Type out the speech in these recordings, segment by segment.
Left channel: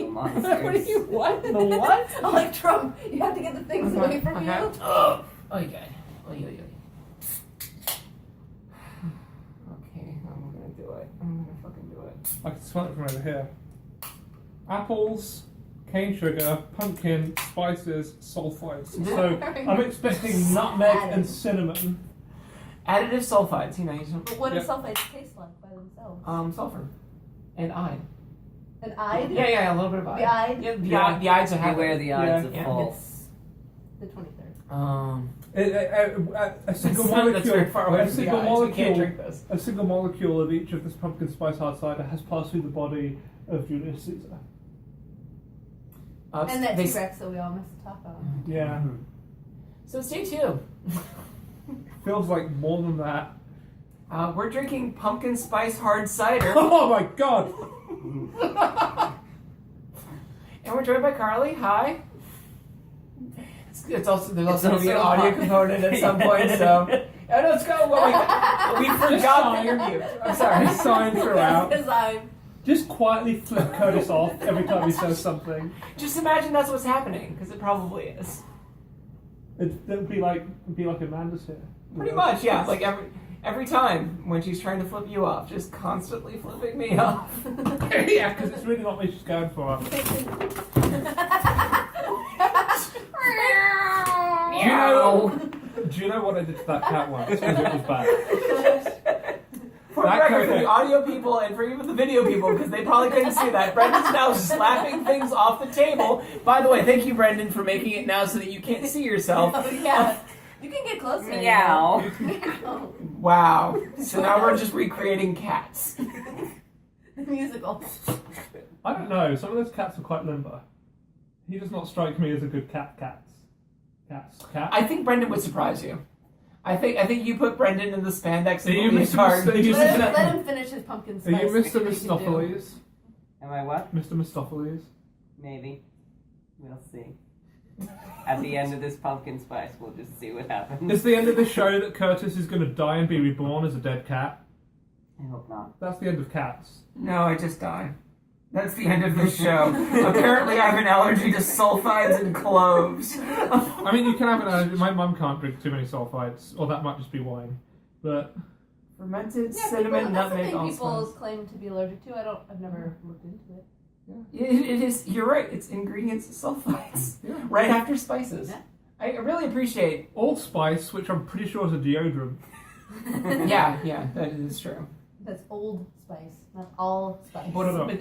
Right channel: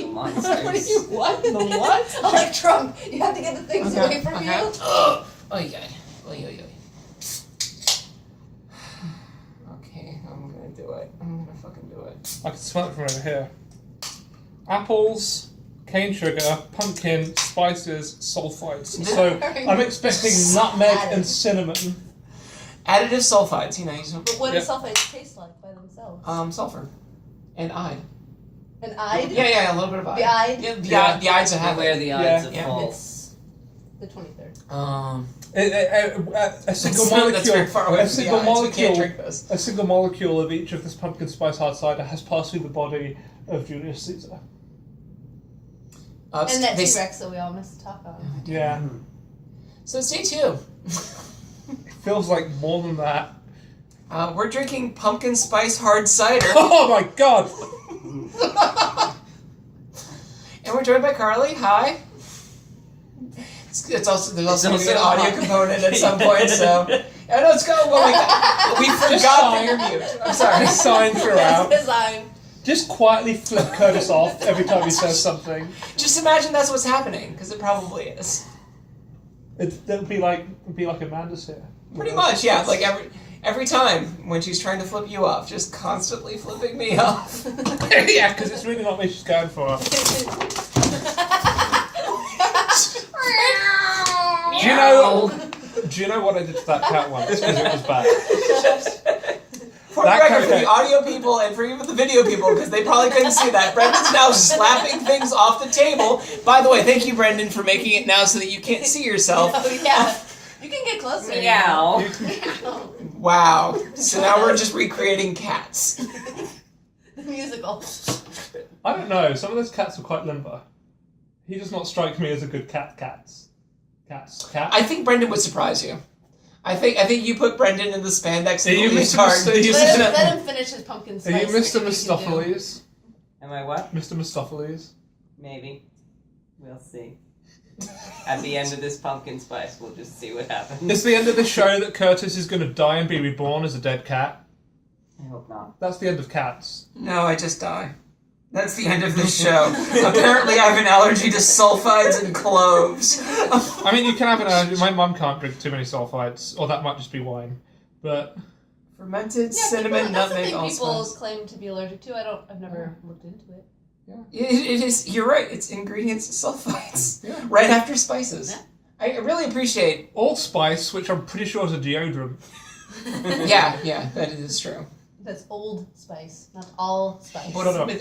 Monsters. What? The what? Like Trump, you have to get the things away from you. Oh, okay. Okay, I'm gonna do it. I'm gonna fucking do it. I can smell it from over here. Apples, cane sugar, pumpkin, spices, sulfites. So I'm expecting nutmeg and cinnamon. Additive sulfides, you know. But what do sulfites taste like by themselves? Sulfur. And iod. An ide? Yeah, a little bit of iod. The ide? Yeah, the ides that have Beware it. the ides of Yeah. fall. It's the 23rd. A single That's very far away from the ides. We can't drink this. A single molecule of each of this pumpkin spice hard cider has passed through the body of Julius Caesar. And that T-Rex that we all missed to talk on. Yeah. So it's day 2. It feels like more than that. We're drinking pumpkin spice hard cider. Oh my god! And we're joined by Carlie. Hi. There's also going to be an audio component at some point, so I know it's going well. We forgot that you're mute. I'm sorry. Sign throughout. Design. Just quietly flip Curtis off every time he says something. Just imagine that's what's happening, because it probably is. It'll be like Amanda's here. Pretty much, yeah. Like every time when she's trying to flip you off, just constantly flipping me off. Yeah, because it's really not what she's going for. Do you know what I did to that cat once? Because it was bad. For the record, for the audio people and for even the video people, because they probably couldn't see that, Brendan's now slapping things off the table. By the way, thank you, Brendan, for making it now so that you can't see yourself. Oh, yeah. You can get closer. Meow. Wow. So now we're just recreating cats. The musical. I don't know. Some of those cats are quite limber. He does not strike me as a good cat. Cat. I think Brendan would surprise you. I think you put Brendan in the spandex and the leotard. Let him finish his pumpkin spice. Are you Mr. Mistopheles? Am I what? Mr. Mistopheles? Maybe. We'll see. At the end of this pumpkin spice, we'll just see what happens. It's the end of the show that Curtis is going to die and be reborn as a dead cat. I hope not. That's the end of Cats. No, I just die. That's the end of this show. Apparently I have an allergy to sulfides and cloves. I mean, you can have an allergy. My mum can't drink too many sulfides, or that might just be wine. But fermented cinnamon, nutmeg, allspice. That's allspice. people claim to be allergic to. I've never looked into it. Yeah. It is. You're right. It's ingredients sulfides. Yeah. Right after spices. Yeah. I really appreciate allspice, which I'm pretty sure is a deodorant. Yeah, that is true. That's Old Spice, not all spice. No. No, you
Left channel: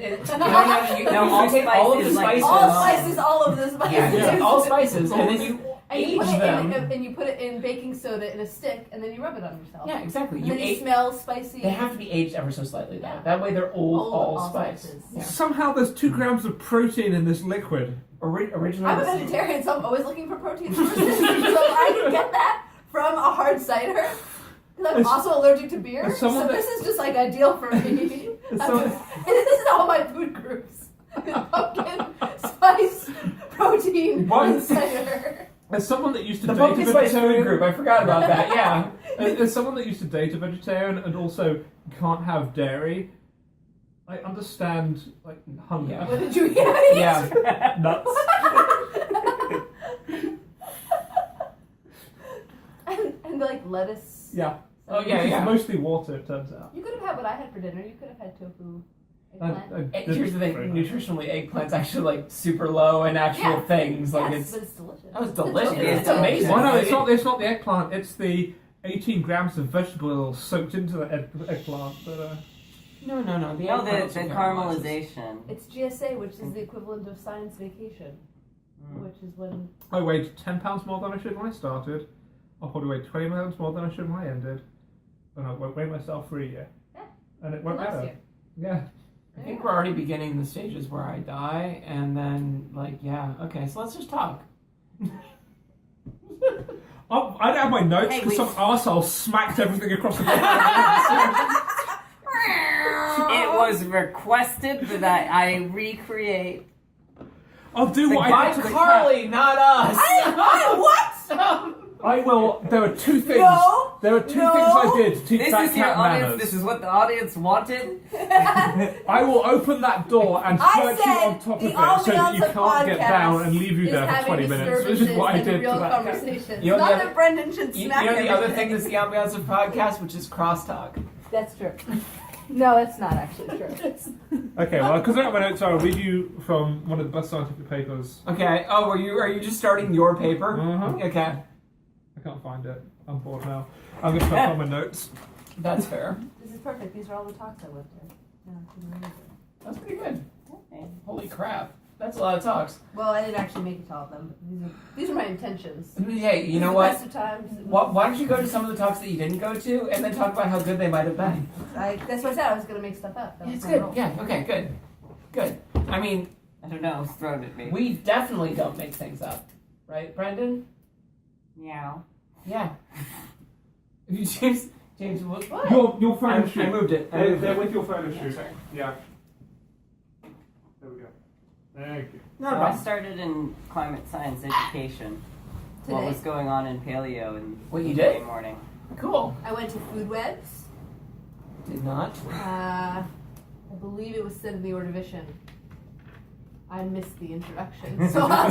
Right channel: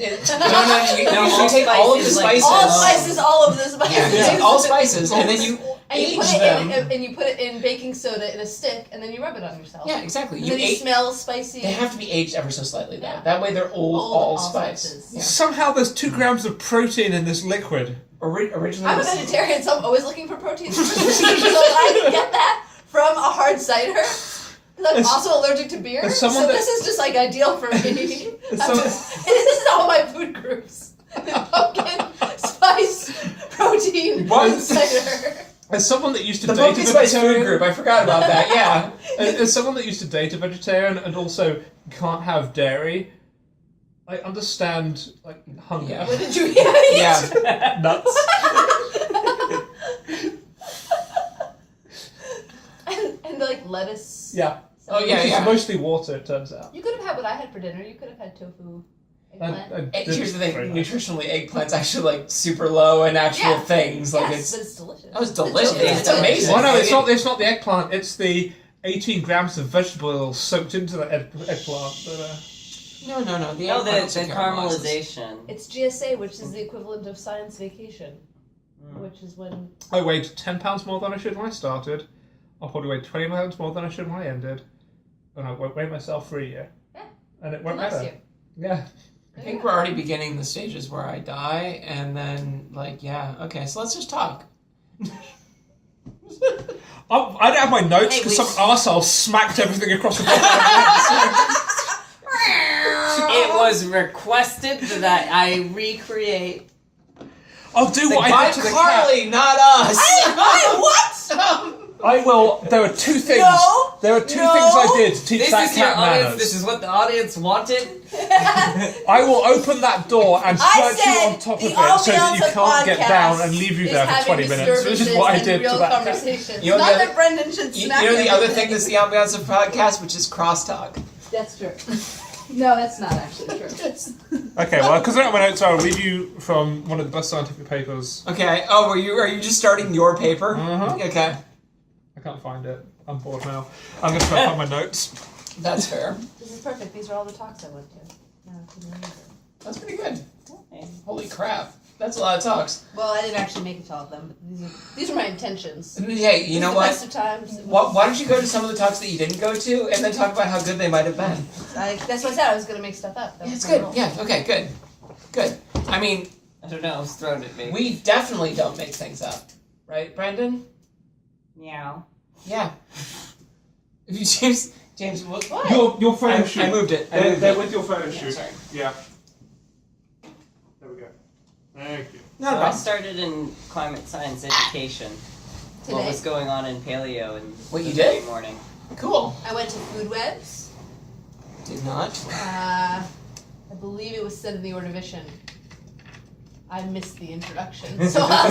take all of the spices. All spices, all of the spices. Yeah, you take all spices, and then you age them. And you put it in baking soda in a stick, and then you rub it on yourself. Yeah, exactly. And then you smell spicy. They have to be aged ever so slightly, though. Yeah. That way they're old allspice. Yeah. Somehow there's 2 grams of protein in this liquid. Originally, I'm a vegetarian, so I'm always looking for protein sources. So I can get that from a hard cider. I'm also allergic to beer, so this is just like ideal for me. This is all my food groups: pumpkin, spice, protein, cider. As someone that used to the date pumpkin a spice vegetarian, food group, I forgot about that. Yeah. As someone that used to date a vegetarian and also can't have dairy, I understand like hunger. Yeah. What did you eat? Yeah, nuts. and like lettuce. Yeah. Oh yeah, It's mostly water, it turns out. You could have had what I had for dinner. You could have had tofu, eggplant. Here's the thing: nutritionally, eggplant's actually like super low in actual things. Like but it's delicious. That was delicious. It's amazing. Well, no, it's not the eggplant. It's the 18 grams of vegetable oil soaked into the eggplant. But, No. The caramelization. It's GSA, which is the equivalent of science vacation, which is when I weighed 10 pounds more than I should when I started. I'll probably weigh 20 pounds more than I should when I ended. And I won't weigh myself for a year. Yeah. And it won't next matter. year. Yeah. I think we're already beginning the stages where I die, and then okay, so let's just talk. I don't have my notes because some arsehole smacked everything across the bottom. It was requested that I recreate. I'll do what I by did to the Carlie, cat. not us. I what? I will. There are two things. No! There are two No! things I did to teach This that is your cat audience. manners. This is what the audience wanted. I will open that door and I stretch you said on top of the it so that ambiance you of can't get podcast down and leave you is there for having 20 minutes, which is disturbances what I and did real to that cat. conversations. You know Not the that other- Brendan should You smack know the other everything. thing that's the ambiance of podcast, which is crosstalk. That's true. No, that's not actually true. Okay, well, because I don't have my notes, I'll read you from one of the best scientific papers. Okay. Oh, are you just starting your paper? Uh-huh. Okay. I can't find it. I'm bored now. I'm going to try to find my notes. That's fair. This is perfect. These are all the talks I went to. No, I couldn't remember. That's pretty good. Okay. Holy crap. That's a lot of talks. Well, I didn't actually make it to all of them, but these are my intentions. Hey, you know The what? best of times. Why don't you go to some of the talks that you didn't go to and then talk about how good they might have been? That's what I said. I was gonna make stuff up. That Yeah, was it's my good. role. Yeah, okay, good. Good. I mean, I don't know. It's thrown at me. we definitely don't make things up. Right, Brandon? Meow. Yeah. James, what? Your photo shoot. I moved it. They're with your photo shoot. Sorry. Yeah. There we go. Thank you. Not a So I problem. started in climate science education. What Today? was going on in paleo and What, you today did? morning. Cool. I went to Food Webs. Did not. I believe it was said in the Ordovician. I missed the introduction, so I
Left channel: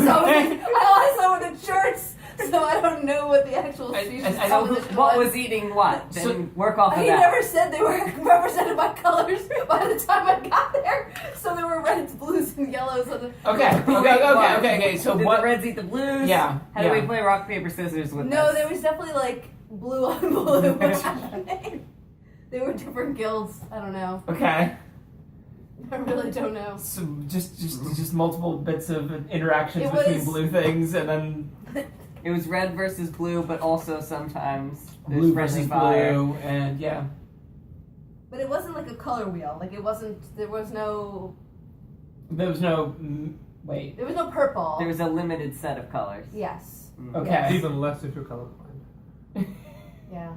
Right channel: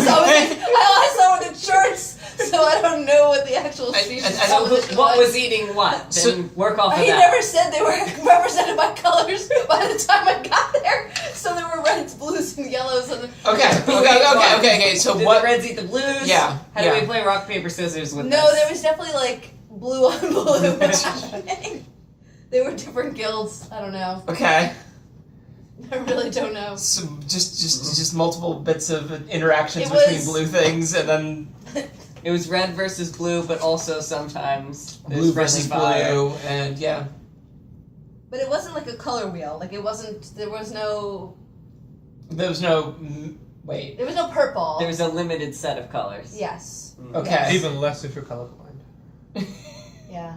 saw with the charts, so I don't know what the actual species and So composition what was eating what? Then So- work off of He that. never said they were represented by colors by the time I got there. So there were reds, blues, and yellows on the. Okay. So Did what? the Reds eat the Blues? Yeah, How yeah. do we play rock, paper, scissors with No, this? there was definitely like blue on blue. What's happening? They were different guilds. I don't know. Okay. I really don't know. So just multiple bits of interactions It between was- blue things, and then It was red versus blue, but also sometimes there's blue friendly versus fire. blue, and yeah. But it wasn't like a color wheel. Like it wasn't. There was no. There was no. Wait. There was no purple. There was a limited set of colors. Yes. Mm. Okay. Even less if you're colorblind. Yeah.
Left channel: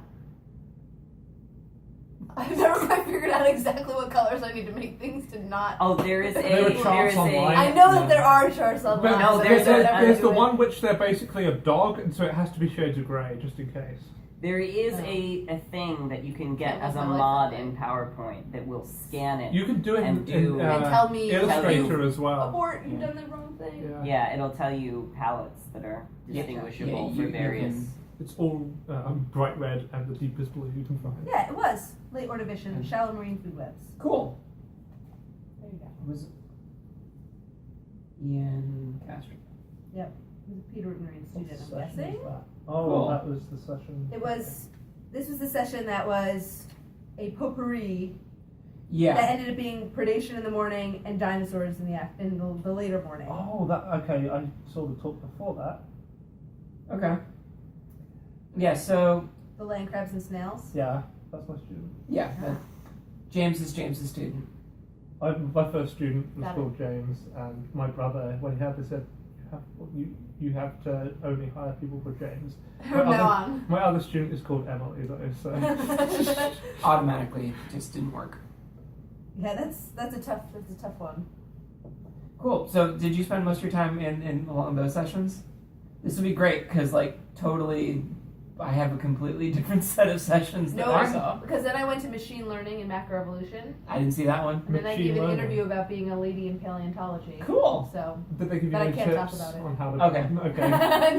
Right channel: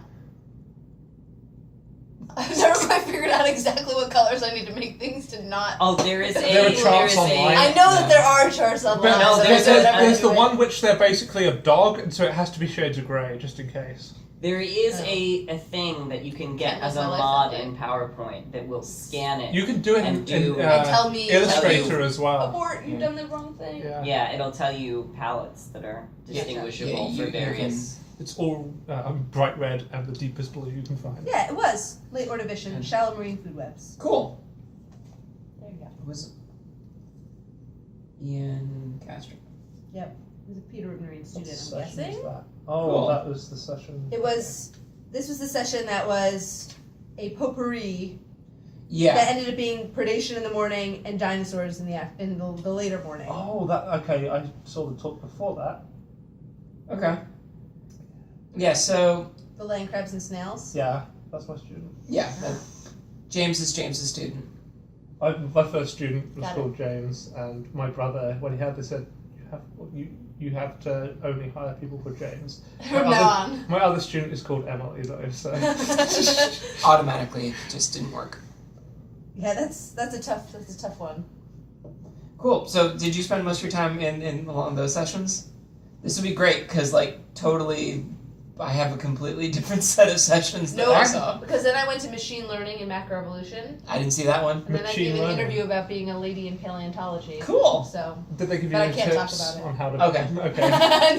I've never quite figured out exactly what colors I need to make things to not. Oh, there is There are a charts online. I know that there are charts online. But no, so there's that's a- what I'm there's the doing. one which they're basically a dog, and so it has to be shades of grey, just in case. There is Oh. a thing that you can get Can't as a live my life mod that way. in PowerPoint that will scan it. You can do it And in, do- And tell me- Illustrator as well. Abort! You've done the wrong thing. Yeah. Yeah, it'll tell you palettes that are distinguishable Yeah, for you various. It's all bright red and the deepest blue you can find. Yeah, it was late Ordovician, shallow marine food webs. Cool. There you go. It was Ian Castro. It was a Peter Marine student, What I'm session guessing. is that? Oh, Cool. that was the session. It was. This was the session that was a potpourri that Yeah. ended up being predation in the morning and dinosaurs in the later morning. Oh, that okay. I saw the talk before that. Okay. Yeah. So The land crabs and snails. Yeah, that's my student. yeah, James is James's student. My first student was Got it. called James, and my brother, when he had this, said, you have to only hire people called James. From now on. My other student is called Emily, though, so. Automatically, it just didn't work. Yeah, that's a tough one. Cool. So, did you spend most of your time in along those sessions? This would be great because, like, totally, I have a completely different set of sessions that I saw. Because then I went to machine learning and macroevolution, I didn't see that one. and then I Machine gave an learning. interview about being a lady in paleontology. Cool. So. Did they give you But I any can't talk tips about it. on how to? Okay. Okay.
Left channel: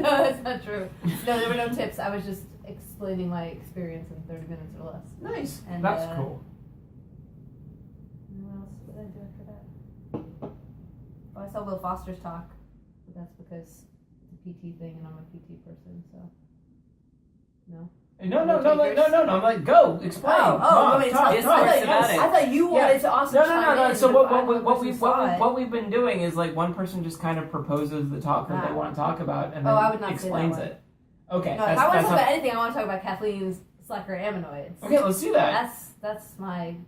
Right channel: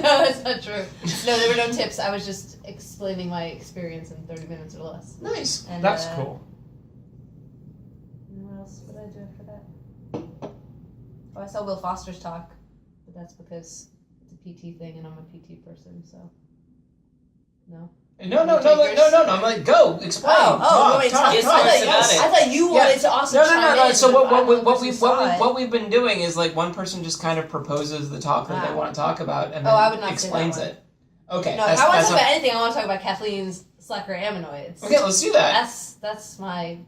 No, that's not true. No, there were no tips. I was just explaining my experience in 30 minutes or less. Nice. And, That's cool. and what else would I do after that? Oh, I saw Will Foster's talk, but that's because it's a PT thing and I'm a PT person, so. No. No. I'm like, go explain. want me to tell you? Yes, talks about it. I thought you wanted to also chime in. So but I'm the person who saw it. what we've been doing is like one person just kind of proposes the talk that they want to talk about and then I would not explains say that it. Okay. No, if I want to talk about anything, I want to talk about Kathleen's slacker aminoids. Okay, let's do that. That's my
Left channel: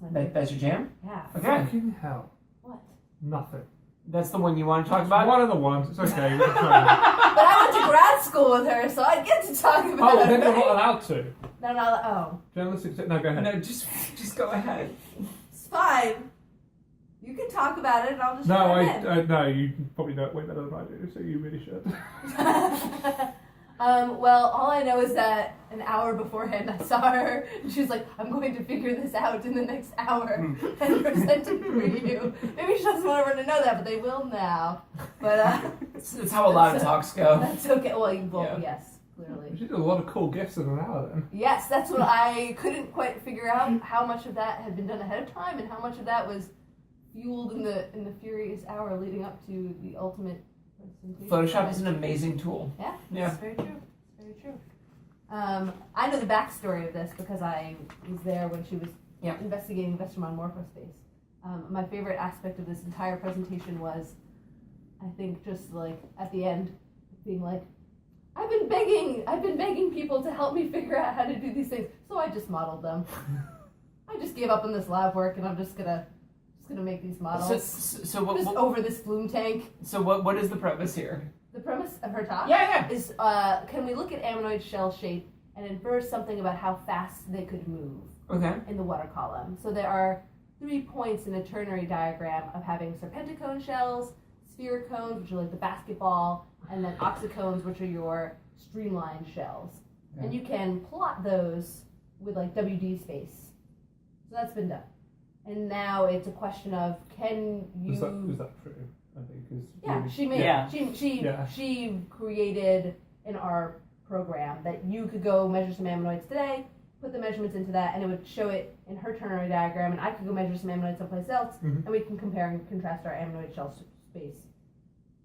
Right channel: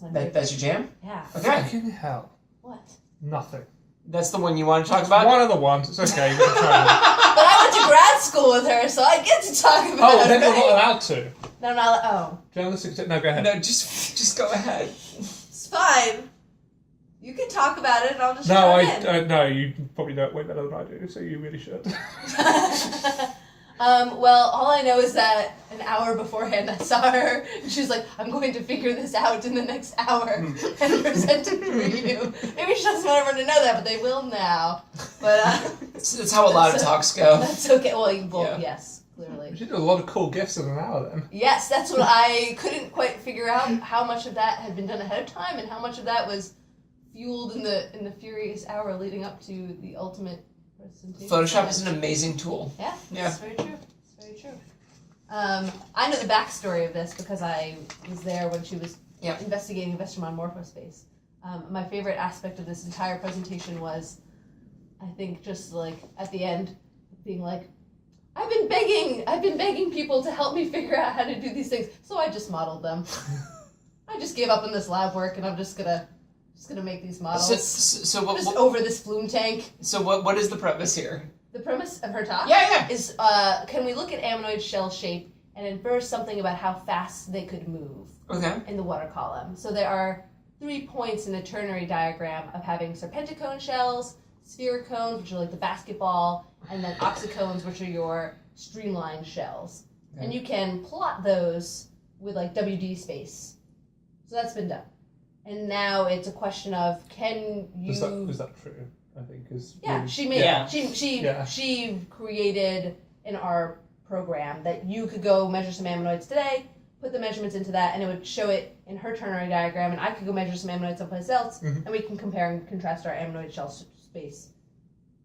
favorite. That's your jam? Yeah. Okay. Fucking hell. What? Nothing. That's the one you want to talk It's about? one of the ones. It's okay. You can try it. But I went to grad school with her, so I get to talk about Oh, it. then you're right? not allowed to. No, I'm not. Oh, Journalistic. No, go ahead. No, just go ahead. it's fine. You can talk about it, and I'll just No, chime in. no, you probably know it way better than I do, so you really should. Well, all I know is that an hour beforehand I saw her, and she was like, I'm going to figure this out in the next hour and present it for you. Maybe she doesn't want everyone to know that, but they will now. But It's how a lot of talks go. that's okay. Well, Yeah. yes, clearly. She did a lot of cool gifts in an hour then. Yes, that's what I couldn't quite figure out, how much of that had been done ahead of time and how much of that was fueled in the furious hour leading up to the ultimate presentation. Photoshop is an amazing tool. Yeah, Yeah. it's very true. It's very true. I know the backstory of this because I was there when she was investigating Vestermon Morphospace. My favorite aspect of this entire presentation was, I think, just like at the end, being like, I've been begging people to help me figure out how to do these things, so I just modeled them. I just gave up on this lab work, and I'm just gonna make these models. So what, just over this flume tank. So what is the premise here? The premise of her talk is, can we look at ammonoid shell shape and infer something about how fast they could move in the water column? So there are 3 points in the ternary diagram of having serpenticone shells, spherocones, which are like the basketball, and then oxycones, which are your streamlined shells. Okay. And you can plot those with like WD space. So that's been done. And now it's a question of, can you... Is that true? I think is she made she created in our program that you could go measure some ammonoids today, put the measurements into that, and it would show it in her ternary diagram, and I could go measure some ammonoids someplace else, and we can compare and contrast our ammonoid shell space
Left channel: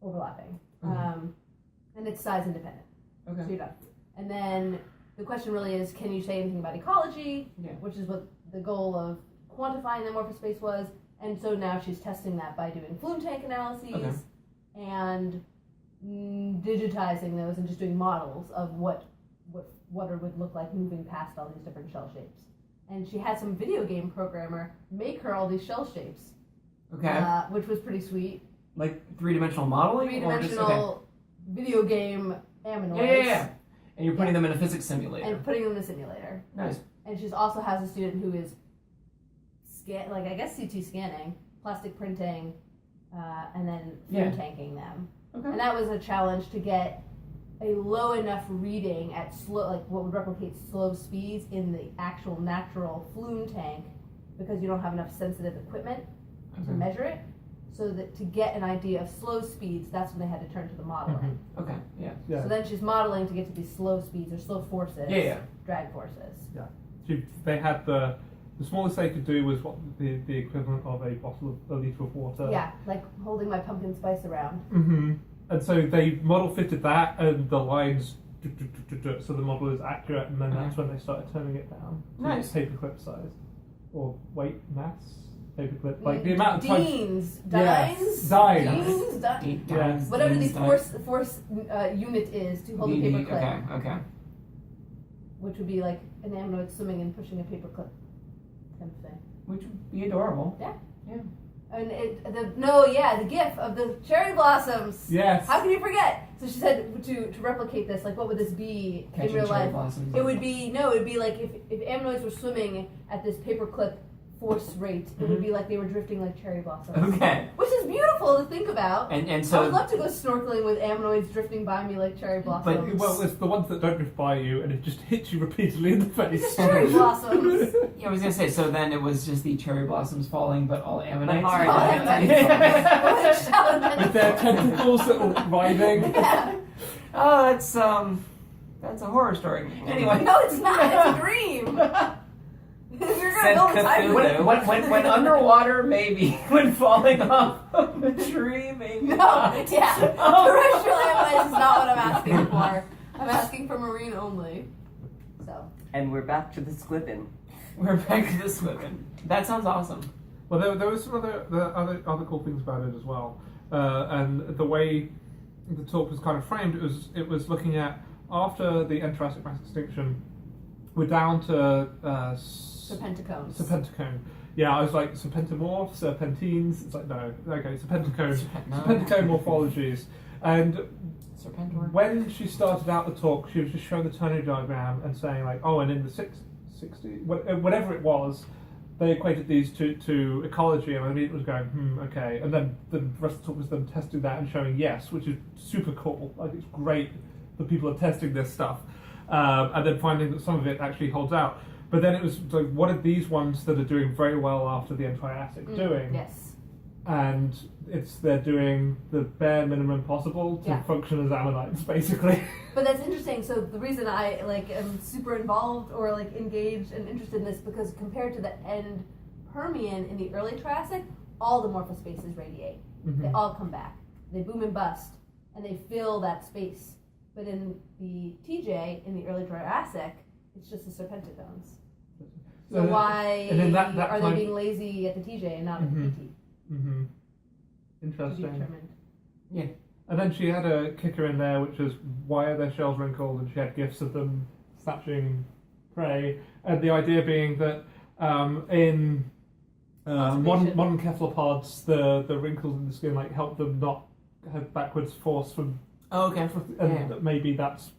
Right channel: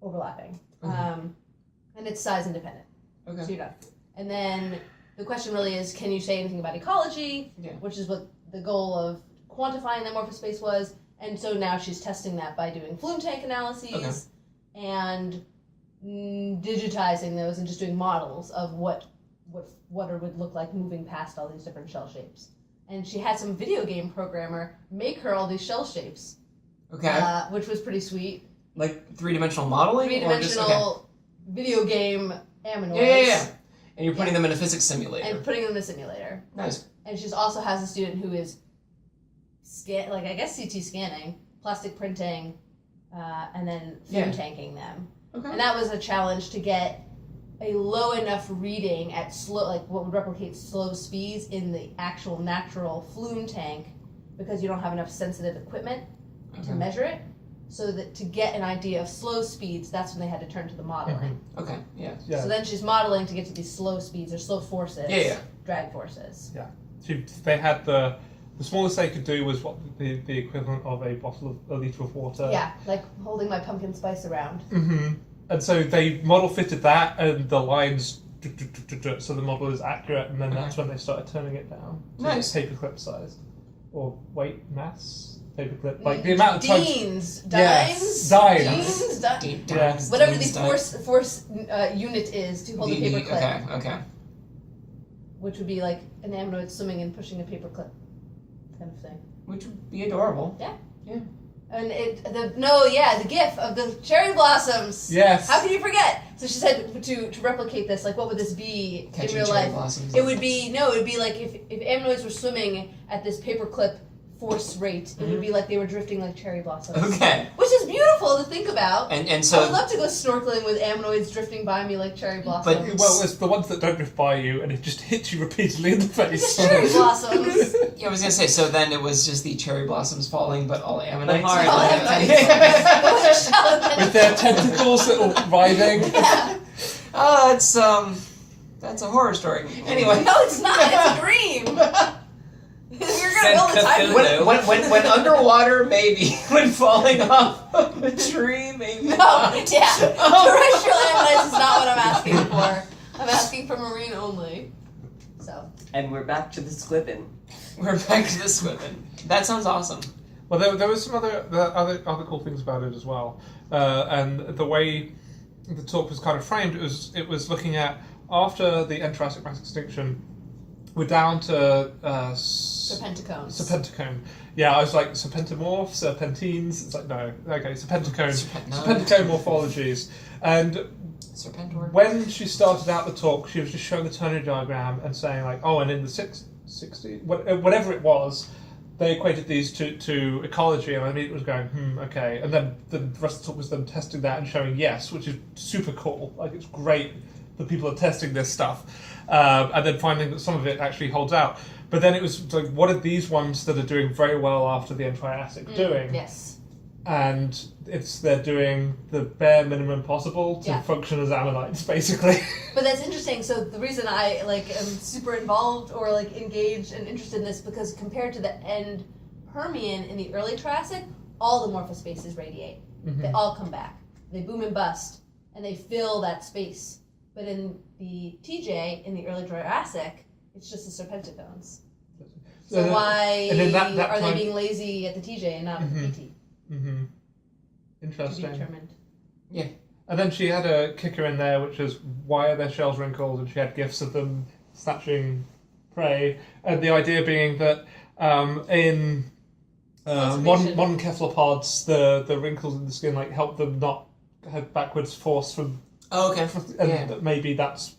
overlapping. And it's size independent. Okay. So you're done. And then the question really is, can you say anything about ecology, which is what the goal of quantifying the morphospace was. And so now she's testing that by doing flume tank analyses and digitizing those and just doing models of what water would look like moving past all these different shell shapes. And she had some video game programmer make her all these shell shapes. Okay. Which was pretty sweet. Like three-dimensional modeling? Three-dimensional video game ammonoids. Yeah. And you're putting them in a physics simulator. And putting them in a simulator. Nice. And she also has a student who is I guess CT scanning, plastic printing, and then flume tanking them. Okay. And that was a challenge to get a low enough reading at slow, like what would replicate slow speeds in the actual natural flume tank, because you don't have enough sensitive equipment to measure it. So that to get an idea of slow speeds, that's when they had to turn to the modeling. Okay. Yeah. So then she's modeling to get to these slow speeds or slow forces. Drag forces. Yeah. They had the smallest they could do was what the equivalent of a liter of water. Yeah, like holding my pumpkin spice around. Mm-hmm. And so they model fitted that, and the lines, so the model is accurate, and then that's when they started turning it down to paperclip size or weight, mass, paperclip, like the amount of Dines. Whatever the force unit is to hold a paperclip. Okay. Which would be like an ammonoid swimming and pushing a paperclip. Kind of thing. Which would be adorable. Yeah. And the gif of the cherry blossoms. Yes. How can you forget? So she said to replicate this, like what would this be in real life? Blossoms. It would be like if ammonoids were swimming at this paperclip force rate, it would be like they were drifting like cherry blossoms. Okay. Which is beautiful to think about. And so I would love to go snorkeling with ammonoids drifting by me like cherry blossoms. But it's the ones that don't drift by you and it just hits you repeatedly in the face. It's cherry blossoms. Yeah, I was gonna say. So then it was just the cherry blossoms falling, but all ammonites. With their tentacles that are writhing. Yeah. Oh, that's a horror story. Anyway. No, it's not. It's a dream. You're gonna build a time when underwater, maybe. When falling off of a tree, maybe. No, terrestrial ammonites is not what I'm asking for. I'm asking for marine only. So. And we're back to the squibbin. That sounds awesome. Well, there was some other cool things about it as well, and the way the talk was kind of framed, it was looking at after the end Jurassic mass extinction, we're down to serpenticone. Yeah, I was like serpentimorph, serpentines. It's like no, okay, serpenticone morphologies. And when she started out the talk, she was just showing the ternary diagram and saying like, oh, and in the 60s, whatever it was, they equated these to ecology, and I mean it was going, okay. And then the rest of the talk was them testing that and showing yes, which is super cool. Like it's great the people are testing this stuff, and then finding that some of it actually holds out. But then it was like, what are these ones that are doing very well after the Triassic doing? Yes. And they're doing the bare minimum possible to function as ammonites, basically. But that's interesting. So the reason I am super involved or engaged and interested in this, because compared to the end Permian in the early Triassic, all the morphospaces radiate. Mm-hmm. They all come back. They boom and bust, and they fill that space. But in the TJ, in the early Jurassic, it's just the serpentocones. So why are they being lazy at the TJ and not at the PT? Mm-hmm. Interesting. To be determined. Yeah. And then she had a kicker in there, which is, why are their shells wrinkled? And she had gifs of them snatching prey. And the idea being that in modern cephalopods, the wrinkles in the skin help them not have backwards force from. Oh, okay. And maybe that's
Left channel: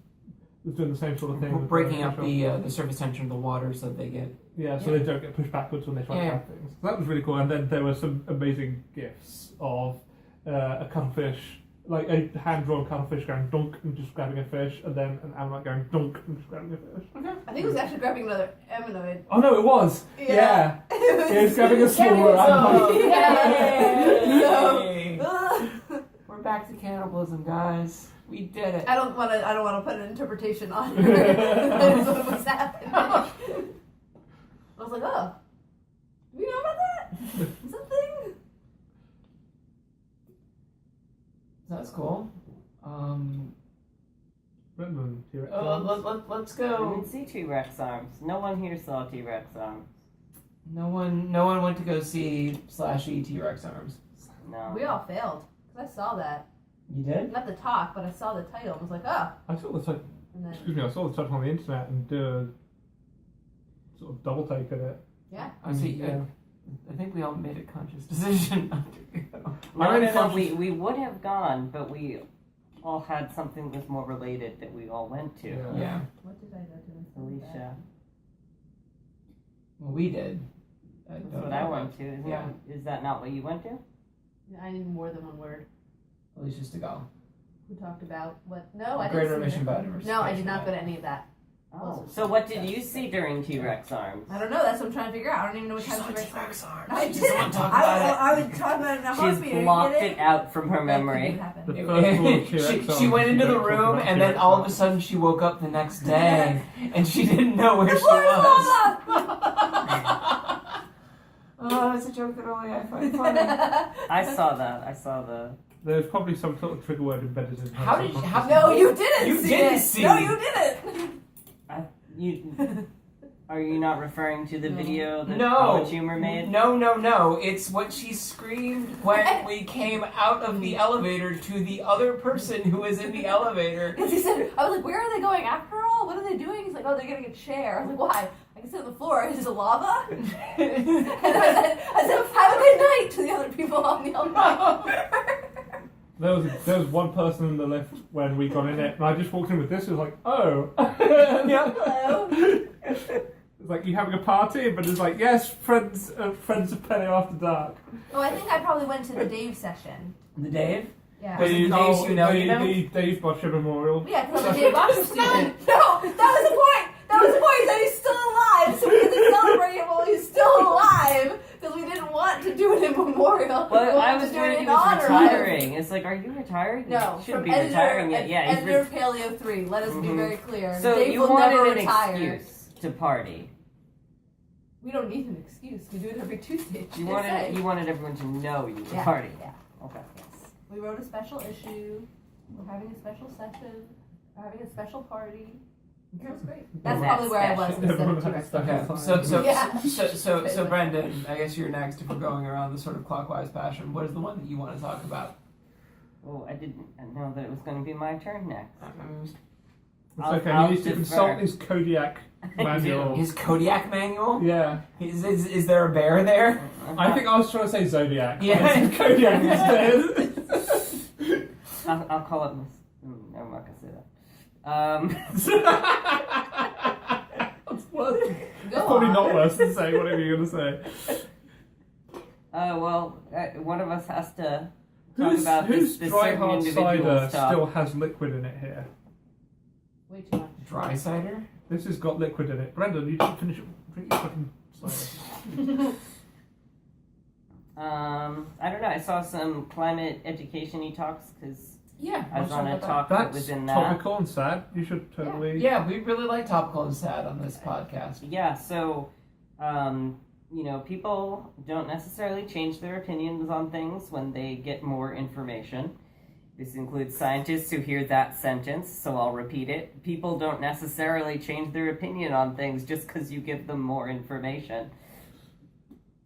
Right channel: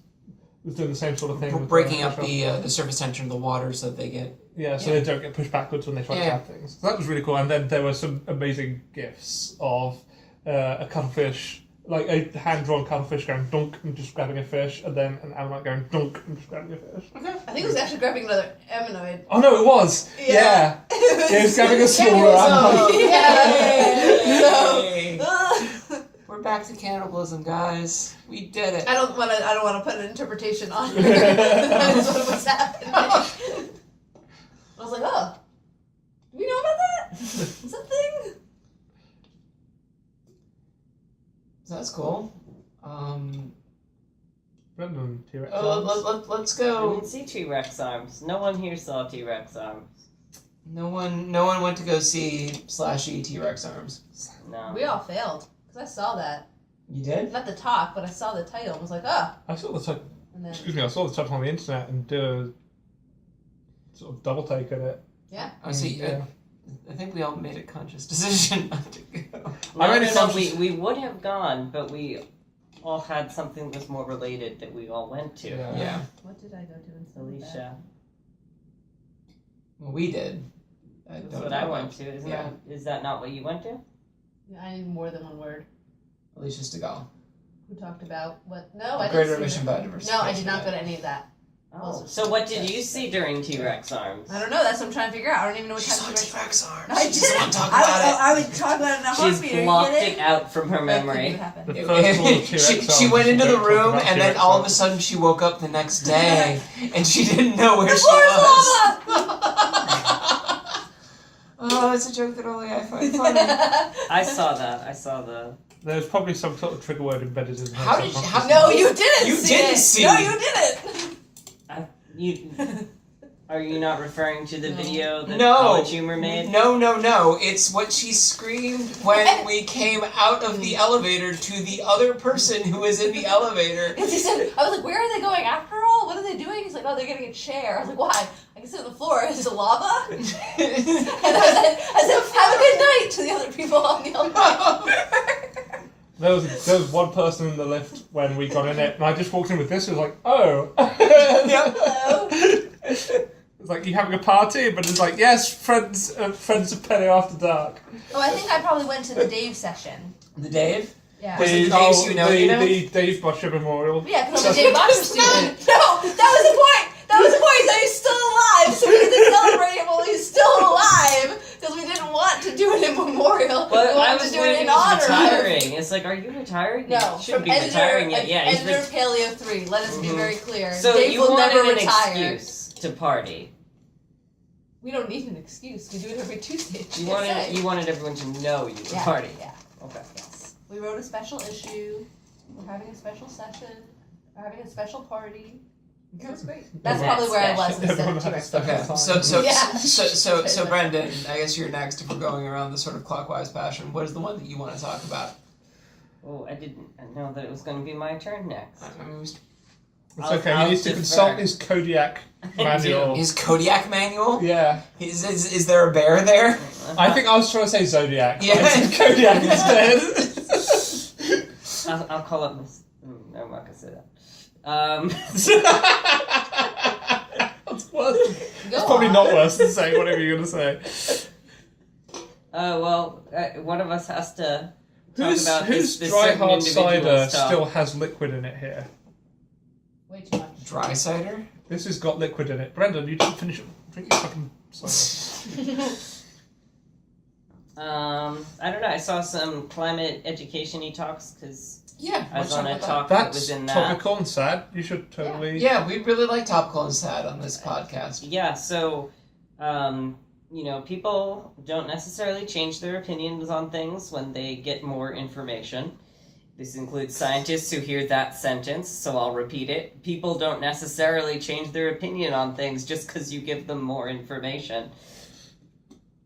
doing the same sort of thing. Breaking up the surface tension of the water so that they get. Yeah, so they don't get pushed backwards when they try to grab things. So that was really cool. And then there were some amazing gifs of a cuttlefish, a hand-drawn cuttlefish going dunk and just grabbing a fish, and then an ammonite going dunk and just grabbing a fish. Okay. I think it was actually grabbing another ammonoid. Oh no, it was! Yeah. It was grabbing a smaller ammonite. So, we're back to cannibalism, guys. We did it. I don't want to put an interpretation on it. That is what was happening. I was like, oh, do we know about that? Is that thing? So that's cool. Brendan, T-Rex let's I go. didn't see T-Rex arms. No one here saw T-Rex arms. No one went to go see /E T-Rex arms. No. We all failed, because I saw that. You did? Not the talk, but I saw the title and was like, oh. I saw the title. And then, I saw the title on the internet and did a sort of double take at it. yeah. I see. I think we all made a conscious decision not to go. No, we would have gone, but we all had something that was more related that we all went to. Yeah. What did I go to instead of Alicia. that? Well, we did. That's what I went to. Is that not what you went to? Yeah, I need more than one word. Alicia Stegall. Who talked about what? No, I didn't Greater see Remission that. Biodiversity. No, I did not go to any of that. Oh. So what did you see during T-Rex arms? I don't know. That's what I'm trying to figure out. I don't even know what She time saw T-Rex T-Rex arms. No, I She doesn't want to talk about it. I would talk about it in a She's heartbeat. blocked it out from her memory. The first one of T-Rex she went arms, into the don't talk room, about and then T-Rex all of a arms. sudden she woke up the next day, and she didn't know where The she floor is was. lava! Oh, it's a joke that only I find funny. I saw that. I saw the. There's probably some sort of trigger word embedded in her. How did you? No, you didn't You see didn't it. see No, it. you didn't. Are you not referring to the video that No. College Humor made? No. It's what she screamed when we came out of the elevator to the other person who was in the elevator. He said, I was like, where are they going after all? What are they doing? He's like, oh, they're getting a chair. I was like, why? I can sit on the floor. Is it lava? And I said, have a good night to the other people on the elevator. There was one person in the lift when we got in it, and I just walked in with this. It was like, oh. Hello. It's like, you having a party? But it's like, yes, friends of Penny After Dark. Oh, I think I probably went to the Dave session. The Dave? Yeah. Was it the Daves you know? The Dave Butcher Memorial. Yeah, because I'm a Dave Boxer student. No, that was the point. That was the point. So he's still alive. So we had to celebrate him while he's still alive because we didn't want to do it in memorial. Well, we I wanted was to do it worried he in was honor retiring. It's like, are you retired? No, you shouldn't from be Ender, retiring yet. Yeah, he's Ender Paleo 3. Let us be very clear. So Dave you will wanted never an retire. excuse to party. We don't need an excuse. We do it every Tuesday. You wanted everyone to know you were partying. Yeah. Okay. Yes. We wrote a special issue. We're having a special session. We're having a special party. It was great. That's Yeah, probably where I was special. instead of Everyone had T-Rex. a special Okay, time. so Brendan, I guess you're next if we're going around this sort of clockwise fashion. What is the one that you want to talk about? Oh, I didn't know that it was going to be my turn next. It's okay. He needs to consult his Kodiak manual. His Kodiak manual? Yeah. Is there a bear there? I think I was trying to say Zodiac. Yeah. I said Kodiak instead. I'll call up Miss. No, I'm not going to say that. That's worse. Go It's probably on. not worse than saying whatever you're going to say. One of us has to talk about Whose this dry certain hard individual cider stuff. still has liquid in it here? Way too much. Dry cider? This has got liquid in it. Brendan, you didn't finish it. Drink your fucking cider. I don't know. I saw some climate education-y talks because Yeah. I was on a about talk that That's was in that. topical and sad. You should totally... Yeah, we really like topical and sad on this podcast. Yeah, so, people don't necessarily change their opinions on things when they get more information. This includes scientists who hear that sentence, so I'll repeat it. People don't necessarily change their opinion on things just because you give them more information.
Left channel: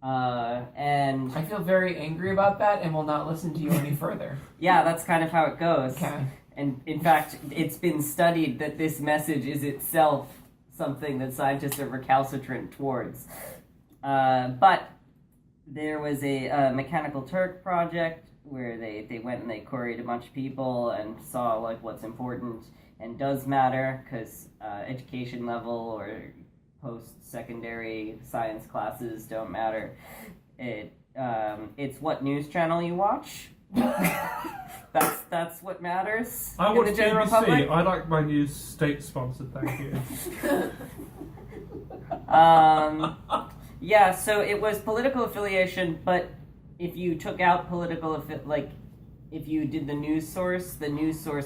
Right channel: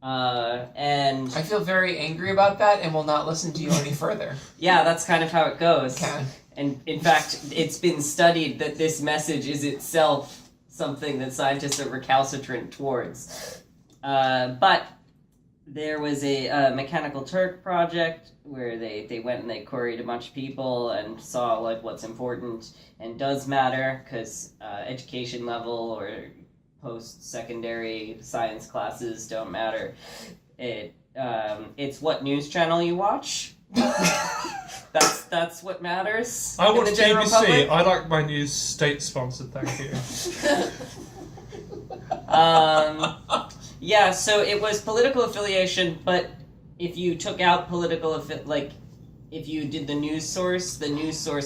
And I feel very angry about that and will not listen to you any further. yeah, that's kind of how it goes. Okay. And in fact, it's been studied that this message is itself something that scientists are recalcitrant towards. But there was a Mechanical Turk project where they went and they queried a bunch of people and saw like what's important and does matter, because education level or post-secondary science classes don't matter. It's what news channel you watch. That's what matters. I watch in the general BBC. public. I like my news state-sponsored, thank you. Yeah, so it was political affiliation, but if you took out political if you did the news source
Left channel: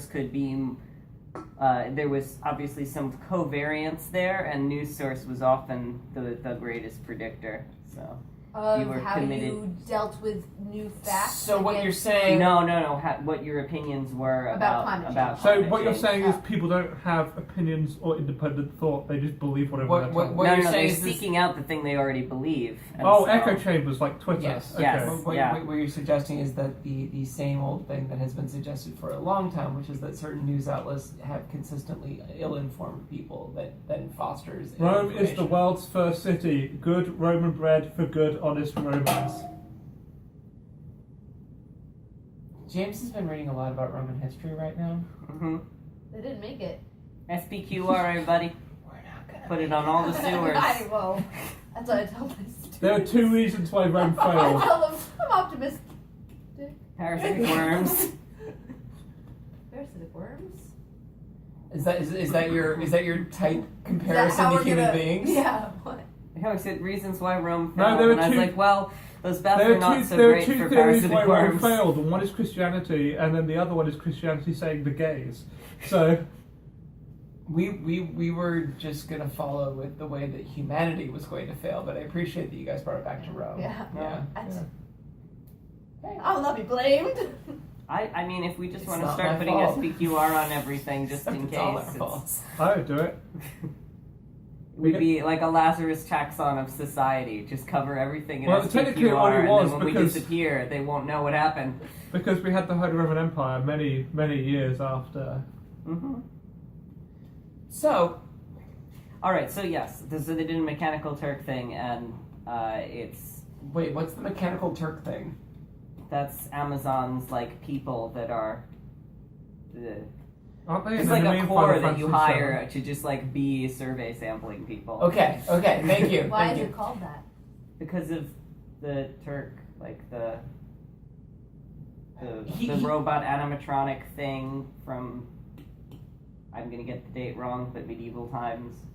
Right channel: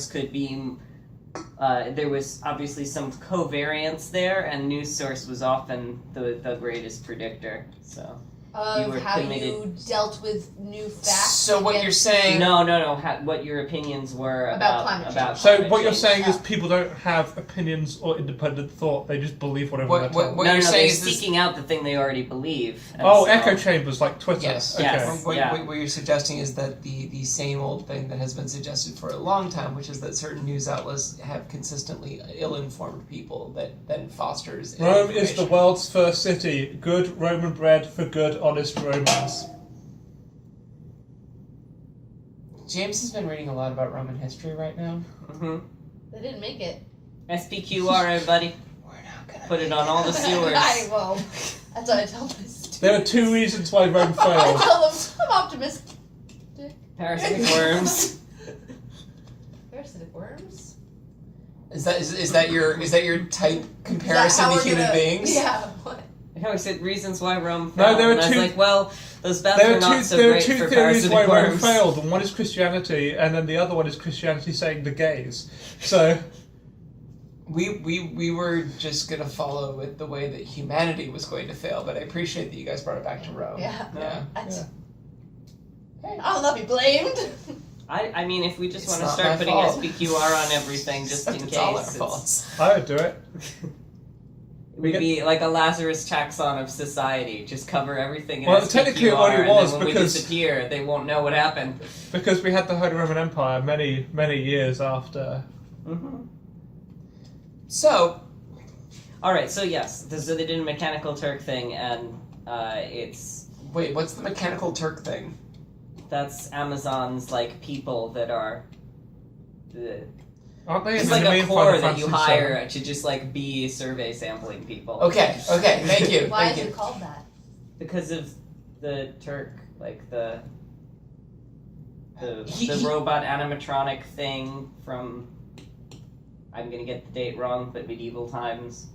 could be there was obviously some covariance there, and news source was often the greatest predictor. So Of were how committed. you dealt with new facts. So what you're against- saying... no, what your opinions were About climate change. So climate what you're change. saying is people don't have opinions or independent thought. They just believe whatever What- they're what- told. what- No, you're they're saying is this- seeking out the thing they already believe. and Oh, so- echo chambers like Twitter. Yes. Okay. Yes. What, Yeah. what you're suggesting is that the same old thing that has been suggested for a long time, which is that certain news outlets have consistently ill-informed people that then fosters Rome is the information. world's first city. Good Roman bread for good, honest Romans. James has been reading a lot about Roman history right now. Mhm. They didn't make it. SPQR, everybody. We're not gonna Put it make on all the sewers. I won't. That's what I tell my students. There are two reasons why Rome I failed. tell them I'm optimistic. Parasitic worms. Parasitic worms? Is that your type Is comparison that how to we're human gonna- beings? Yeah. What? I said reasons why Rome No, failed. there are and I was two- like, well, those baths There are are not two, so there are great two for theories why parasitic Rome worms. failed, and one is Christianity, and then the other one is Christianity saying the gays. So, We were just gonna follow with the way that humanity was going to fail, but I appreciate that you guys brought it back to Rome. Yeah. Yeah. That's, Hey. I will not be blamed. I mean, if we just It's want to not start my putting fault. SPQR on everything just in It's all our case, faults. I would do it. we'd be like a Lazarus taxon of society. Just cover everything in Well, SPQR, technically it already and was, then when we because- disappear, they won't know what happened. Because we had the Holy Roman Empire many, many years after. Mm-hmm. So, All right, so yes, so they did a Mechanical Turk thing, and it's wait, what's the Mechanical Turk thing? that's Amazon's like people that are. Aren't they? It's in like the a main corps Final that you Fantasy hire to just like be survey sampling people. Okay, thank you. Why thank is you. it called that? Because of the Turk, like the He- robot animatronic thing from, I'm gonna get the date wrong, but medieval times.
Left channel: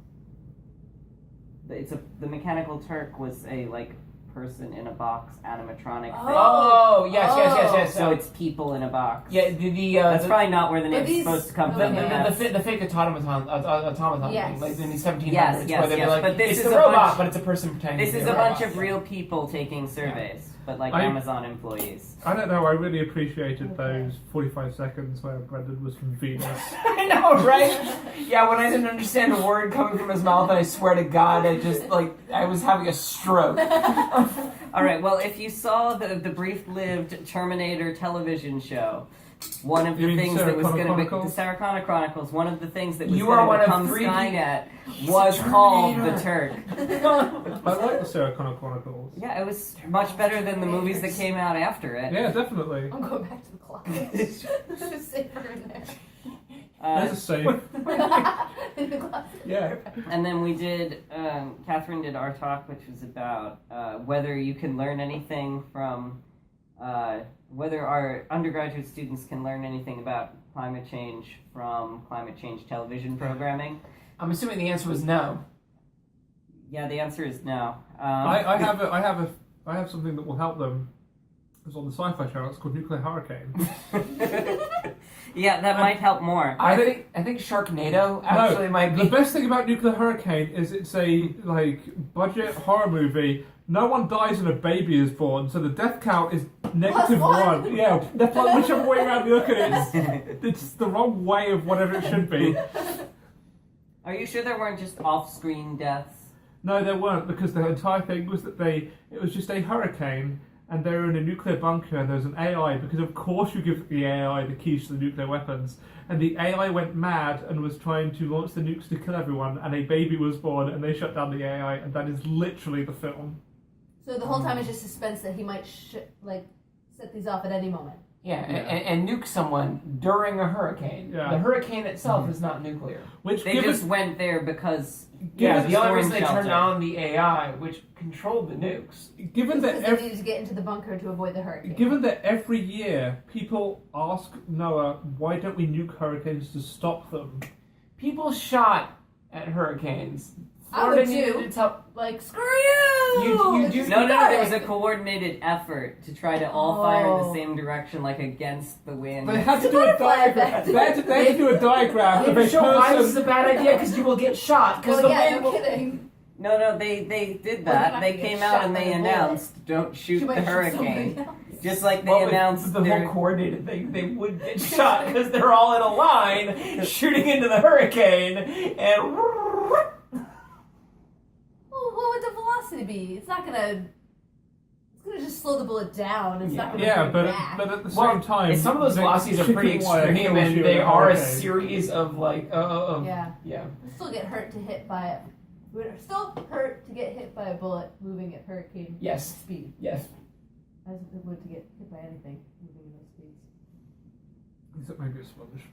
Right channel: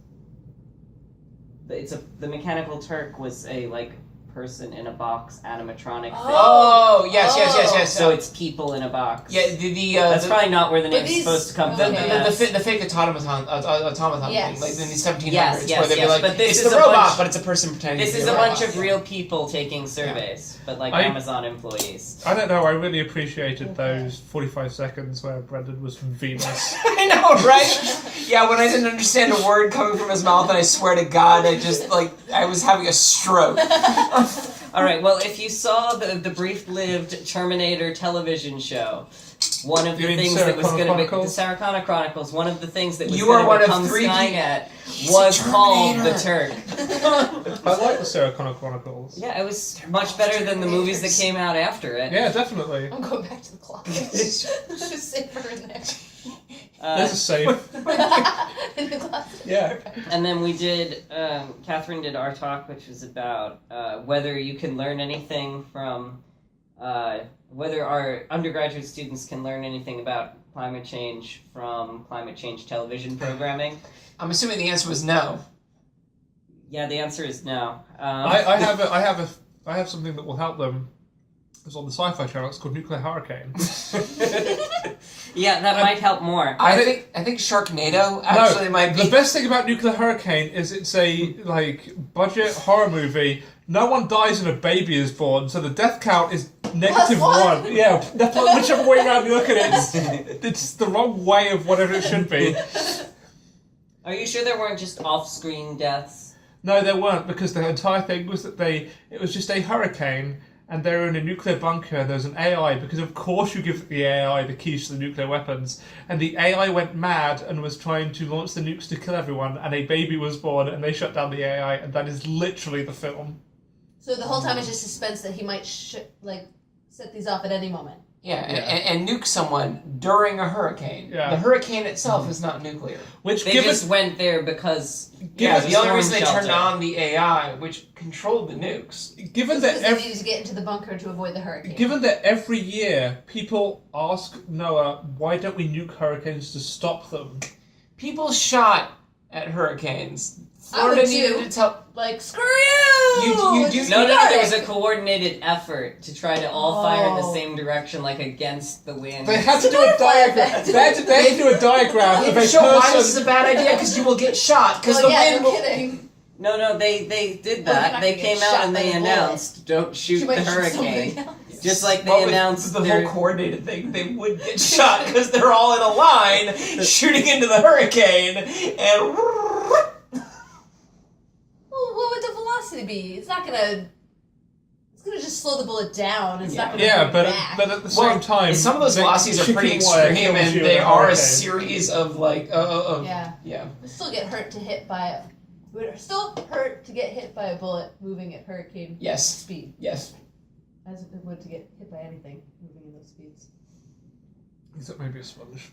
The Mechanical Turk was a like person in a box animatronic thing. Oh, yes. So it's people in a box. Yeah, That's probably not where the But name's these- supposed to come okay. from. but the that's- fake automaton Yes. thing, like in the 1700s, Yes, where they'd be yes, like, but this it's is the a robot, bunch- but it's a person pretending This to be is a a robot. bunch of real people taking surveys, but like I- Amazon employees. I don't know, I really appreciated those 45 seconds where Brendan was from Venus. I know, right? Yeah, when I didn't understand a word coming from his mouth, and I swear to God, I was having a stroke. All right. Well, if you saw the brief-lived Terminator television show, one of You the mean things Sarah that was Connor going to be the Chronicles? Sarah Connor Chronicles. One of the things that was You are going one to of become 3 Skynet He's was a called the Terminator. Turk. I like the Sarah Connor Chronicles. Yeah, it was much better than the movies that came out after it. Yeah, definitely. I'm going back to the closet. It's safer in there. This is safe. In the closet. Yeah. And then we did, Catherine did our talk, which was about whether you can learn anything from whether our undergraduate students can learn anything about climate change from climate change television programming. I'm assuming the answer was no. Yeah, the answer is no. I have something that will help them. It's on the Sci-Fi Channel. It's called Nuclear Hurricane. Yeah, that might help more. I think Sharknado actually might be. The best thing about Nuclear Hurricane is it's a budget horror movie. No one dies and a baby is born, so the death count is -1. Yeah, whichever way around you look at it, it's the wrong way of whatever it should be. Are you sure there weren't just off-screen deaths? No, there weren't, because the entire thing was that it was just a hurricane, and they were in a nuclear bunker, and there's an AI, because of course you give the AI the keys to the nuclear weapons, and the AI went mad and was trying to launch the nukes to kill everyone, and a baby was born, and they shut down the AI, and that is literally the film. So the whole time it's just suspense that he might set these off at any moment. Yeah, and nuke someone during a hurricane. Yeah. The hurricane itself is not nuclear. Which They just went there because... Yeah, the the only storm reason they turned shelter. on the AI, which controlled the nukes. given Because that they needed to get into the bunker to avoid the hurricane. Given that every year people ask Noah, why don't we nuke hurricanes to stop them? People shot at hurricanes. I would Florida needed too. to tell. Like, screw you! You do- Just No, got there was it. a coordinated effort to try to all fire in the same direction, like against the wind. They had to do a butterfly diagram. effect. They had to do a diagram of a They show why this is person. a bad idea because you will get shot. Because Well, the yeah, wind no will. kidding. No, they did Well, you're that. not They gonna get came shot out and by they the bullet. announced, don't shoot You the might shoot hurricane. somebody else. Just like they Well, with announced the their... whole coordinated thing, they would get shot because they're all in a line shooting into the hurricane and. Well, what would the velocity be? It's not gonna. It's gonna just slow the bullet down. It's not gonna. Yeah, bring but it back. at the Well, same time, some of those the velocities are pretty chicken wire extreme, kills and you they in a are a hurricane. series of Yeah. We still get hurt to hit by a. Would it still hurt to get hit by a bullet moving at hurricane Yes. speed, Yes. as it would to get hit by anything moving in those speeds. Except maybe a sponge.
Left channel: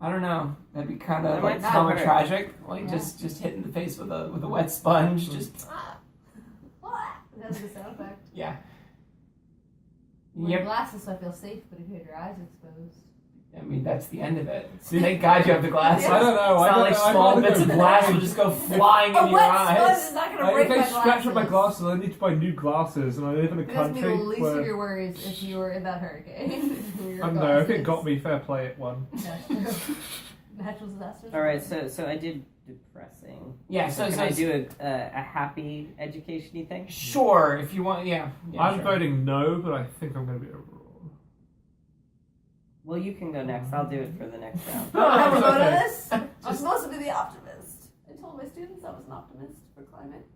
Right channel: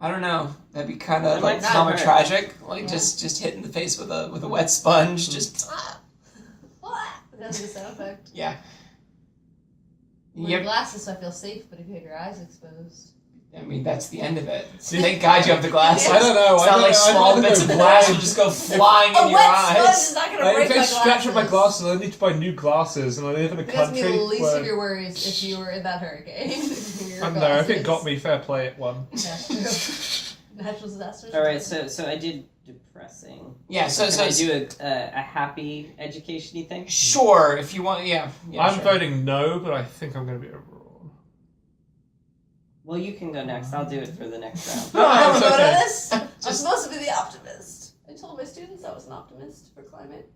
I don't know. That'd be kind That of might like not common hurt. tragic, like Yeah. just hit in the face with a wet sponge. Just That's the sound effect. yeah. Wear Yep. glasses so I feel safe, but if you have your eyes exposed. I mean, that's the end of it. Thank God you have the glasses. I don't know. It's not like small bits of glass will just go flying A in your wet sponge eyes. is not gonna If break I my scratch glasses. with my glasses, I need to buy new glasses, and I live in a That's country gonna be the least where... of your worries if you were in that hurricane. I don't know, if it got me, fair play, it won. That's true. Natural disasters. All right, so I did depressing. Yeah. So Can I do a happy education-y thing? sure, if you want, yeah. I'm sure. voting no, but I think I'm going to be overruled. Well, you can go next. I'll do it for the next round. No, I have a it's vote on okay. this. I'm supposed to be the optimist. I told my students I was an optimist for climate.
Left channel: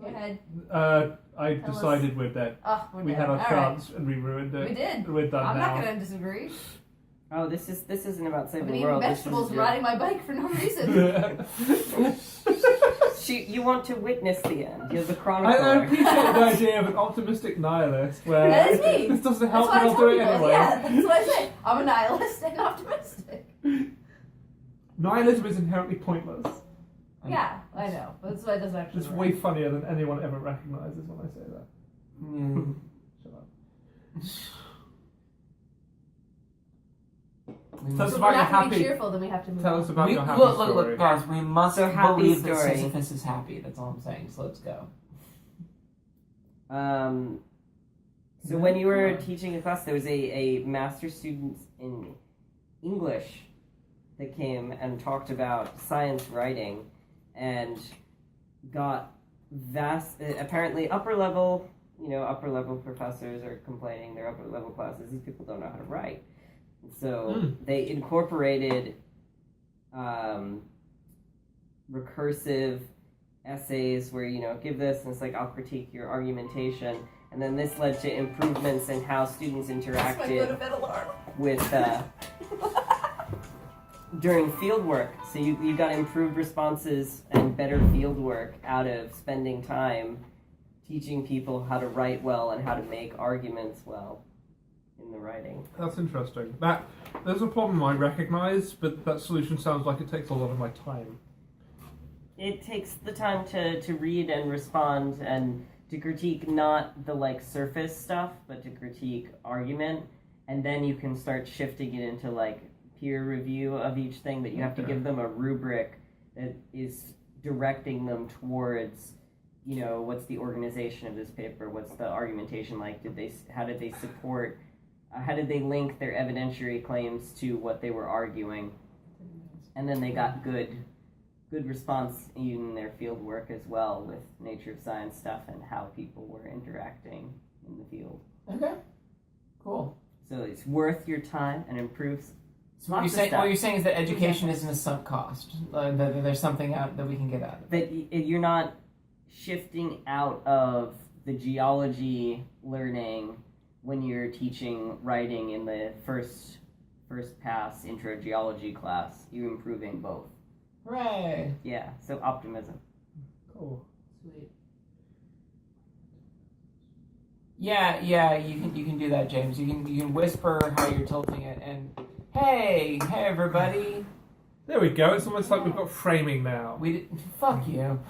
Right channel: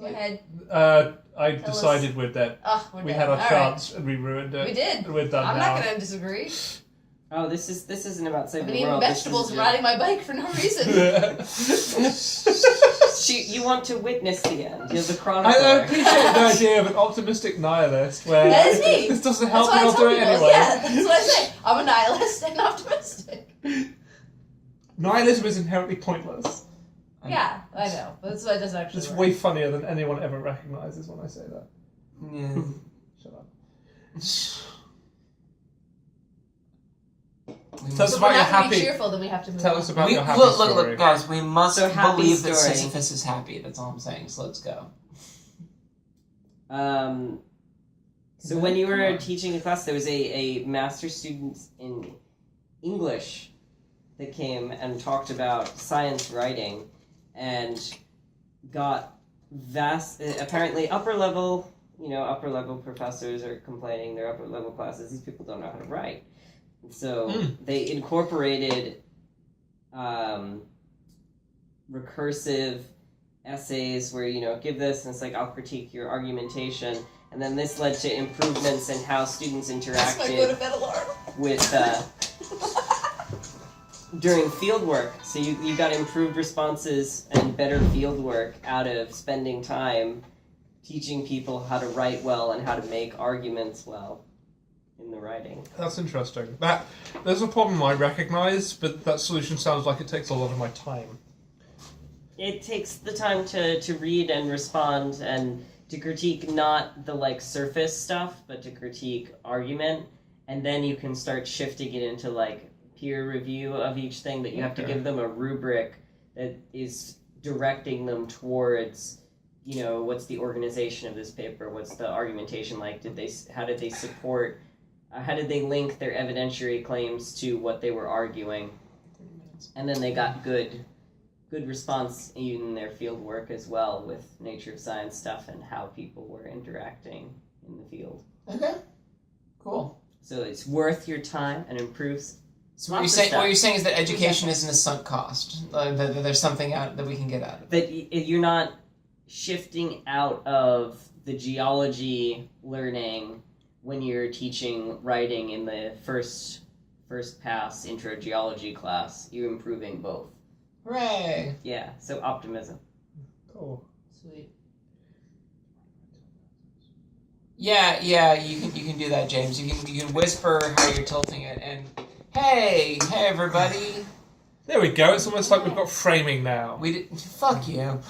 Go ahead. I Tell decided we're dead. Oh, we're We dead. had our All chance and we ruined right. it. We did. We're done I'm now. not gonna disagree. Oh, this isn't about I've saving been the eating world. vegetables and riding my bike for no reason. You want to witness the end. You're the I chronicler. appreciate the idea of an optimistic nihilist where That is me. this doesn't That's help what I and I'll tell do it people. anyway. Yeah, that's what I say. I'm a nihilist and optimistic. Nihilism is inherently pointless. Yeah, I know. But that's why it doesn't actually It's work. way funnier than anyone ever recognizes when I say that. Yeah. Shut up. We Tell must- us So if about we're your not going to be happy. cheerful, then we have to move Tell on. us about we, your happy look, story. look, guys. We must So, happy believe that story. Sisyphus is happy. That's all I'm saying. So let's go. So when you were teaching a class, there was a master student in English that came and talked about science writing and got apparently upper level professors are complaining their upper level classes, these people don't know how to write. So they incorporated recursive essays where, give this and it's like, I'll critique your argumentation. And then this led to improvements in how students That's my go to interacted bed alarm. with during field work. So you got improved responses and better field work out of spending time teaching people how to write well and how to make arguments well in the writing. That's interesting. There's a problem I recognize, but that solution sounds like it takes a lot of my time. It takes the time to read and respond and to critique not the like surface stuff, but to critique argument, and then you can start shifting it into like peer review of each thing. That you have to give them a rubric that is directing them towards, you know, what's the organization of this paper, what's the argumentation like, how did they support, how did they link their evidentiary claims to what they were arguing, and then they got good response in their field work as well with nature of science stuff and how people were interacting in the field. Okay, cool. So it's worth your time and improves. So what you're saying is that education isn't a sunk cost. That there's something out that we can get out of it. That you're not shifting out of the geology learning when you're teaching writing in the first pass intro geology class. You're improving both. Hooray! Yeah, so optimism. Cool. Sweet. Yeah, you can do that, James. You can whisper how you're tilting it, and hey everybody. There we go. It's almost like we've got framing now. Fuck you.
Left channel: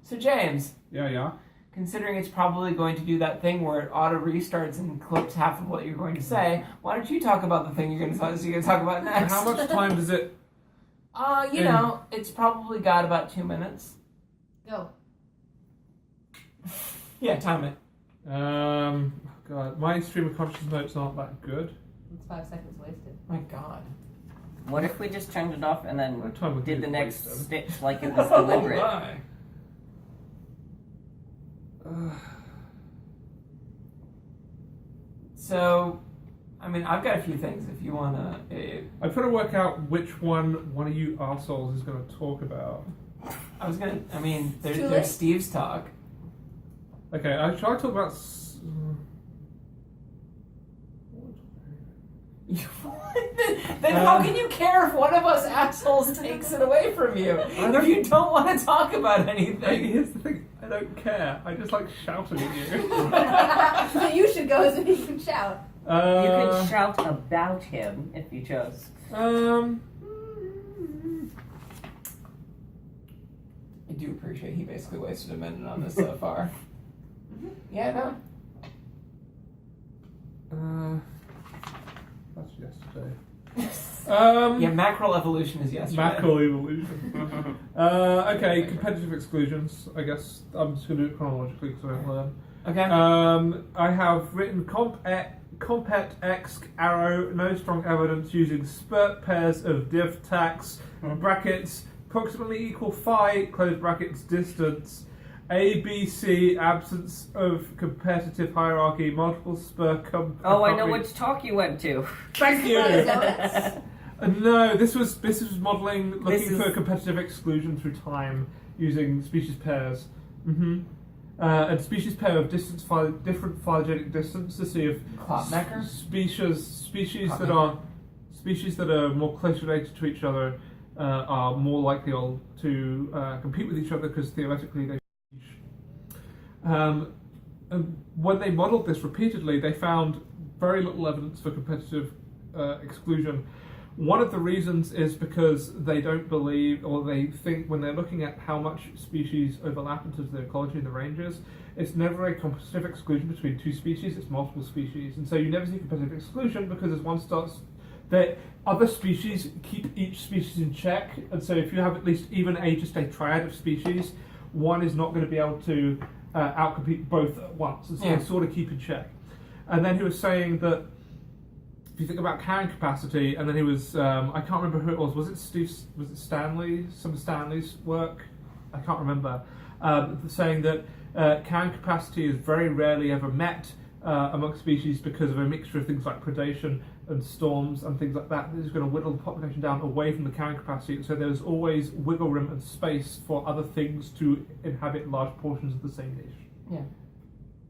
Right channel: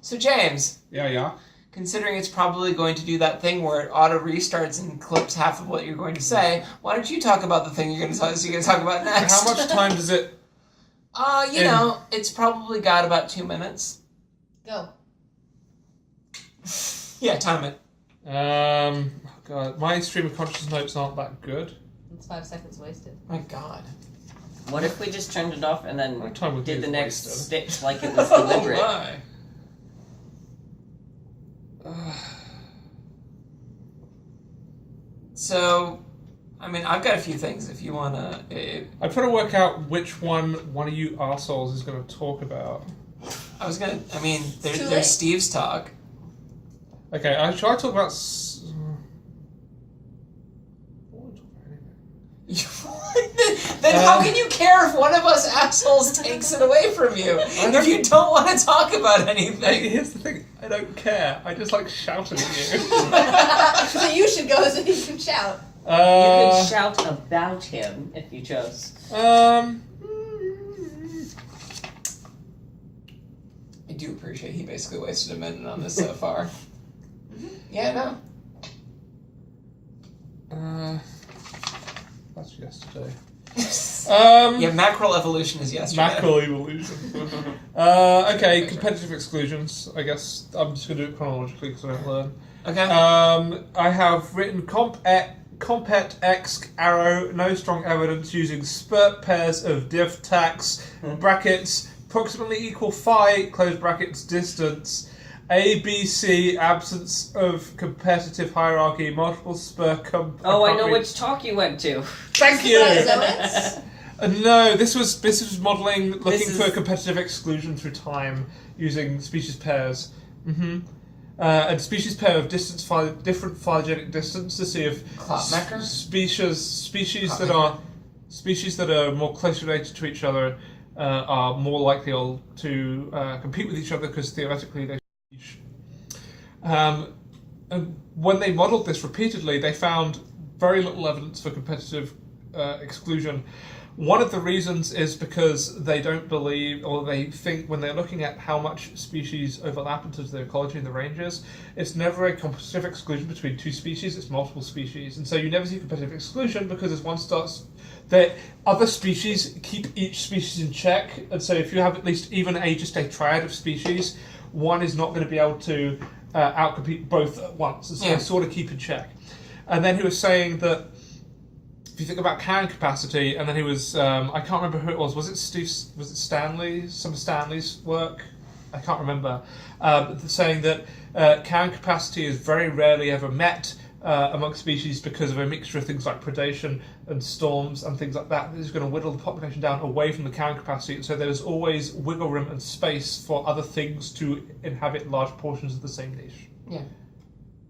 So James. Yeah. Considering it's probably going to do that thing where it auto restarts and clips half of what you're going to say, why don't you talk about the thing you're going to talk about next? How much time does it? You know, it's probably got about 2 minutes. Go. Yeah, time it. God, my stream of consciousness notes aren't that good. It's 5 seconds wasted. My God. What if we just turned it off and then What time would did you the next wasted? stitch like it was deliberate? My. So, I mean, I've got a few things if you want to... I'm trying to work out which one of you arseholes is going to talk about. There's Steve's talk. Okay, shall I talk about... Then how can you care if one of us assholes takes it away from you if you don't want to talk about anything? Here's the thing, I don't care. I just like shouting at you. So you should go so you can shout. You could shout about him if you chose. I do appreciate he basically wasted a minute on this so far. Yeah, no. That's yesterday. Yeah, mackerel evolution is yesterday. Mackerel evolution. Okay, competitive exclusions. I guess I'm just going to do it chronologically because I don't learn. Okay. I have written compet x arrow, no strong evidence using spurt pairs of diff tax, brackets, approximately equal phi, close brackets, distance, ABC, absence of competitive hierarchy, multiple spur Oh, I know which talk you went to. Thank you! Zoans? No, this was modelling, looking for competitive exclusion through time using species pairs. And species pair of different phylogenetic distance to see if species that are more closely related to each other are more likely to compete with each other because theoretically they. And when they modelled this repeatedly, they found very little evidence for competitive exclusion. One of the reasons is because they don't believe, or they think when they're looking at how much species overlap into the ecology and the ranges, it's never a competitive exclusion between two species, it's multiple species. And so you never see competitive exclusion because as one starts, that other species keep each species in check. And so if you have at least even just a triad of species, one is not going to be able to outcompete both at once. And so they sort of keep in check. And then he was saying that if you think about carrying capacity, and then he was, I can't remember who it was it Steve, was it Stanley? Some of Stanley's work? I can't remember. Saying that carrying capacity is very rarely ever met amongst species because of a mixture of things like predation and storms and things like that. This is going to whittle the population down away from the carrying capacity, so there's always wiggle room and space for other things to inhabit large portions of the same niche. Yeah.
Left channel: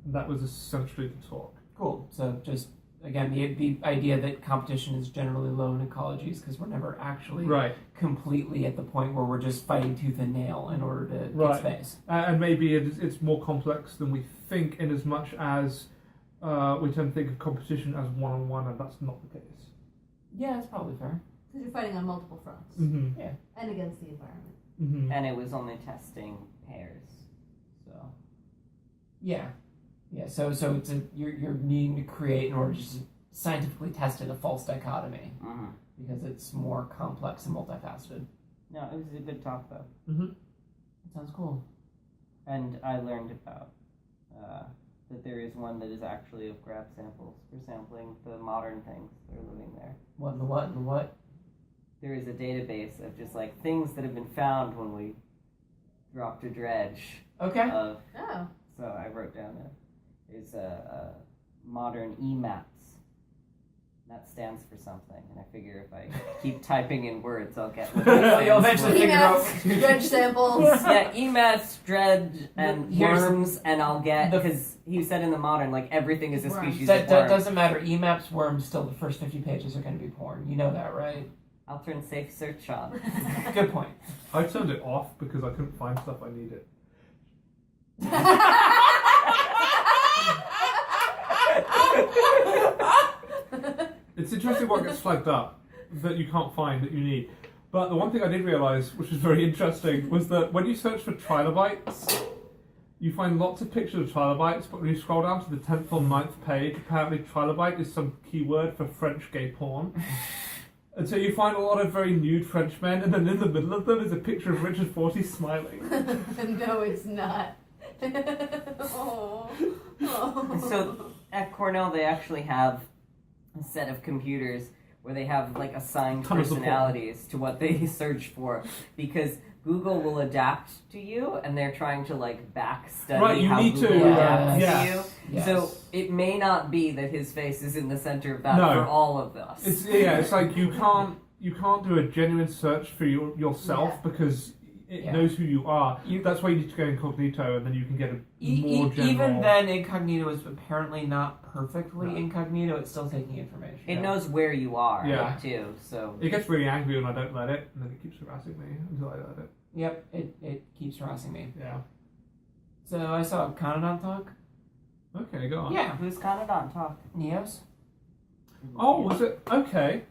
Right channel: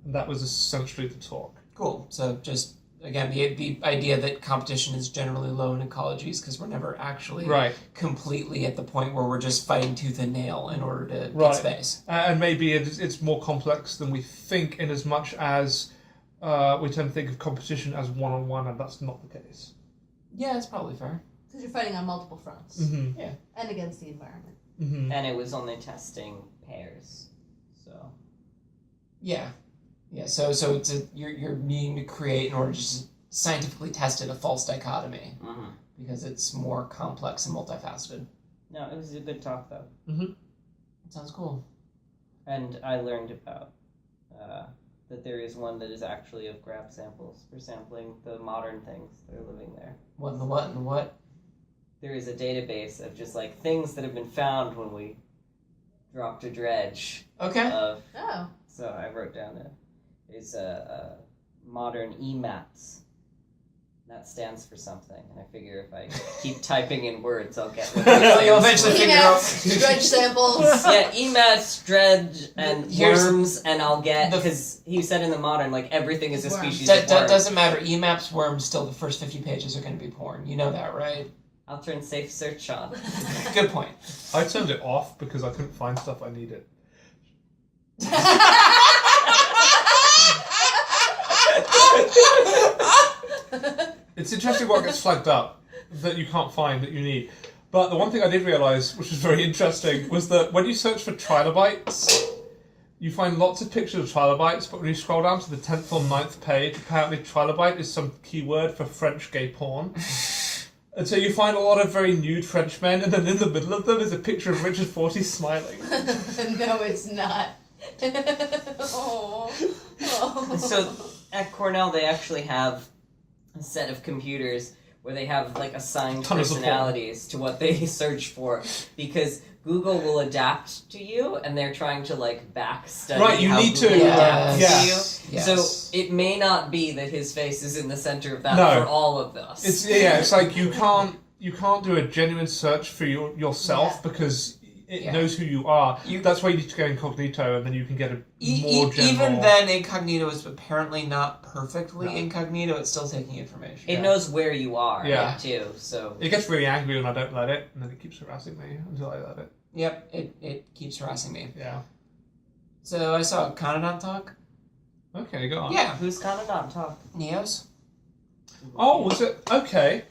And that was essentially the talk. Cool. So just, again, the idea that competition is generally low in ecologies because we're never actually completely at the point where we're just fighting tooth and nail in order to get space. And maybe it's more complex than we think in as much as we tend to think of competition as one-on-one, and that's not the case. Yeah, that's probably fair. Because you're fighting on multiple fronts. Mm-hmm. Yeah. And against the environment. and it was only testing pairs. So yeah. So it's you're needing to create in order to just scientifically test it a false dichotomy because it's more complex and multifaceted. No, it was a good talk though. That sounds cool. And I learned about that there is one that is actually of grab samples for sampling the modern things that are living there. What in the what in the what? There is a database of just like things that have been found when we dropped a dredge. Okay. So I wrote down there's a modern EMAPS. That stands for something, and I figure if I keep typing in words, I'll get what it You'll eventually figure out. EMATs, dredge samples. Yeah, EMATs, dredge, and worms, and I'll get, because he said in the modern, like, everything is a species of worm. Doesn't matter. EMAPS worms, still the first 50 pages are going to be porn. You know that, right? I'll turn safe search on. Good point. I turned it off because I couldn't find stuff I needed. It's interesting what gets flagged up that you can't find that you need. But the one thing I did realise, which was very interesting, was that when you search for trilobites, you find lots of pictures of trilobites, but when you scroll down to the 10th or 9th page, apparently trilobite is some keyword for French gay porn. And so you find a lot of very nude French men, and then in the middle of them is a picture of Richard Forty smiling. No, it's not. Oh. So at Cornell, they actually have a set of computers where they have like assigned personalities to what they search for, because Google will adapt to you, and they're trying to like back study how Google adapts to you. Yes. So it may not be that his face is in the center of that for all of us. It's like you can't do a genuine search for yourself because it knows who you are. That's why you need to go incognito, and then you can get a more general... Even then, incognito is apparently not perfectly incognito. It's still taking information. It knows where you are, too. So it gets really angry when I don't let it, and then it keeps harassing me until I let it. Yep, it keeps harassing me. Yeah. So I saw Conodon talk. Okay, go on. Yeah. Who's Conodon talk? Neos. Oh, was it? Okay.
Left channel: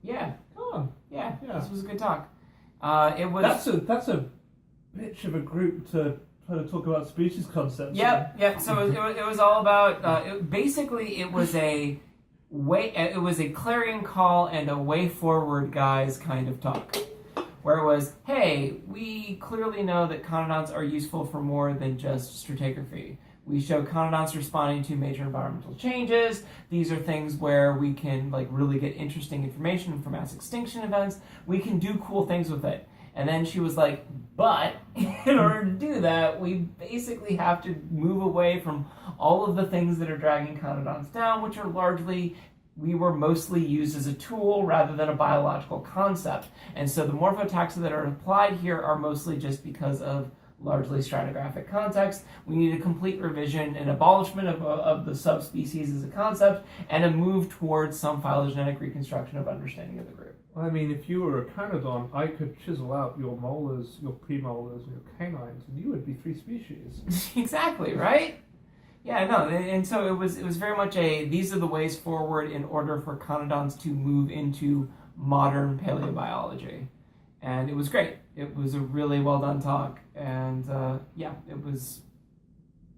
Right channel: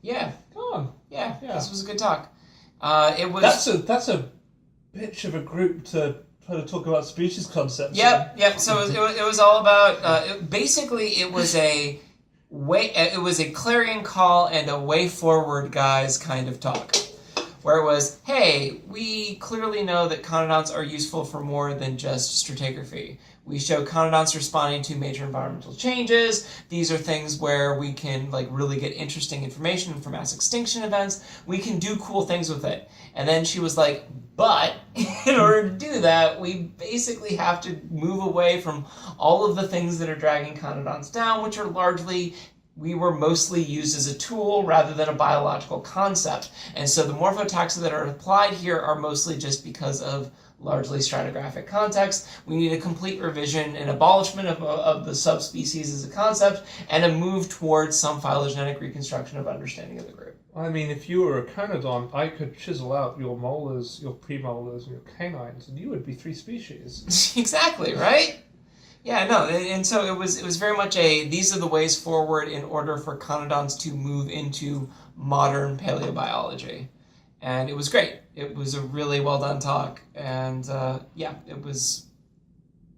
Yeah. Go on. Yeah. This was a good talk. It was. That's a bitch of a group to try to talk about species concepts. Yep. So it was all about. Basically, it was a clarion call and a way forward, guys, kind of talk, where it was, hey, we clearly know that conodonts are useful for more than just stratigraphy. We show conodonts responding to major environmental changes. These are things where we can like really get interesting information from mass extinction events. We can do cool things with it. And then she was like, but in order to do that, we basically have to move away from all of the things that are dragging conodonts down, which are largely, we were mostly used as a tool rather than a biological concept. And so the morphotaxa that are applied here are mostly just because of largely stratigraphic context. We need a complete revision and abolishment of the subspecies as a concept, and a move towards some phylogenetic reconstruction of understanding of the group. I mean, if you were a conodon, I could chisel out your molars, your premolars, and your canines, and you would be 3 species. Exactly, right? Yeah, no, and so it was very much these are the ways forward in order for conodons to move into modern paleobiology. And it was great. It was a really well done talk, and it was.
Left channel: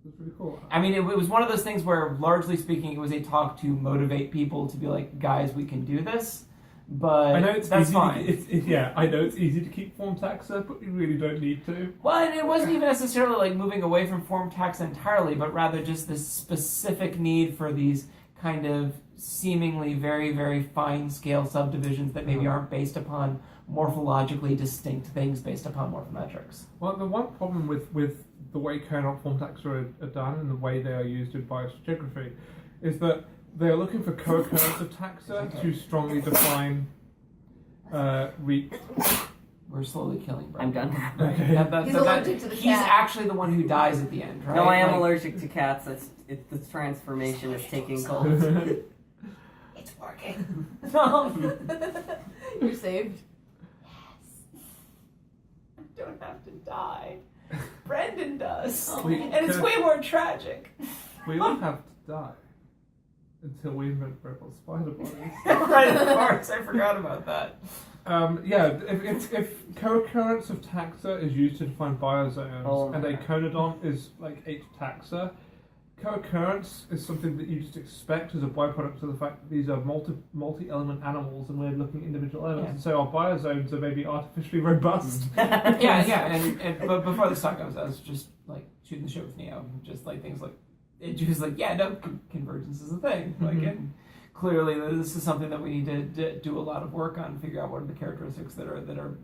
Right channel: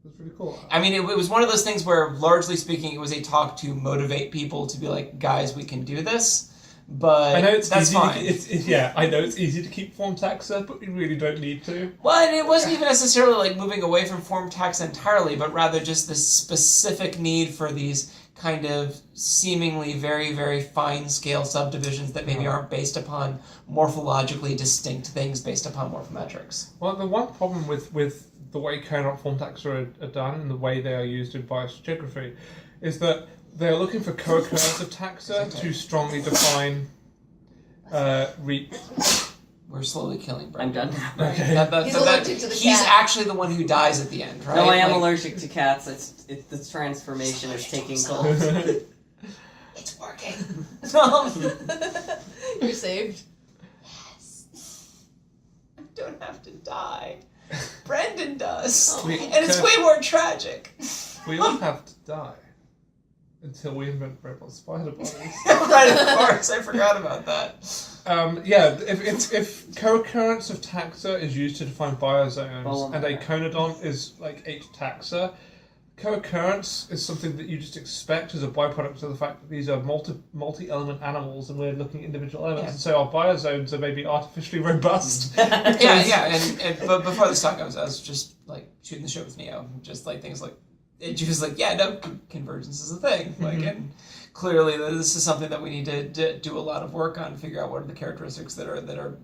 That's pretty cool. I mean, it was one of those things where, largely speaking, it was a talk to motivate people to be like, guys, we can do this. But I know that's fine. I know it's easy to keep form taxa, but we really don't need to. Well, and it wasn't even necessarily like moving away from form taxa entirely, but rather just the specific need for these kind of seemingly very, very fine-scale subdivisions that maybe aren't based upon morphologically distinct things based upon morphometrics. Well, the one problem with the way coherent form taxa are done and the way they are used in biostratigraphy is that they're looking for co-occurrence of taxa to strongly define We're slowly killing Brent. I'm done. Okay. He's allergic to the He's cat. actually the one who dies at the end, right? No, I am allergic to cats. It's the transformation is taking hold. It's working. You're saved. Yes. I don't have to die. Brendan does. Oh. And it's way more tragic. We all have to die until we invent robot spider bodies. Right, of course. I forgot about that. If co-occurrence of taxa is used to define biozones, and a conodont is like H taxa, co-occurrence is something that you just expect as a byproduct of the fact that these are multi-element animals, and we're looking at individual elements, and so our biozones are maybe artificially robust. But before this talk, I was just like shooting the shit with Neo, just like things like she was like, convergence is a thing, like, and clearly this is something that we need to do a lot of work on, figure out what are the characteristics that are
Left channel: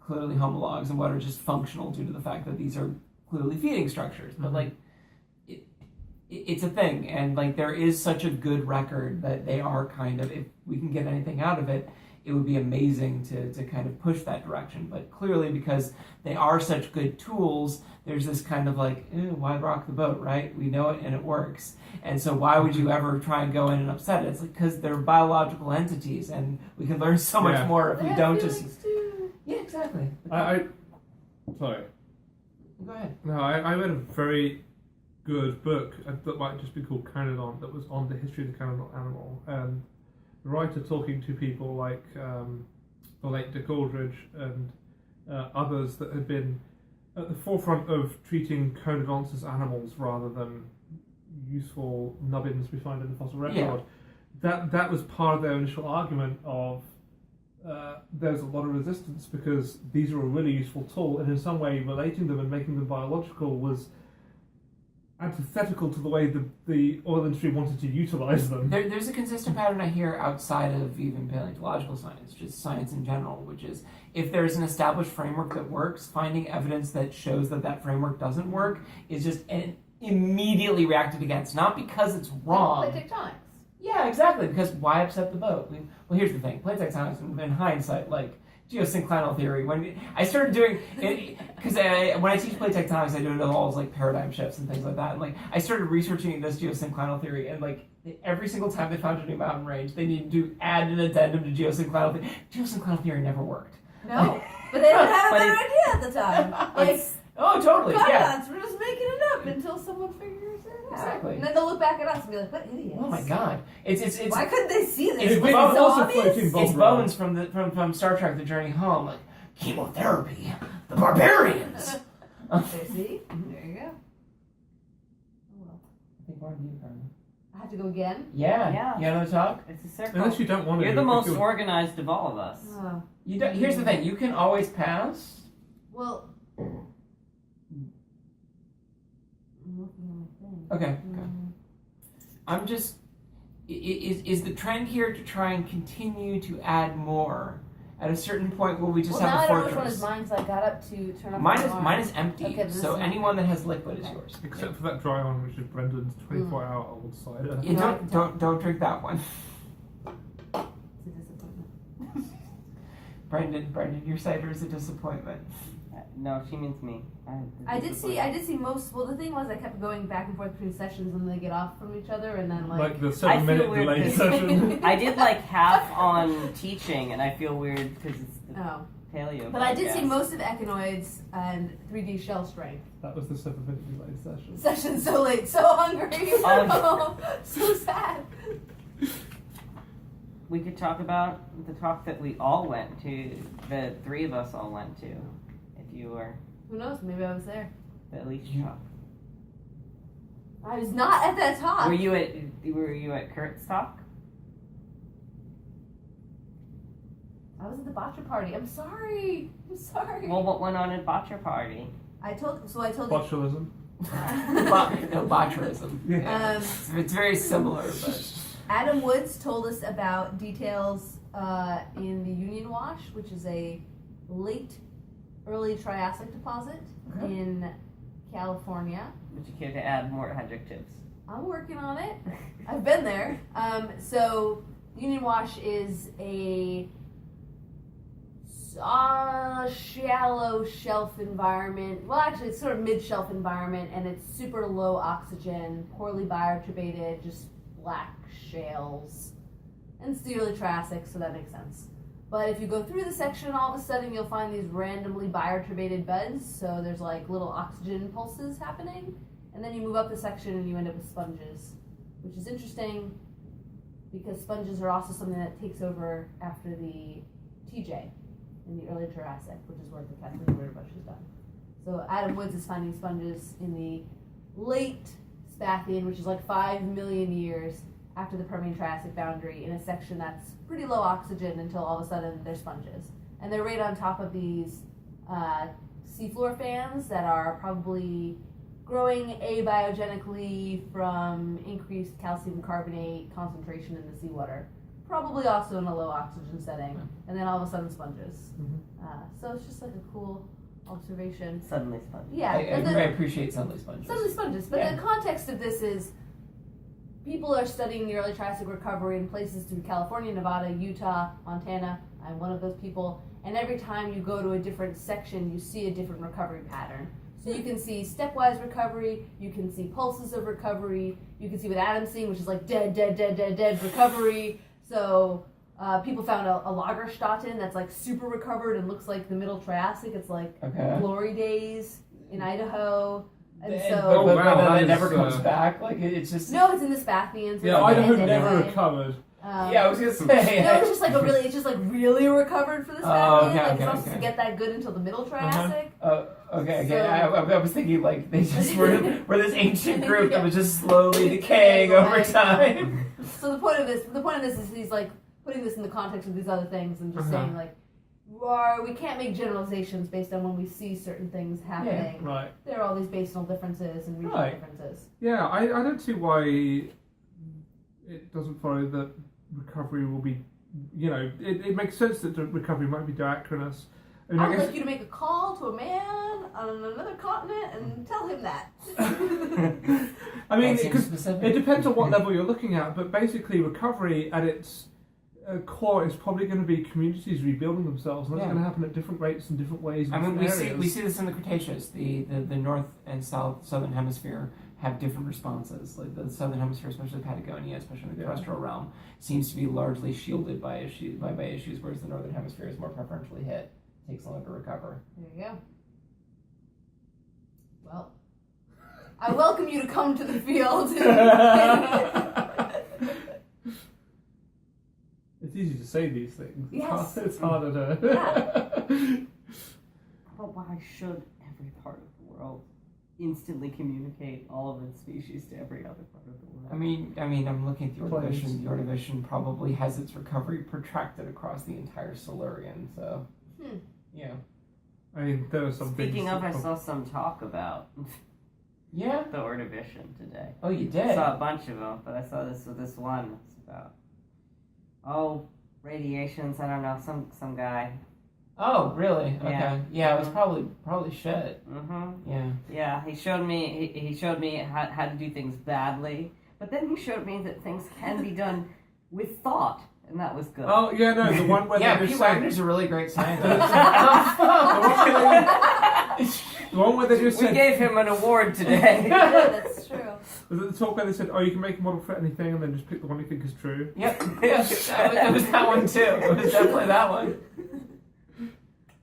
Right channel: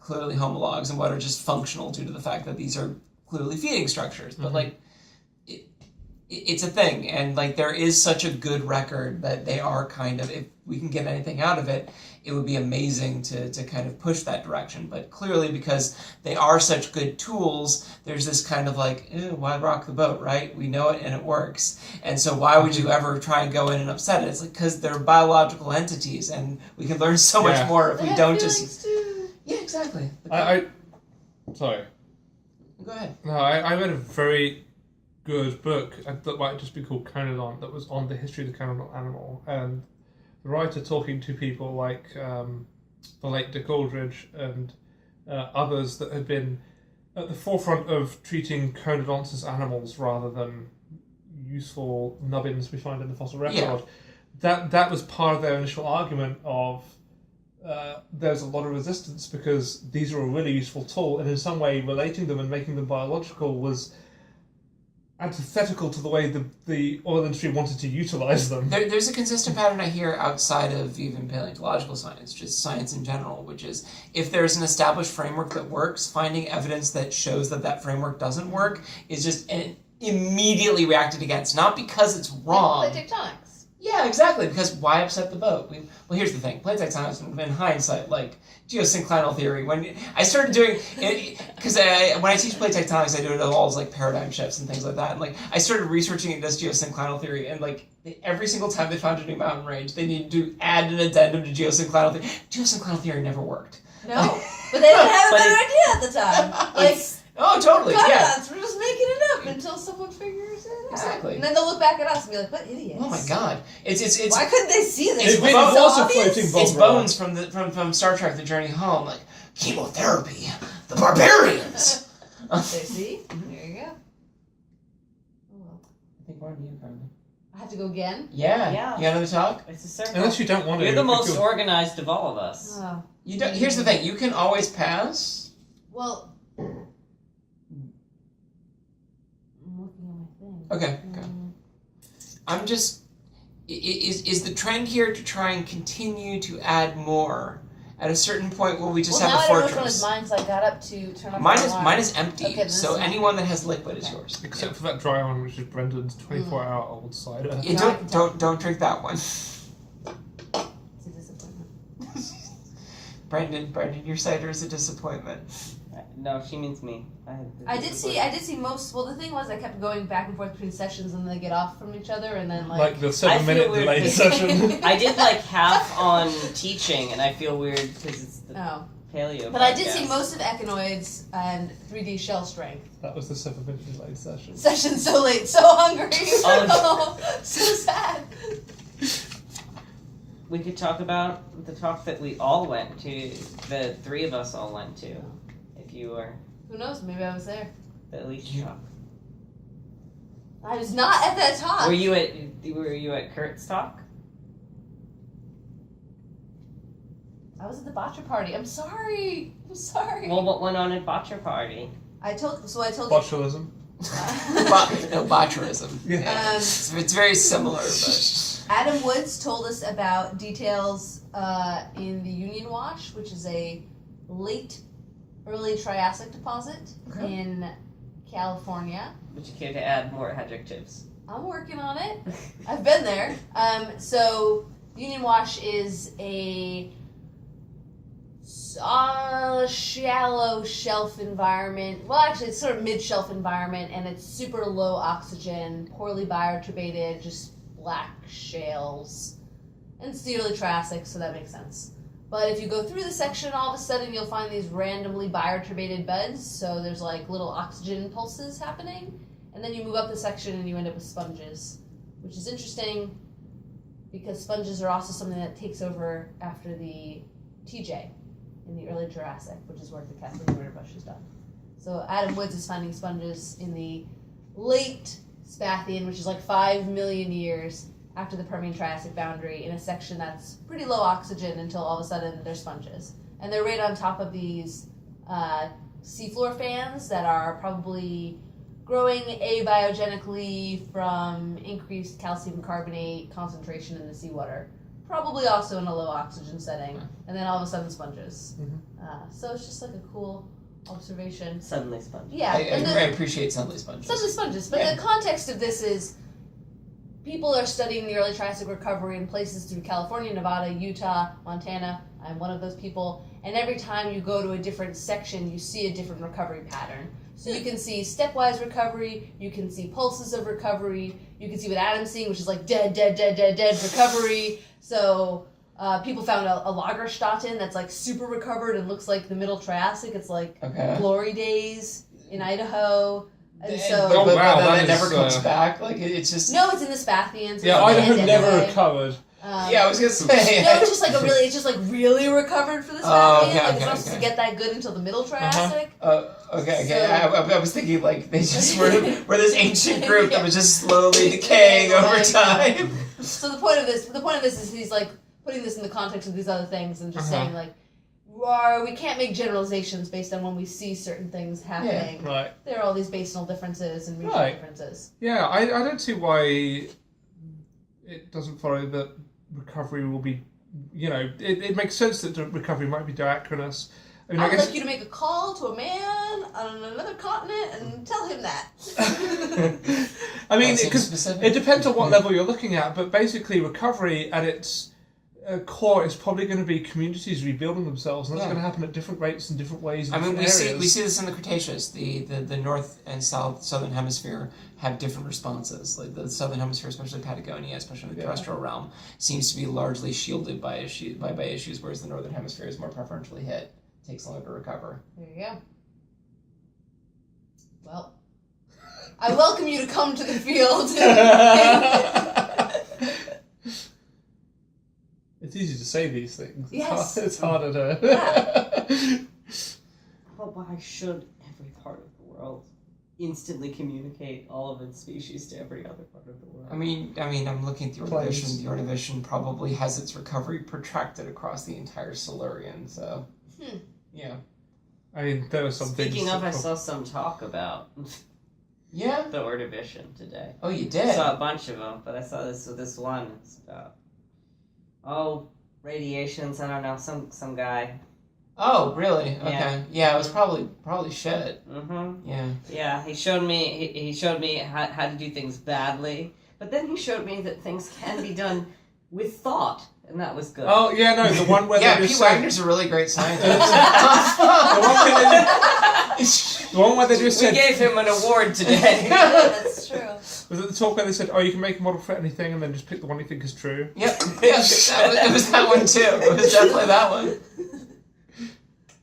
clearly homologs and what are just functional due to the fact that these are clearly feeding structures, but like. It's a thing, and like there is such a good record that they are kind of, if we can get anything out of it, it would be amazing to kind of push that direction. But clearly, because they are such good tools, there's this kind of like, why rock the boat, right? We know it and it works. And so why would you ever try and go in and upset it? It's like, because they're biological entities, and we can learn so much more if we don't just... Too. Yeah, exactly. Sorry. Go ahead. No, I read a very good book that might just be called Conodont, that was on the history of the conodont animal, and the writer talking to people like the late Dick Aldrich and others that had been at the forefront of treating conodonts as animals rather than useful nubbins we find in the fossil record. That was part of their initial argument of there's a lot of resistance because these are a really useful tool, and in some way relating them and making them biological was antithetical to the way the oil industry wanted to utilize them. There's a consistent pattern I hear outside of even paleontological science, just science in general, which is if there's an established framework that works, finding evidence that shows that framework doesn't work is just immediately reacted against, not because it's wrong. Like tectonics. Yeah, exactly, because why upset the boat? Well, here's the thing. Plate tectonics, in hindsight, like geosynclinal theory, when I started doing it, because when I teach plate tectonics, I do it all as like paradigm shifts and things like that, and like I started researching against geosynclinal theory, and like every single time they found a new mountain range, they needed to add an addendum to geosynclinal theory. Geosynclinal theory never worked. No, but they didn't have a better idea at the time. Like, oh, totally, conodonts, we're just making it up until someone figures it out. Exactly. And then they'll look back at us and be like, what idiots. Oh my god. It's why couldn't they see this? It's Bones from Star Trek The Journey Home, like, chemotherapy, the barbarians. See? There you go. Oh well. I think we're on you, Carlie. I have to go again? Yeah. You got another talk? It's a circle. Unless you don't want to. You're the most organized of all of us. Oh. You don't. Here's the thing. You can always pass. Well, I'm looking at my thing. Okay. I'm just... Is the trend here to try and continue to add more? At a certain point, will we just have a fortress? Well, now I don't know which one is mine because I got up to turn off mine my mine is empty, okay, so anyone that has liquid is yours. Except for that dry one, which is Brendan's 24-hour-old cider. Yeah, don't drink that one. It's a disappointment. Brendan, your cider is a disappointment. No, she means me. I did see most. Well, the thing was, I kept going back and forth between sessions, and they get off from each other, and then like the 7-minute weird delayed 'cause- session. I did like half on teaching, and I feel weird because it's the paleo. But I did see podcast. most of echinoids and 3D shell strength. That was the 7-minute delayed session. Session so late, so hungry, Oh. so sad. We could talk about the talk that we all went to. The three of us all went to. If you were Who knows? Maybe I was there. the least talk. I was not at that talk. Were you at Curt's talk? I was at the bocce party. I'm sorry. Well, what went on at Botcher Party? I told you. Botulism. No, botulism. Yeah. It's very similar, but Adam Woods told us about details in the Union Wash, which is a early Triassic deposit in California. Would you care to add more adjectives? I'm working on it. I've been there. So Union Wash is a shallow shelf environment. Well, actually, it's sort of mid-shelf environment, and it's super low oxygen, poorly bioturbated, just black shales. And it's the early Triassic, so that makes sense. But if you go through the section, all of a sudden you'll find these randomly bioturbated beds, so there's like little oxygen pulses happening. And then you move up the section and you end up with sponges, which is interesting because sponges are also something that takes over after the TJ in the early Jurassic, which is work that Kathleen Ritterbusch has done. So Adam Woods is finding sponges in the late Spathian, which is like 5 million years after the Permian-Triassic boundary, in a section that's pretty low oxygen until all of a sudden they're sponges. And they're right on top of these seafloor fans that are probably growing abiogenically from increased calcium carbonate concentration in the seawater. Probably also in a low oxygen setting. And then all of a sudden sponges. So it's just like a cool observation. Suddenly sponges. Yeah. I appreciate suddenly sponges. Suddenly sponges. But the context of this is people are studying the early Triassic recovery in places through California, Nevada, Utah, Montana. I'm one of those people. And every time you go to a different section, you see a different recovery pattern. So you can see stepwise recovery, you can see pulses of recovery, you can see what Adam's seeing, which is like dead recovery. So people found a Lagerstätten that's like super recovered and looks like the middle Triassic. It's like glory days in Idaho. And so, that never comes back. Like it's just no, it's in the Spathians. Yeah, Idaho never recovered. I was gonna say no, it's just like really recovered for the Spathian. It's not supposed to get that good until the middle Triassic. Okay. So, I was thinking like they just were this ancient group that was just slowly decaying over time. So the point of this is he's like putting this in the context of these other things and just saying like, we can't make generalizations based on when we see certain things happening. Yeah, right. There are all these basinal differences and regional differences. Yeah, I don't see why it doesn't follow that recovery will be, it makes sense that the recovery might be diachronous. I would like you to make a call to a man on another continent and tell him that. I mean, because it depends on what level you're looking at, but basically recovery at its core is probably going to be communities rebuilding themselves, and that's going to happen at different rates and different ways. I mean, we see this in the Cretaceous. The north and southern hemisphere have different responses. Like the southern hemisphere, especially Patagonia, especially in the terrestrial realm, seems to be largely shielded by issues, whereas the northern hemisphere is more preferentially hit. It takes longer to recover. There you go. Well, I welcome you to come to the field. It's easy to say these things. Yes. It's harder to... But why should every part of the world instantly communicate all of its species to every other part of the world? I mean, I'm looking at the Ordovician. The Ordovician probably has its recovery protracted across the entire Silurian, so... Yeah. I mean, there was some Speaking of, I saw some talk about the Ordovician today. Oh, you did? I saw a bunch of them, but I saw this one. It's about... radiations, I don't know, some guy. Oh, really? Okay. Yeah, it was probably shit. Yeah, he showed me how to do things badly, but then he showed me that things can be done with thought, and that was good. Oh, yeah, no, the one where P. Wagner's a really great scientist. The one where they just said... We gave him an award today. That's true. Was it the talk where they said, you can make a model for anything and then just pick the one you think is true? Yep. It was that one too. It was definitely that one.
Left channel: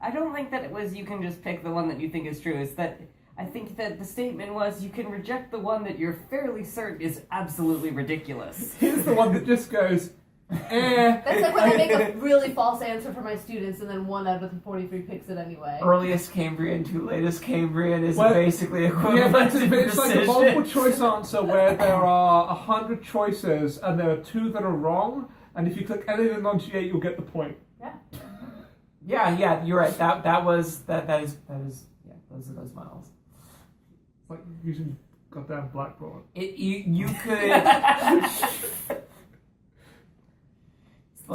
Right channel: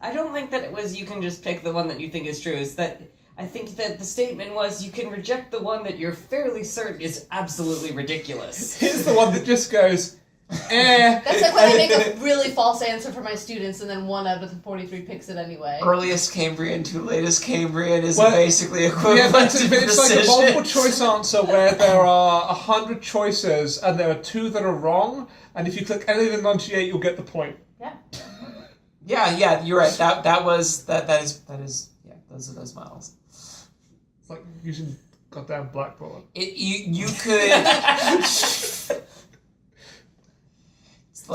I don't think that it was you can just pick the one that you think is true. It's that I think that the statement was you can reject the one that you're fairly certain is absolutely ridiculous. Here's the one that just goes... That's like when I make a really false answer for my students and then 1 out of the 43 picks it anyway. Earliest Cambrian to latest Cambrian is basically equivalent to precision. It's like a multiple choice answer where there are 100 choices and there are 2 that are wrong, and if you click any of them on G8 you'll get the point. Yeah, you're right. That is those miles. It's like using goddamn blackboard. You could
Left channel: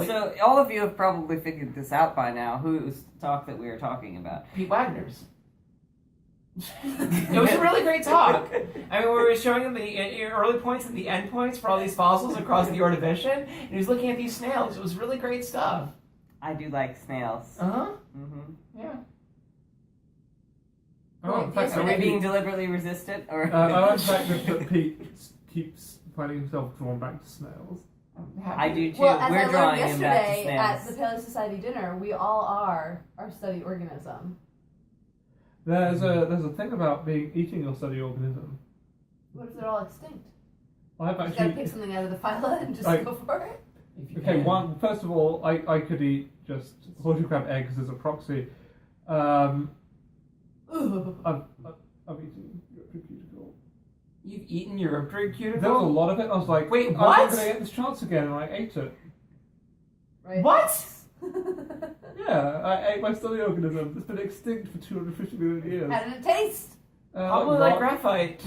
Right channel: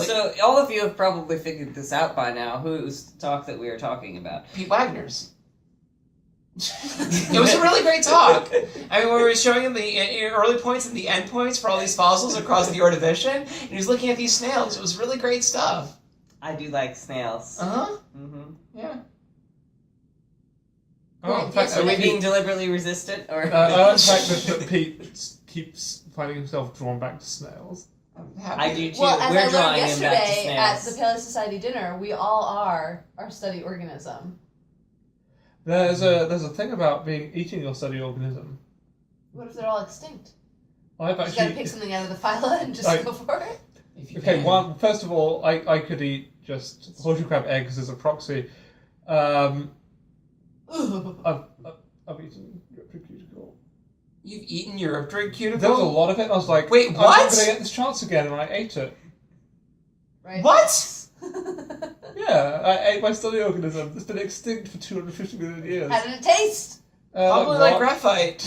So all of you have probably figured this out by now. Whose talk that we are talking about? Pete Wagner's. It was a really great talk. I mean, we were showing him the early points and the end points for all these fossils across the Ordovician, and he was looking at these snails. It was really great stuff. I do like snails. Yeah. In fact, are we being deliberately resistant, or? In fact, that Pete keeps finding himself drawn back to snails. I do too. Well, as We're I learned drawing yesterday him at back to the Paleo Society dinner, we all are our study organism. There's a thing about eating your study organism. What if they're all extinct? I've You gotta pick something out of the phyla and just go for it. Okay, first of all, I could eat just horseshoe crab eggs as a proxy. I've eaten European cuticle. You've eaten European cuticle? There was a lot of it. I was like, wait, I'm what? not going to get this chance again, and I ate it. Right. What? Yeah, I ate my study organism. It's been extinct for 250 million years. How did it taste? Probably like graphite.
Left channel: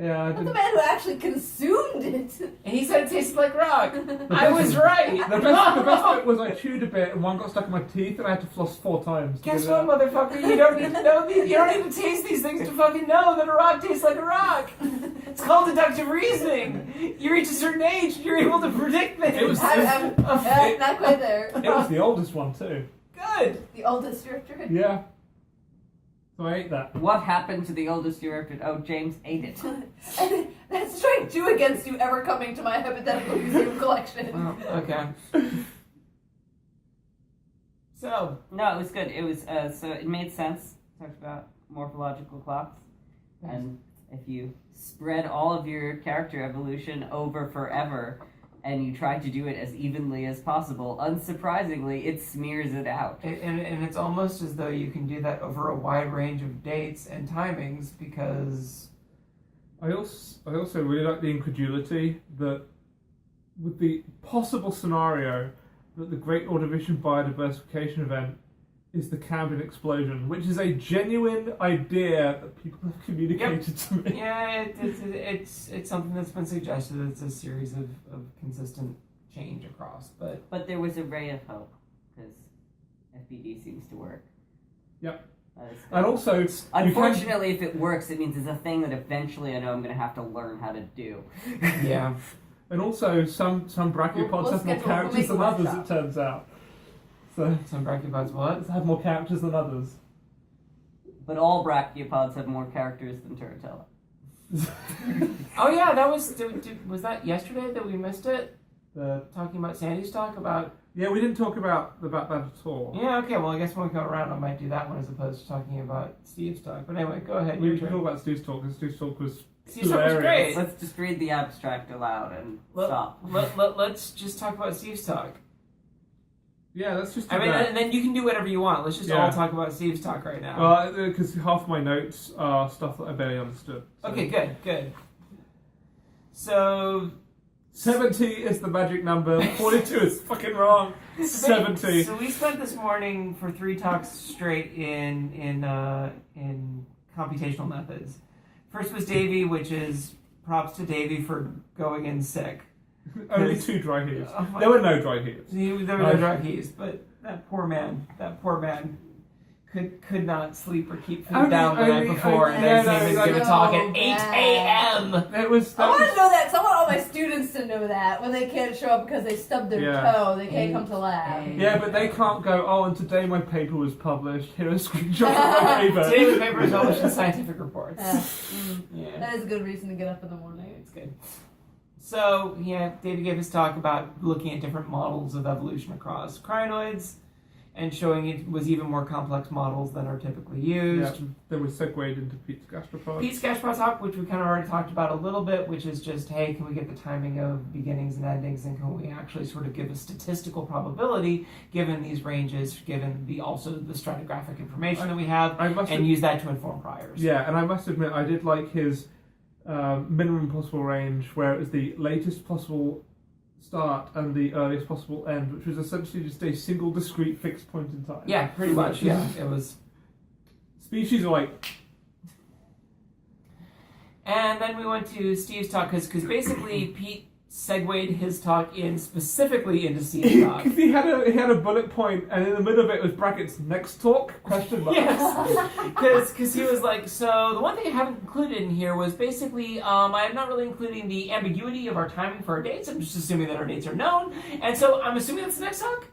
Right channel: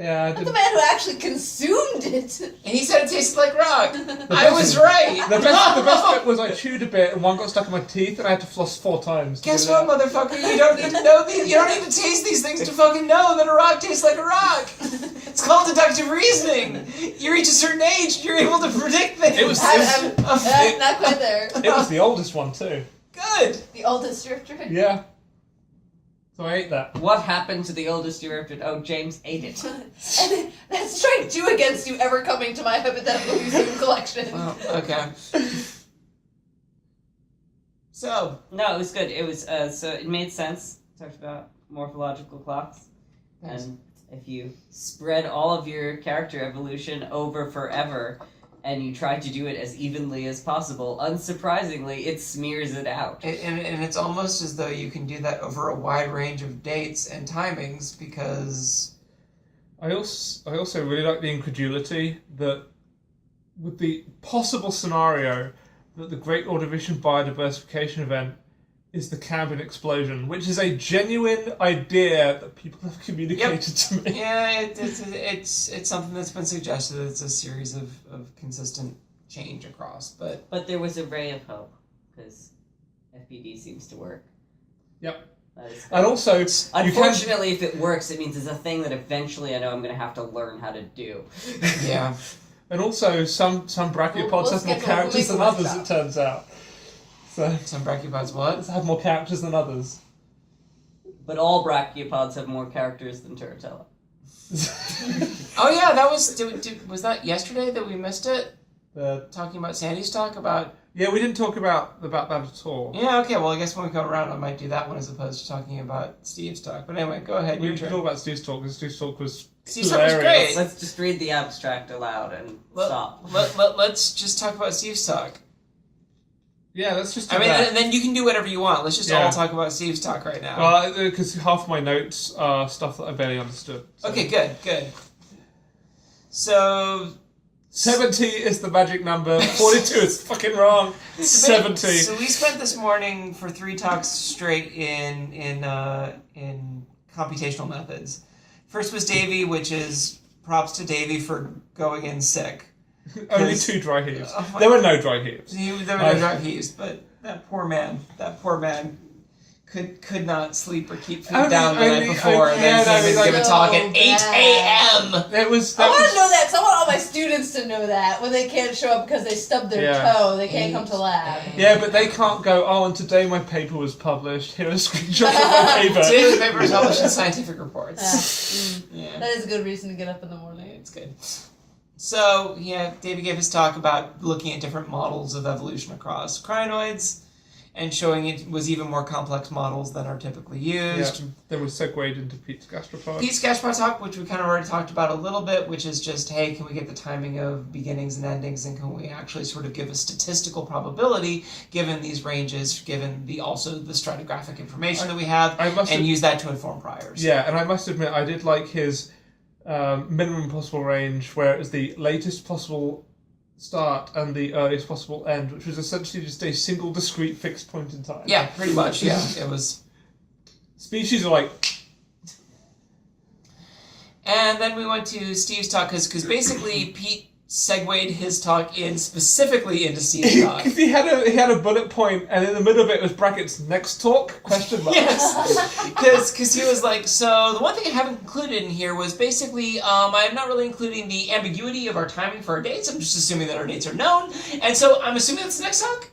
Yeah, I I'm the didn't. man who actually consumed it. And he said it tasted like rock. I was right. The best bit was I chewed a bit and one got stuck in my teeth and I had to floss 4 times. Guess what, motherfucker? You don't need to know these. You don't need to taste these things to fucking know that a rock tastes like a rock. It's called deductive reasoning. You reach a certain age, and you're able to predict things. It was- Not quite there. It was the oldest one too. Good. The oldest drifter. Yeah. So I ate that. What happened to the oldest European? Oh, James ate it. And that's strike 2 against you ever coming to my hypothetical museum collection. Oh, okay. So, No, it was good. It was so it made sense. Talked about morphological clocks, and if you spread all of your character evolution over forever, and you try to do it as evenly as possible, unsurprisingly, it smears it out. and it's almost as though you can do that over a wide range of dates and timings because I also really like the incredulity that with the possible scenario that the Great Ordovician biodiversification event is the Cambrian explosion, which is a genuine idea that people have communicated to me. yeah, it's something that's been suggested. It's a series of consistent change across, But there was a ray of hope, because FPD seems to work. Yep. That is And also, unfortunately, if it works, it means it's a thing that eventually I know I'm going to have to learn how to do. yeah. And also, some brachiopods We'll have more schedule- characters we'll than make a others, workshop. it turns out. So, Some brachiopods what? have more characters than others. But all brachiopods have more characters than Turritella. Oh yeah, that was was that yesterday that we missed it? Uh, Talking about Sandy's talk about. yeah, we didn't talk about that at all. Yeah, okay. Well, I guess when we come around, I might do that one as opposed to talking about Steve's talk. But anyway, go ahead. We Your can turn. talk about Steve's talk, because Steve's talk was Steve's talk was hilarious. great. Let's just read the abstract aloud and stop. Let's just talk about Steve's talk. Yeah, let's just do I mean, that. and then you can do whatever you want. Let's just all Yeah. talk about Steve's talk right now. Well, because half my notes are stuff that I barely understood. So. Okay, good. So 70 is the magic number. 42 is fucking wrong. 70. So we spent this morning for 3 talks straight in computational methods. First was Davey, which is props to Davey for going in sick. Only 2 dry heaves. Oh my- There were no dry heaves. There were no dry heaves, but that poor man could not sleep or keep food down the night before, and then came and give a talk at 8 a.m. It was. I want to know that, because I want all my students to know that when they can't show up because they stubbed their Yeah. toe, they can't come to lab. Yeah, but they can't go, oh, and today my paper was published. Here is a screenshot of my paper. Today's paper is published in Scientific Reports. Yeah. That is a good reason to get up in the morning. It's good. So, yeah, David gave his talk about looking at different models of evolution across crinoids and showing it was even more complex models than are typically used. Yeah, then we segued into Pete's gastropod. Pete's gastropod talk, which we kind of already talked about a little bit, which is just, hey, can we get the timing of beginnings and endings, and can we actually sort of give a statistical probability given these ranges, given the stratigraphic information that we have, and use that to inform priors. Yeah, and I must admit, I did like his minimum possible range, where it was the latest possible start and the earliest possible end, which was essentially just a single discrete fixed point in time. Yeah, pretty much, yeah. It was... Species are like... And then we went to Steve's talk, because basically Pete segued his talk in specifically into Steve's talk. Because he had a bullet point, and in the middle of it was brackets, next talk, question mark. Yes, because he was like, so the one thing I haven't included in here was basically, I'm not really including the ambiguity of our timing for our dates. I'm just assuming that our dates are known, and so I'm assuming that's the next talk.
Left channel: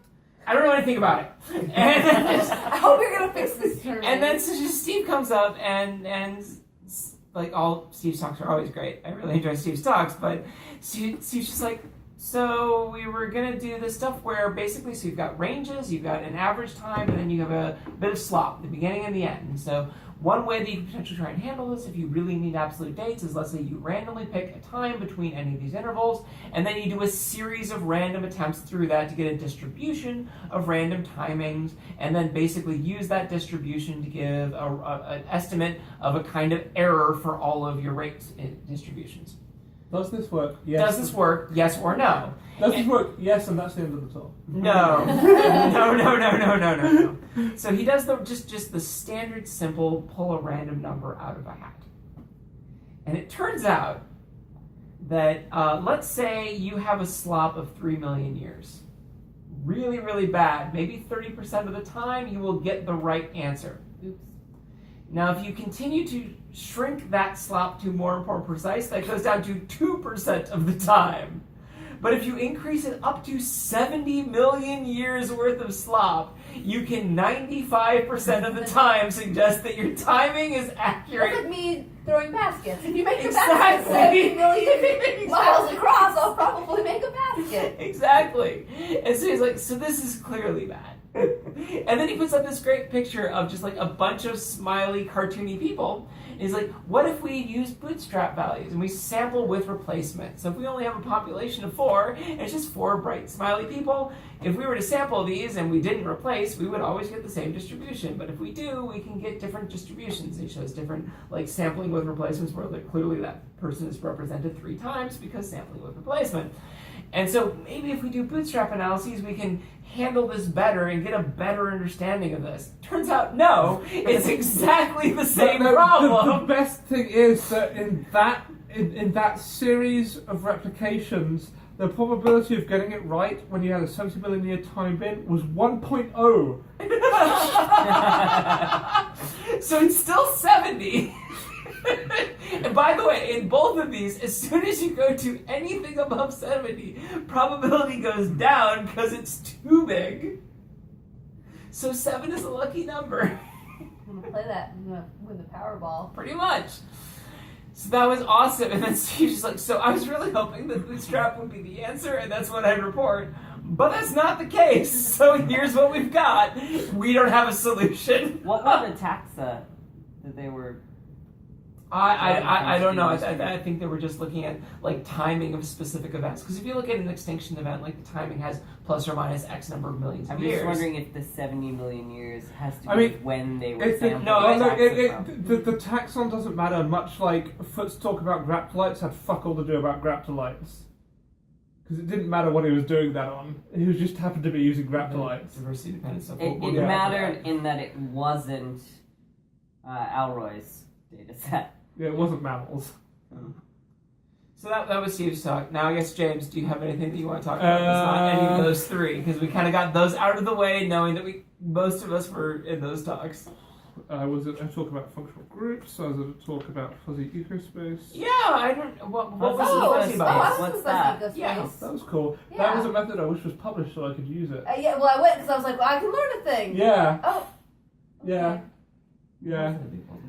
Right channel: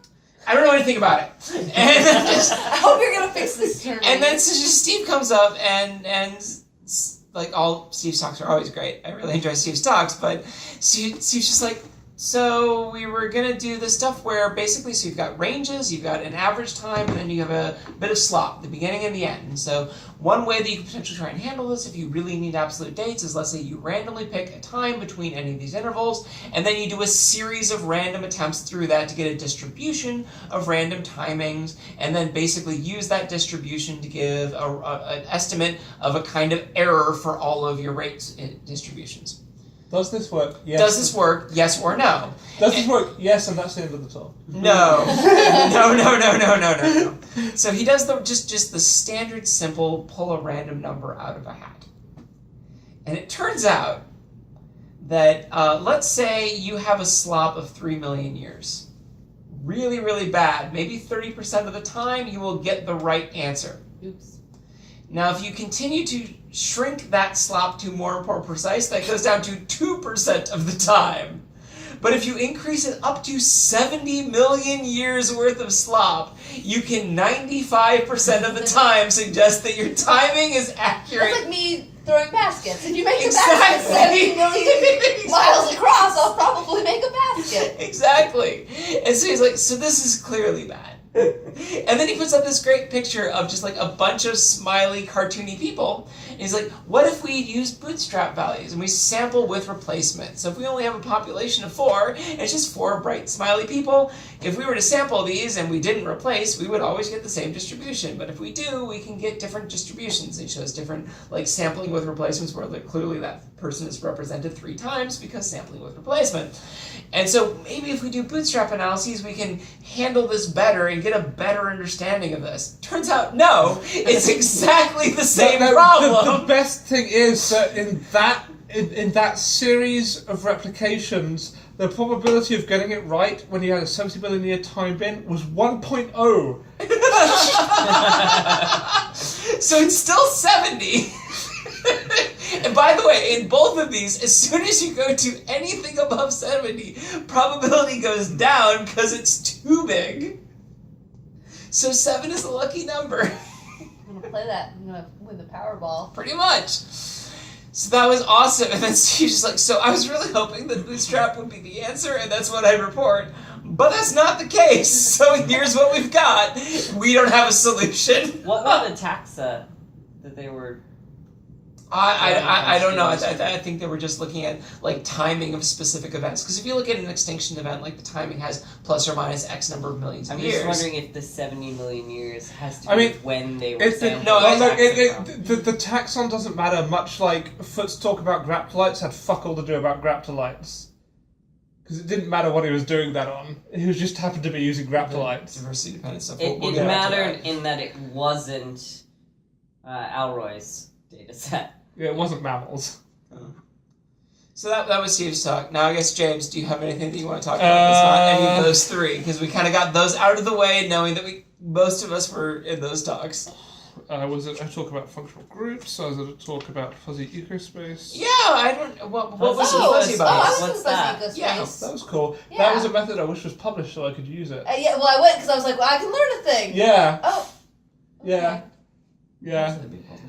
I don't know anything about it. And then just, I hope you're going to fix this term. and then so just Steve comes up and like all Steve's talks are always great. I really enjoy Steve's talks, but Steve's just like, So we were going to do the stuff where basically, so you've got ranges, you've got an average time, and then you have a bit of slop, the beginning and the end. And so one way that you could potentially try and handle this if you really need absolute dates is, let's say you randomly pick a time between any of these intervals, and then you do a series of random attempts through that to get a distribution of random timings, and then basically use that distribution to give an estimate of a kind of error for all of your rate distributions. Does this work? Yes. Does this work? Yes or no? Does this work? Yes, and that's the end of the talk. No. No. So he does just the standard simple pull a random number out of a hat. And it turns out that let's say you have a slop of 3 million years. Really, really bad. Maybe 30% of the time you will get the right answer. Oops. Now, if you continue to shrink that slop to more and more precise, that goes down to 2% of the time. But if you increase it up to 70 million years worth of slop, you can 95% of the time suggest that your timing is accurate. That's like me throwing baskets. If you make the Exactly. basket 70 million miles across, I'll probably make a basket. Exactly. And so he's like, so this is clearly bad. And then he puts up this great picture of just like a bunch of smiley, cartoony people. And he's like, what if we use bootstrap values and we sample with replacement? So if we only have a population of 4, and it's just 4 bright, smiley people, if we were to sample these and we didn't replace, we would always get the same distribution. But if we do, we can get different distributions. It shows different, like sampling with replacements where like, clearly that person is represented 3 times because sampling with replacement. And so maybe if we do bootstrap analyses, we can handle this better and get a better understanding of this. Turns out, no, it's exactly the same problem. The best thing is that in that series of replications, the probability of getting it right when you had a 70 million year time bin was 1.0. So it's still 70. And by the way, in both of these, as soon as you go to anything above 70, probability goes down because it's too big. So 7 is a lucky number. I'm gonna play that. I'm gonna win the Powerball. Pretty much. So that was awesome. And then she's just like, so I was really hoping that bootstrap would be the answer, and that's what I'd report. But that's not the case. So here's what we've got. We don't have a solution. What were the taxa that they were... I don't know. I think they were just looking at like timing of specific events. Because if you look at an extinction event, like the timing has plus or minus X number of millions of years. I'm just wondering if the 70 million years has to do with when they were sampled. The taxon doesn't matter, much like Foot's talk about graptolites had fuck all to do about graptolites. Because it didn't matter what he was doing that on. He was just happened to be using graptolites. Diversity dependent stuff. It mattered in that it wasn't Alroy's data set. Yeah, it wasn't mammals. So that was Steve's talk. Now I guess, James, do you have anything that you want to talk about that's not any of those 3? Because we kind of got those out of the way, knowing that most of us were in those talks. Was it a talk about functional groups? Or was it a talk about fuzzy ecospace? Yeah, I don't... What was fuzzy about? I was What's in that? fuzzy ecospace. Yeah. That was cool. Yeah. That was a method I wish was published so I could use it. Yeah, well, I went because I was like, well, I can learn a thing. Yeah. Oh. Okay. Yeah.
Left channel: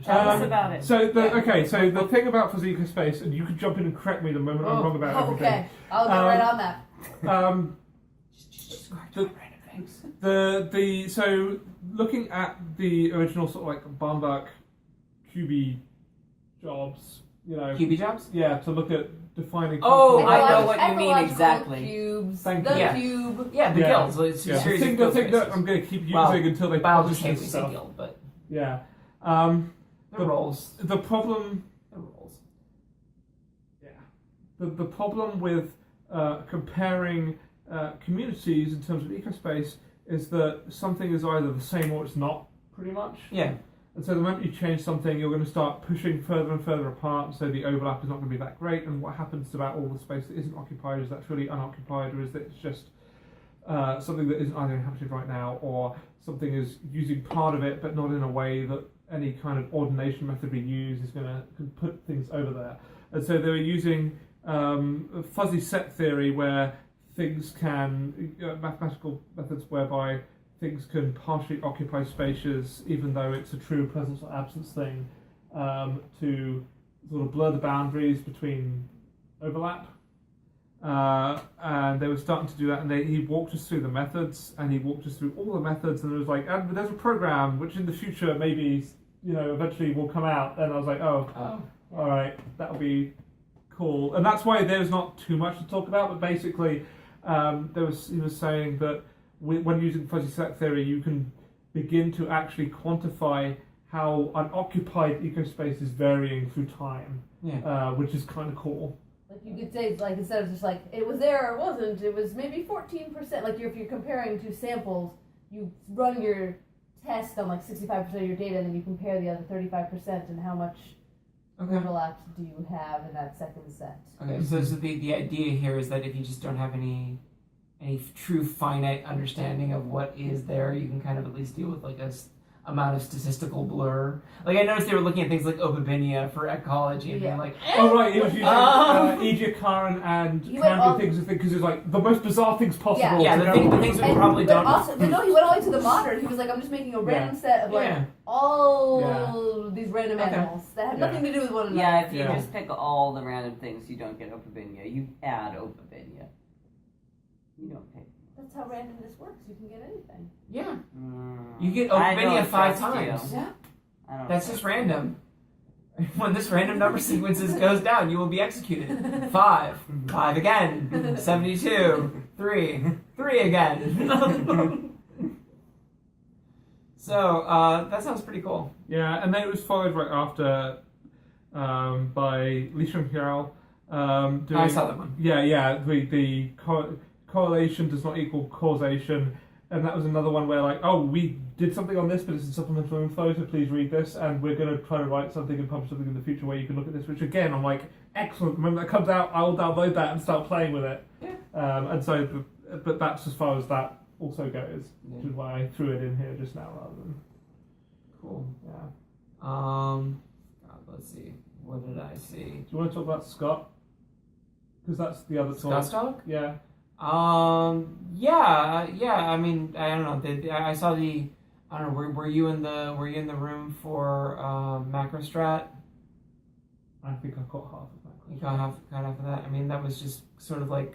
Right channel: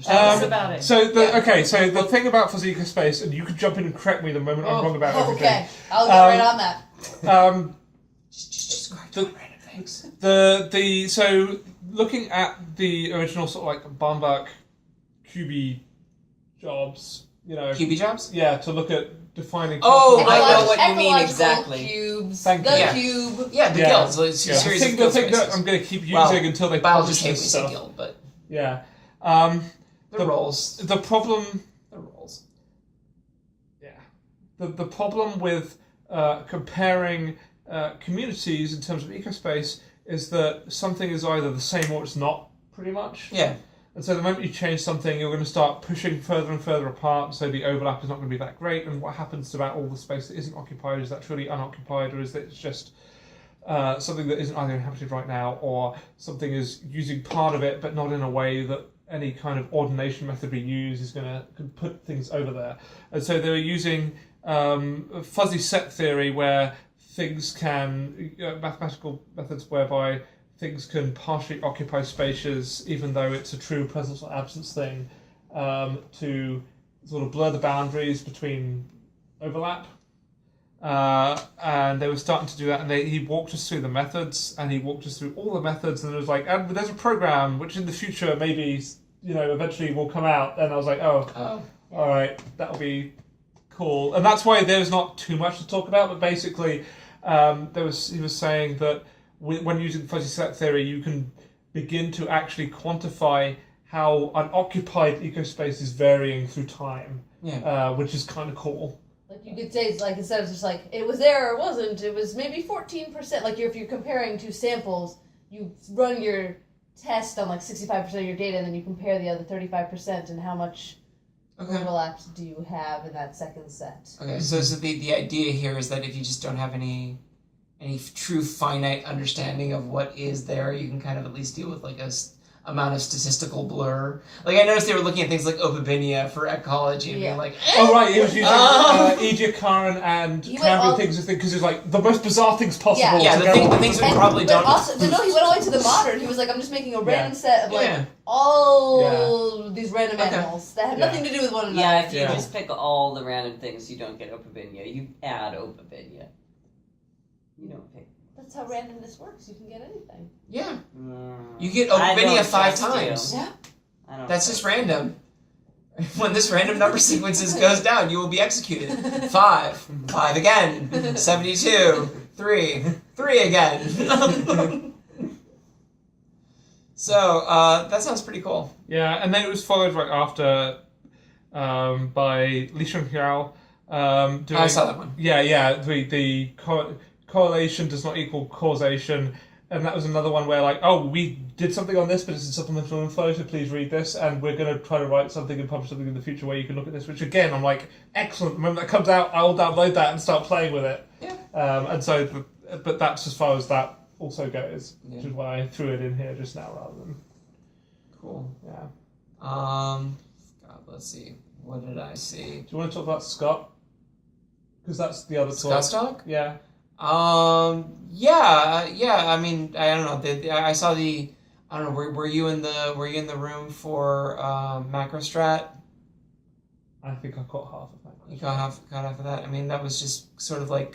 Tell us about it. So the thing about fuzzy ecospace, and you can jump in and correct me the moment I'm wrong about everything. Okay, I'll get right on that. Just random things. So looking at the original sort of like Barmbach QB jobs, QB jobs? Yeah, to look at defining. Oh, I know what you mean exactly. Cubes, Thank the you. cube. Yeah, the guilds. It's a series of the guild thing that spaces. I'm going to keep using until they biologists publish hate this when we say stuff. guild, but Yeah. the roles. The problem. The roles. Yeah. The problem with comparing communities in terms of ecospace is that something is either the same or it's not, pretty much. Yeah. And so the moment you change something, you're going to start pushing further and further apart, so the overlap is not going to be that great, and what happens to about all the space that isn't occupied, is that truly unoccupied, or is that it's just something that isn't either inhabited right now, or something is using part of it, but not in a way that any kind of ordination method we use is going to put things over there. And so they were using fuzzy set theory, where things can, mathematical methods whereby things can partially occupy spaces, even though it's a true presence or absence thing, to sort of blur the boundaries between overlap. and they were starting to do that, and he walked us through the methods, and he walked us through all the methods, and it was like, and there's a program which in the future maybe, eventually will come out, and I was like, all right, that'll be cool. And that's why there's not too much to talk about, but basically he was saying that when using fuzzy set theory, you can begin to actually quantify how unoccupied ecospace is varying through time, which is kind of cool. Like you could say, it's like instead of just like it was there or it wasn't, it was maybe 14%. Like if you're comparing two samples, you run your test on like 65% of your data, and then you compare the other 35% and how much overlaps do you have in that second set. Okay, so the idea here is that if you just don't have any true finite understanding of what is there, you can kind of at least deal with like a amount of statistical blur. Like I noticed they were looking at things like Opabinia for ecology and being like, oh right, he was using Egiacaran and Cambrian things because it's like the most bizarre things possible. Yeah, the things we probably don't. But no, he went all the way to the modern. He was like, I'm just making a random set of like all these random animals that have nothing to do with one another. Yeah, if you just pick all the random things, you don't get Opabinia. You add Opabinia. You don't pick. That's how randomness works. You can get anything. Yeah. You get Opabinia 5 times. Yeah. That's just random. When this random number sequences goes down, you will be executed. 5 again. 72. 3 again. So that sounds pretty cool. Yeah, and then it was followed right after by Li Shengxiao. I saw that one. Yeah. The correlation does not equal causation, and that was another one where like, we did something on this, but it's in supplemental info, so please read this, and we're going to try to write something and publish something in the future where you can look at this, which again, I'm like, excellent, when that comes out, I'll download that and start playing with it. Yeah. And so, but that's as far as that also goes, which is why I threw it in here just now rather than... Cool. Yeah. God, let's see. What did I see? Do you want to talk about Scott? Because that's the other Scott's talk? Yeah. Yeah. I mean, I don't know. I saw the. I don't know. Were you in the room for Macrostrat? I think I caught half of that. You caught half of that. I mean, that was just sort of like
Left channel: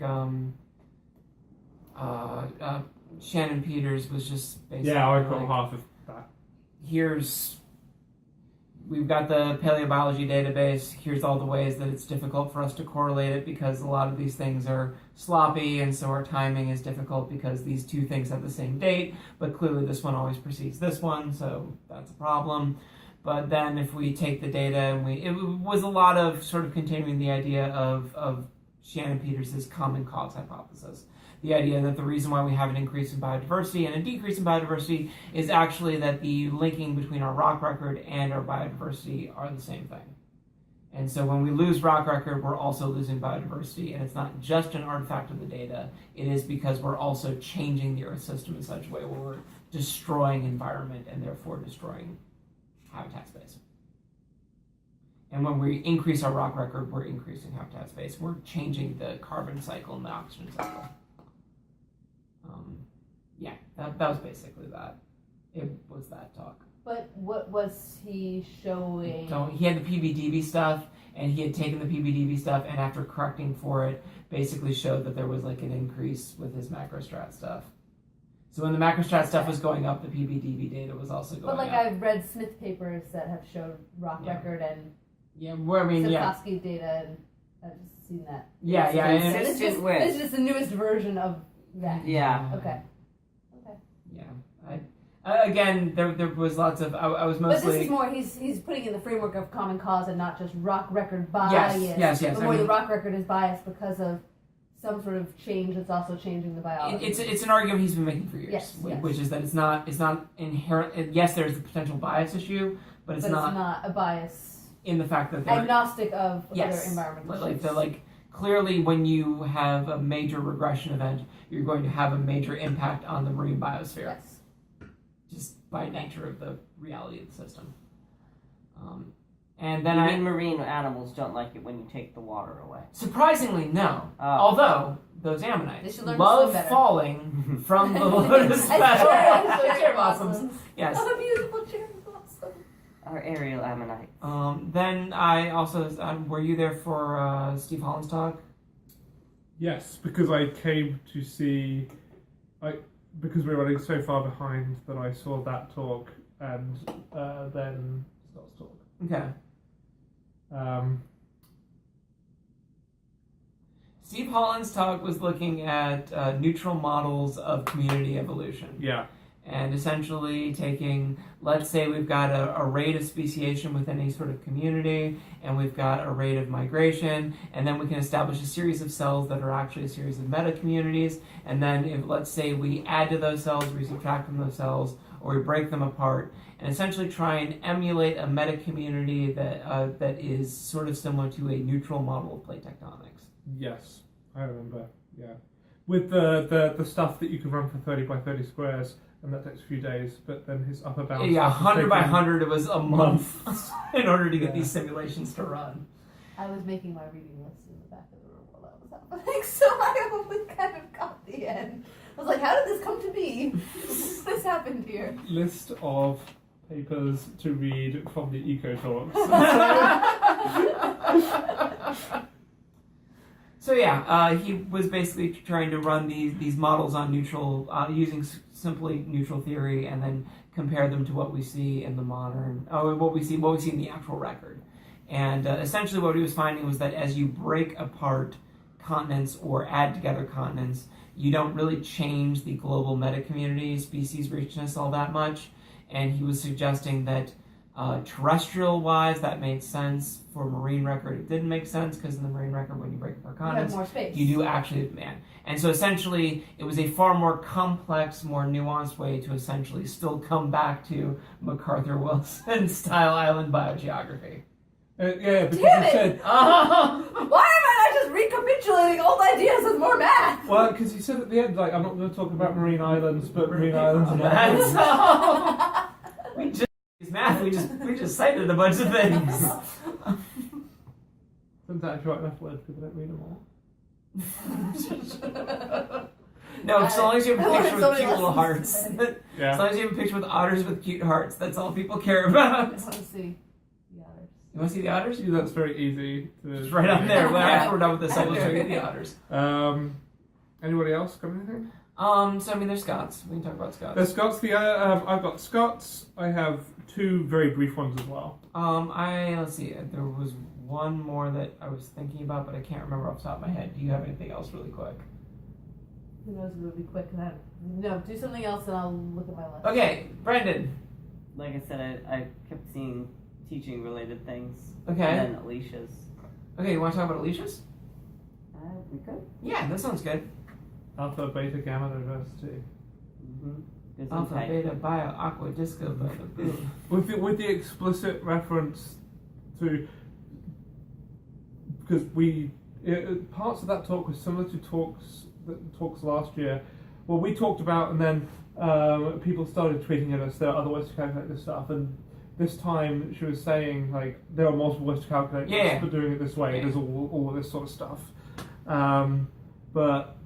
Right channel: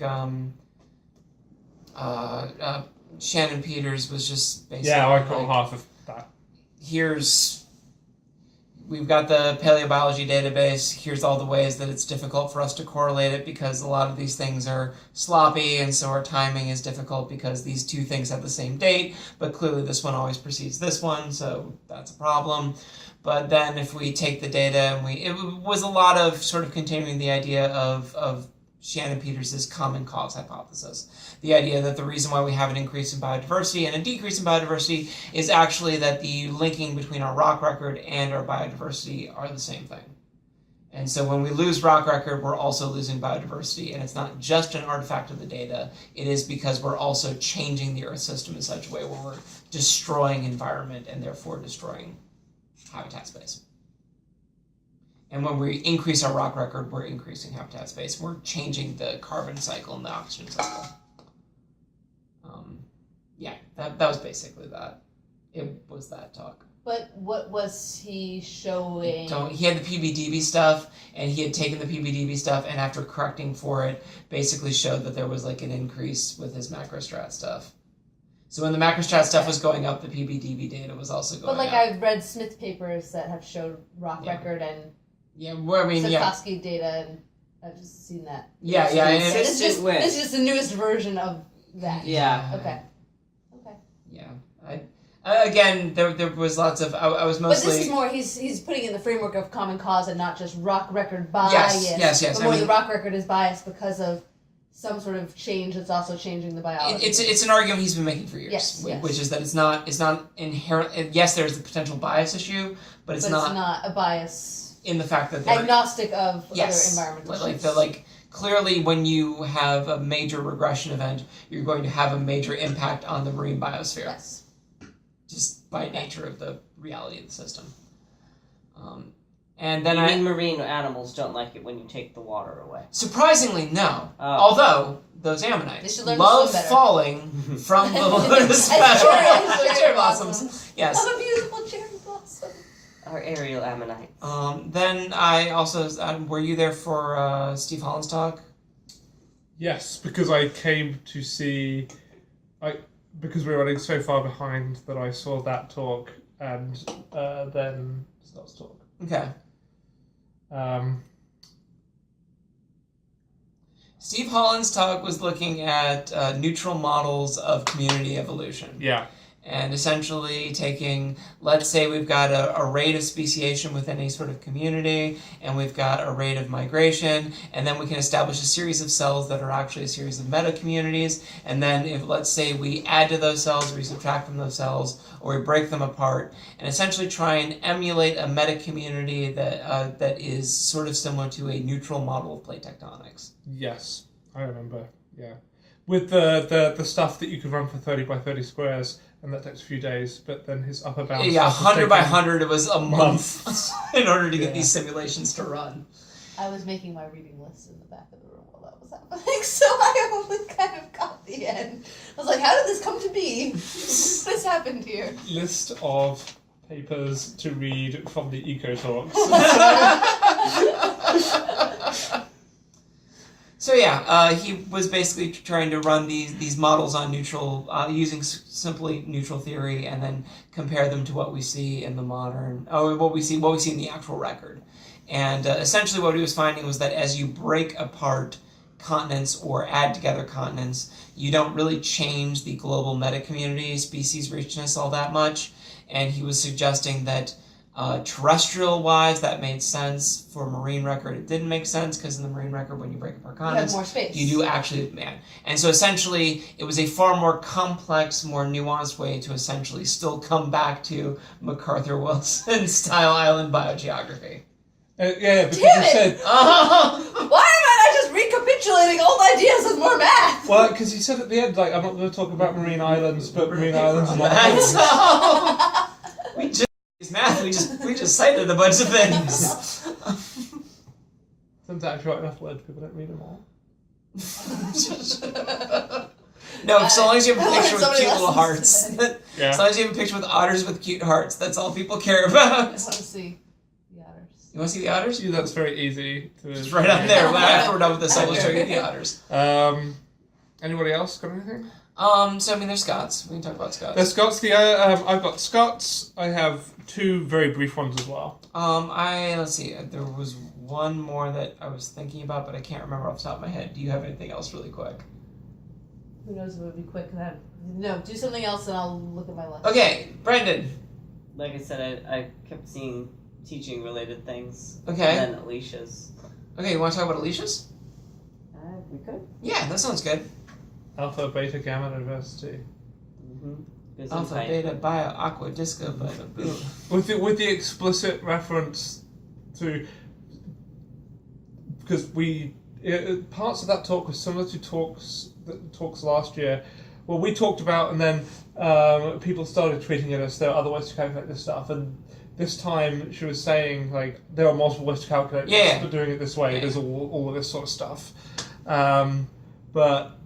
Shannon Peters was just basically. Yeah, I caught half of that. We've got the paleobiology database. Here's all the ways that it's difficult for us to correlate it because a lot of these things are sloppy, and so our timing is difficult because these two things have the same date, but clearly this one always precedes this one, so that's a problem. But then if we take the data and it was a lot of sort of continuing the idea of Shannon Peters' common cause hypothesis. The idea that the reason why we have an increase in biodiversity and a decrease in biodiversity is actually that the linking between our rock record and our biodiversity are the same thing. And so when we lose rock record, we're also losing biodiversity, and it's not just an artifact of the data, it is because we're also changing the Earth system in such a way where we're destroying environment and therefore destroying habitat space. And when we increase our rock record, we're increasing habitat space. We're changing the carbon cycle and the oxygen cycle. That was basically that. It was that talk. But what was he showing? He had the PBDB stuff, and he had taken the PBDB stuff, and after correcting for it, basically showed that there was like an increase with his macrostrat stuff. So when the macrostrat stuff was going up, the PBDB data was also going up. But like I've read Smith papers that have showed rock record and Sapkowski data, and I've just seen that. And this is just the newest version of that. Yeah. Okay. Yeah. Again, there was lots of. I was mostly. But this is more. He's putting in the framework of common cause and not just rock record bias. Yes. But more the rock record is biased because of some sort of change that's also changing the biology. It's an argument he's been making for years, which is that it's not inherent. Yes, there's the potential bias issue, but it's not a bias in the fact that agnostic of other environmental issues. Clearly, when you have a major regression event, you're going to have a major impact on the marine biosphere. Yes. Just by nature of the reality of the system. And then you mean marine animals don't like it when you take the water away? Surprisingly, no. Oh. Although those ammonites love falling from the lotus cherry blossoms. Yes. Oh, beautiful cherry blossom. Our aerial ammonites. Then I also were you there for Steve Holland's talk? Yes, because I came to see, because we were running so far behind that I saw that talk and then Scott's talk. Okay. Steve Holland's talk was looking at neutral models of community evolution. Yeah. And essentially taking, let's say we've got a rate of speciation within any sort of community, and we've got a rate of migration, and then we can establish a series of cells that are actually a series of meta-communities, and then if, let's say, we add to those cells, or we subtract from those cells, or we break them apart, and essentially try and emulate a meta-community that is sort of similar to a neutral model of plate tectonics. Yes, I remember, yeah. With the stuff that you could run for 30 by 30 squares, and that takes a few days, but then his upper bound... Yeah, 100 by 100, it was a month in order to get these simulations to run. I was making my reading list in the back of the room while that was happening, so I only kind of got the end. I was like, how did this come to be? What has happened here? List of papers to read from the Eco Talks. So yeah, he was basically trying to run these models on neutral, using simply neutral theory, and then compare them to what we see in the modern, what we see in the actual record. And essentially, what he was finding was that as you break apart continents or add together continents, you don't really change the global meta-community, species richness all that much. And he was suggesting that terrestrial-wise, that made sense. For marine record, it didn't make sense, because in the marine record, when you break apart continents, you have more space. You do actually, and so essentially, it was a far more complex, more nuanced way to essentially still come back to MacArthur Wilson style island biogeography. Yeah, because Damn he it! said... Why am I not just recapitulating old ideas with more math? Well, because he said at the end, like, I'm not going to talk about marine islands, but marine islands are not... That's all. We just math. We just cited a bunch of things. Turns out if you write enough words, people don't read them all. No, so long as you have a I picture learned so with many cute little lessons hearts. today. Yeah. As long as you have a picture with otters with cute hearts, that's all people care I about. want to see the otters. You want to see the otters? Yeah, that's very easy. It's right up there. After we're done with this, I will show you the otters. Anybody else got anything? So I mean, there's Scots. We can talk about Scots. There's Scots. I've got Scots. I have two very brief ones as well. Let's see. There was one more that I was thinking about, but I can't remember off the top of my head. Do you have anything else really quick? Who knows if it would be quick? No, do something else and I'll look at my list. Okay, Brendan. Like I said, I kept seeing teaching related things. Okay. And then Alicia's. Okay, you want to talk about Alicia's? We could. Yeah, that sounds good. Alpha, beta, gamma diversity. Mm-hmm. Alpha, beta, bio, aqua, disco, beta, boom. With the explicit reference to, because parts of that talk was similar to talks last year. Well, we talked about, and then people started tweeting at us there are other ways to calculate this stuff, and this time she was saying like there are multiple ways to calculate this, but doing it this way, there's all of this sort of stuff. But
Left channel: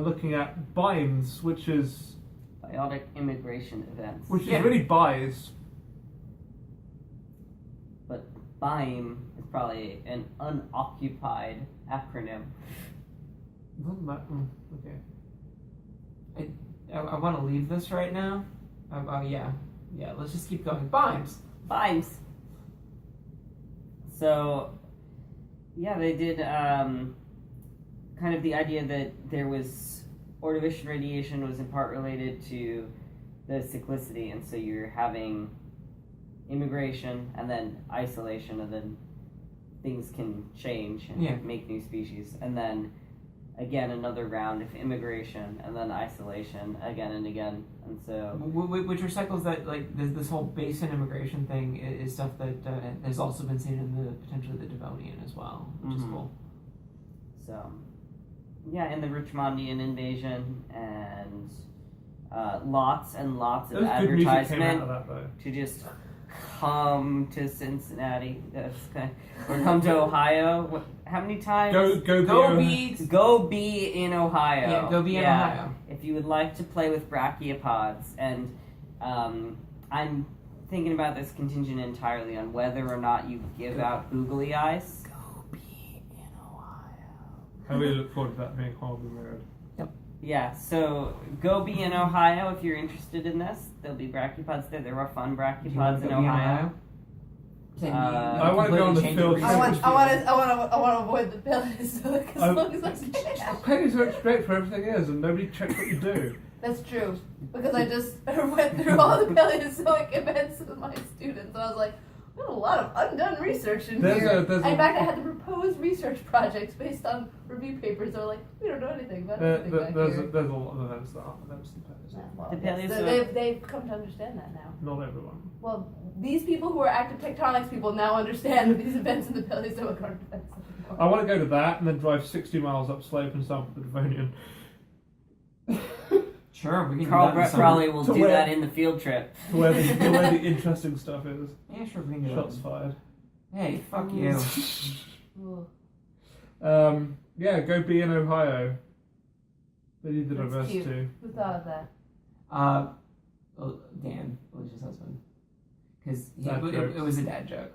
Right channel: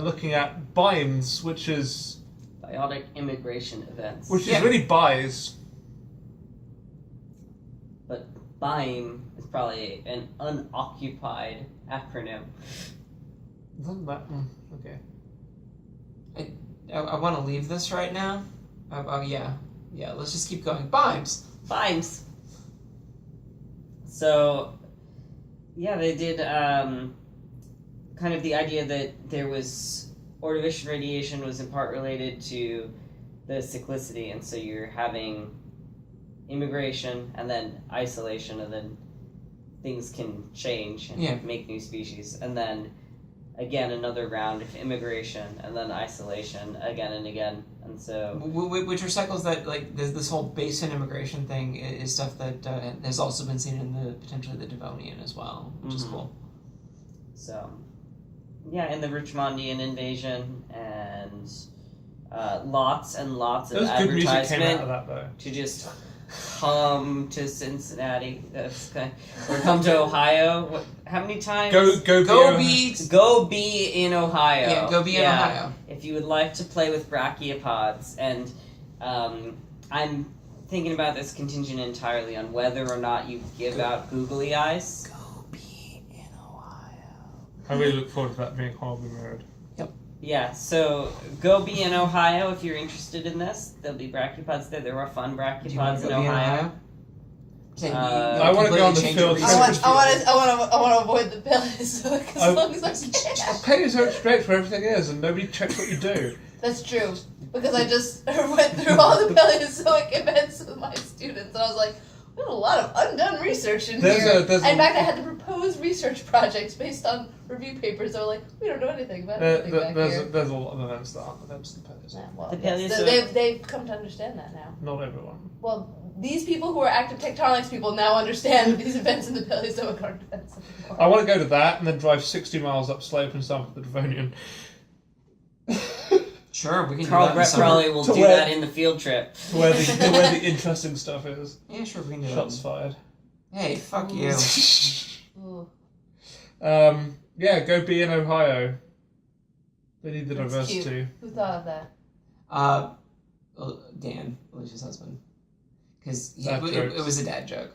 looking at binds, which is biotic immigration events. Which is really buys. But BIME is probably an unoccupied acronym. Isn't that okay? I want to leave this right now. Yeah, let's just keep going. BIMEs. BIMEs. So, yeah, they did kind of the idea that there was Ordovician radiation was in part related to the cyclicity, and so you're having immigration and then isolation, and then things can change and make new species, and then again another round of immigration and then isolation again and again, and so which are cycles that like this whole basin immigration thing is stuff that has also been seen in the potentially the Devonian as well, which is cool. So yeah, in the Richmondian invasion, and lots and lots of advertisement to just come to Cincinnati, or come to Ohio. How many times? Go be in Ohio. Yeah, go be in Ohio. If you would like to play with brachiopods, and I'm thinking about this contingent entirely on whether or not you give out googly eyes. Go be in Ohio. I really look forward to that being horribly mirrored. Yeah, so go be in Ohio if you're interested in this. There'll be brachiopods there. There are fun brachiopods in Ohio. I want to go on the field. I want to avoid the Paleozoic as long as I can. Paleozoic's great for everything is, and nobody checks what you do. That's true, because I just went through all the Paleozoic events with my students, and I was like, we have a lot of undone research in here. In fact, I had to propose research projects based on review papers. They were like, we don't know anything about anything back here. There's a lot of events that aren't events in the Paleozoic. Yeah, well, The Paleozoic. they've come to understand that now. Not everyone. Well, these people who are active tectonics people now understand that these events in the Paleozoic aren't events anymore. I want to go to that and then drive 60 miles up slope and start with the Devonian. Sure, we can Carl do that. Brett probably will do that in the field trip. To where the interesting stuff is. Yeah, sure, we can do Shots fired. Hey, fuck you. Yeah, go be in Ohio. They need the That's diversity. cute. Who thought of that? Dan, Alicia's husband. Because It was a dad joke.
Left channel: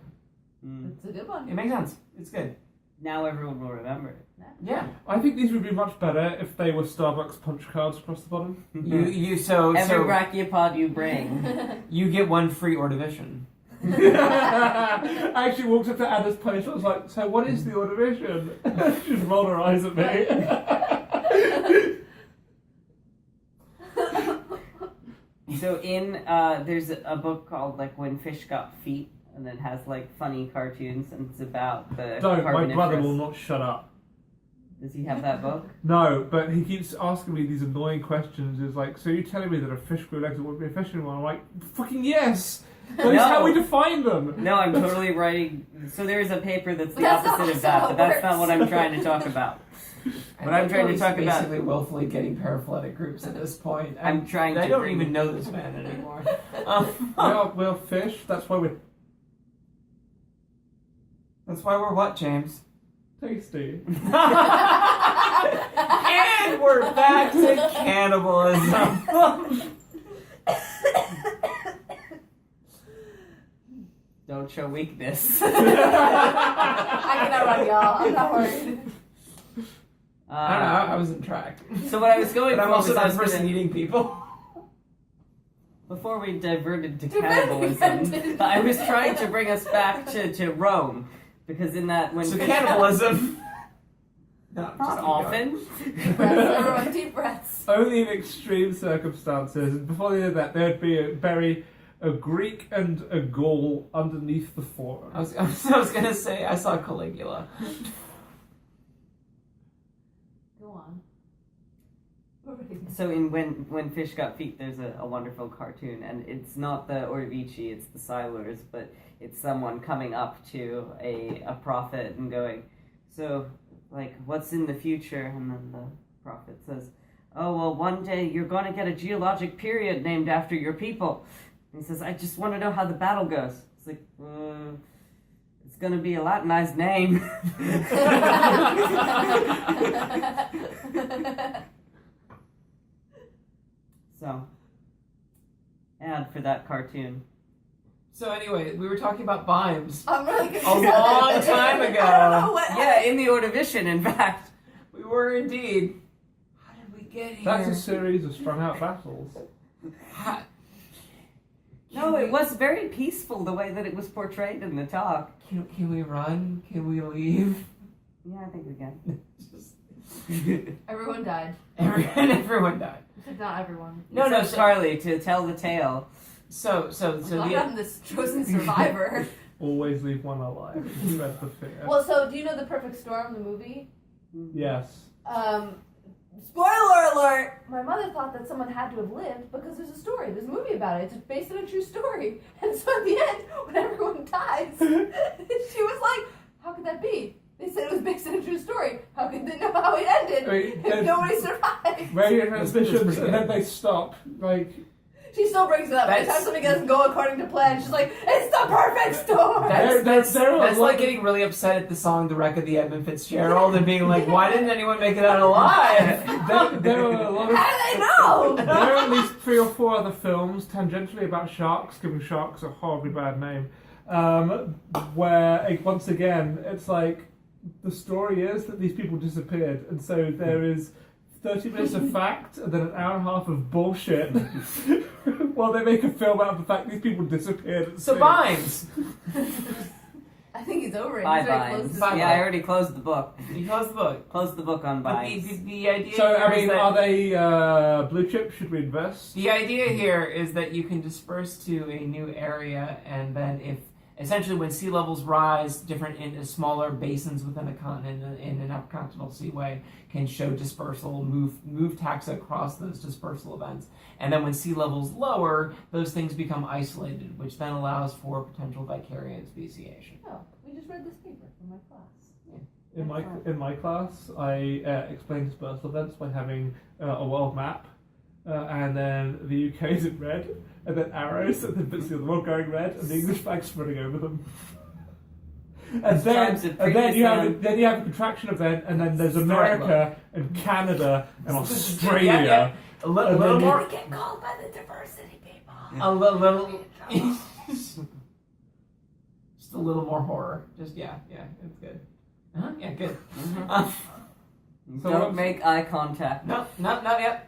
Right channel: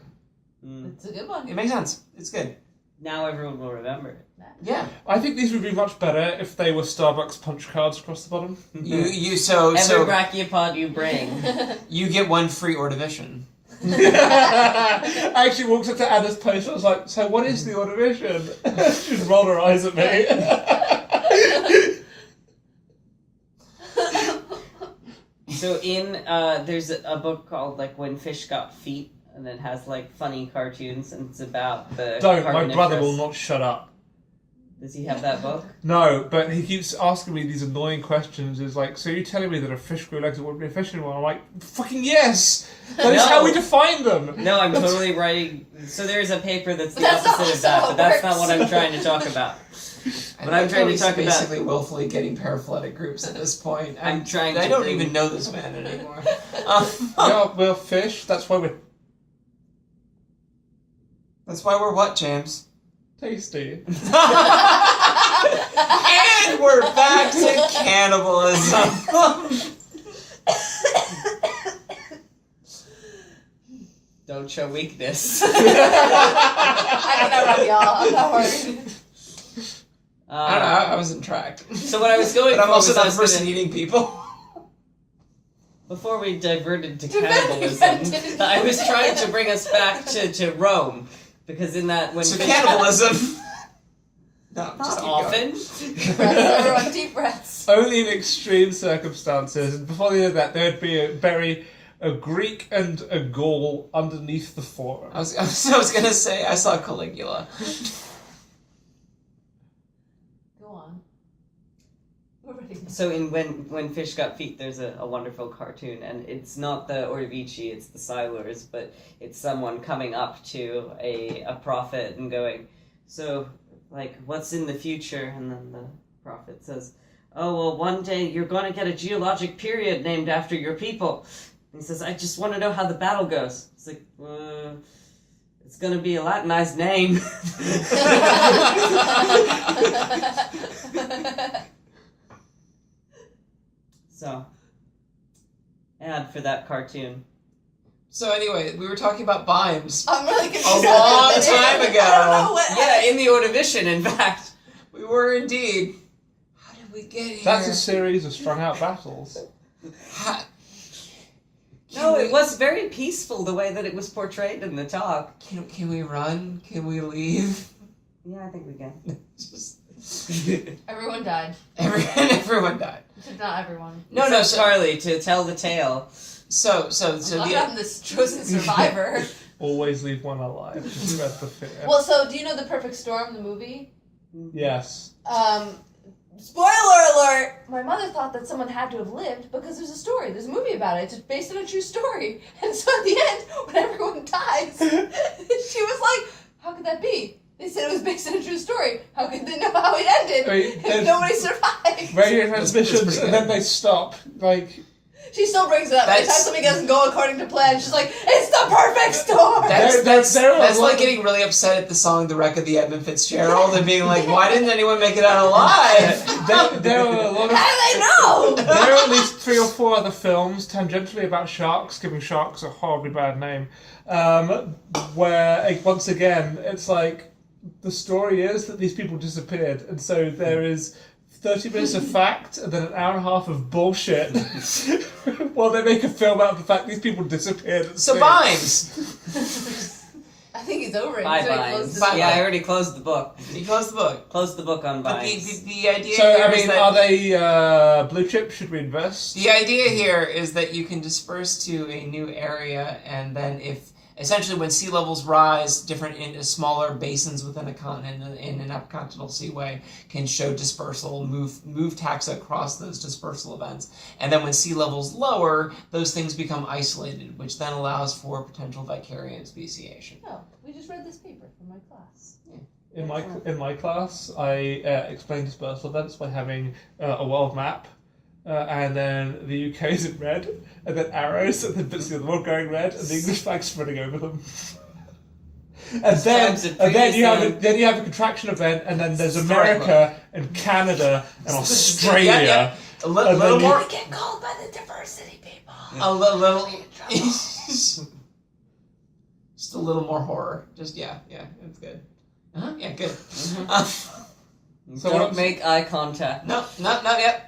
It's a good one. It makes sense. It's good. Now everyone will remember it. Yeah. I think these would be much better if they were Starbucks punch cards across the bottom. Every brachiopod you bring. You get one free Ordovician. I actually walked up to Anna's post and I was like, so what is the Ordovician? She just rolled her eyes at me. So there's a book called like When Fish Got Feet, and it has like funny cartoons, and it's about the Don't, my Carboniferous. brother will not shut up. Does he have that book? No, but he keeps asking me these annoying questions. Is like, so you're telling me that a fish grew legs that wouldn't be a fish anymore? I'm like, fucking yes! That is how we define them! No, I'm totally writing. So there's a paper that's the That's opposite not of that, how it but that's works. not what I'm trying to talk about. What I'm trying to talk about. Basically, willfully getting paraphyletic groups at this point. I'm trying to. I don't even know this man anymore. We're fish, that's why we're That's why we're what, James? tasty. And we're back to cannibalism. Don't show weakness. I can outrun y'all. I'm not worried. I don't know. I wasn't tracked. So what I was going But for I'm also was I that was person gonna, eating people. before we diverted to cannibalism, I was trying to bring us back to Rome, because in that when So fish- cannibalism. No, not just keep often. Deep breaths, everyone, deep breaths. Only in extreme circumstances. And before they did that, there'd be bury a Greek and a Gaul underneath the forum. I was gonna say I saw Caligula. Go on. We're ready. So in when Fish Got Feet, there's a wonderful cartoon, and it's not the Ordovici, it's the Silurs, but it's someone coming up to a prophet and going, so, like, what's in the future? And then the prophet says, oh, well, one day you're going to get a geologic period named after your people. And he says, I just want to know how the battle goes. It's like, it's going to be a Latinized name. So, ad for that cartoon. So anyway, we were talking about Bimes. I'm really confused. A long time ago. I don't know what. Yeah, in the Ordovician, in fact. We were indeed. How did we get here? That's a series of strung out battles. No, it was very peaceful the way that it was portrayed in the talk. Can we run? Can we leave? Yeah, I think we can. Just Everyone died. everyone died. Except not everyone. No, Except Carlie to tell the tale. So I'm this chosen survivor. Always leave one alive. Just spread the fear. Well, so do you know The Perfect Storm, the movie? Yes. Spoiler alert! My mother thought that someone had to have lived because there's a story. There's a movie about it. It's based on a true story. And so at the end, when everyone dies, she was like, how could that be? They said it was based on a true story. How could they know how it ended if nobody survived? Radio transmissions, and then they stop. Like, She still brings it up. Every time something doesn't go according to plan, she's like, it's the perfect storm! That's like getting really upset at the song The Wreck of the Edmund Fitzgerald and being like, why didn't anyone make it out alive? there were a lot of... How do they know? There are at least 3 or 4 other films tangentially about sharks, giving sharks a horribly bad name, where, once again, it's like, the story is that these people disappeared, and so there is 30 minutes of fact and then an hour and a half of bullshit while they make a film out of the fact these people disappeared. So Bimes! I think he's over it. Bye, He's already closed Vines. the Yeah, I already closed the book. You closed the book. Closed the book on But Vines. the idea So, here I is mean, that are they blue chip? Should we invest? the idea here is that you can disperse to a new area, and then if essentially when sea levels rise, different in smaller basins within a continent in an upcontinental seaway can show dispersal, move taxa across those dispersal events, and then when sea levels lower, those things become isolated, which then allows for potential vicarious speciation. Oh, we just read this paper from my class. In my class, I explained dispersal events by having a world map, and then the UK is in red, and then arrows, and then bits of the other world going red, and the English flag spreading over them. And then you have a contraction event, and then there's America and Canada and Australia. Yep. A little more. We get called by the diversity people. A little. Just a little more horror. Just yeah, it's good. Yeah, good. So Don't make eye contact. No, not yet.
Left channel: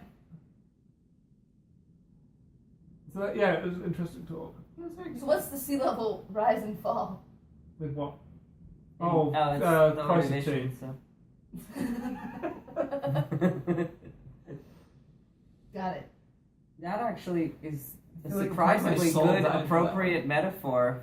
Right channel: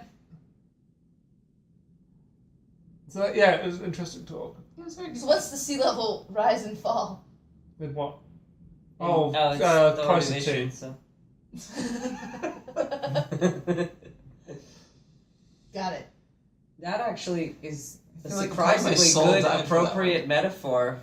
So yeah, it was an interesting talk. So what's the sea level rise and fall? With what? It's price of elevation, tea. so. Got it. That actually is a I feel like surprisingly my soul good, died for that appropriate metaphor.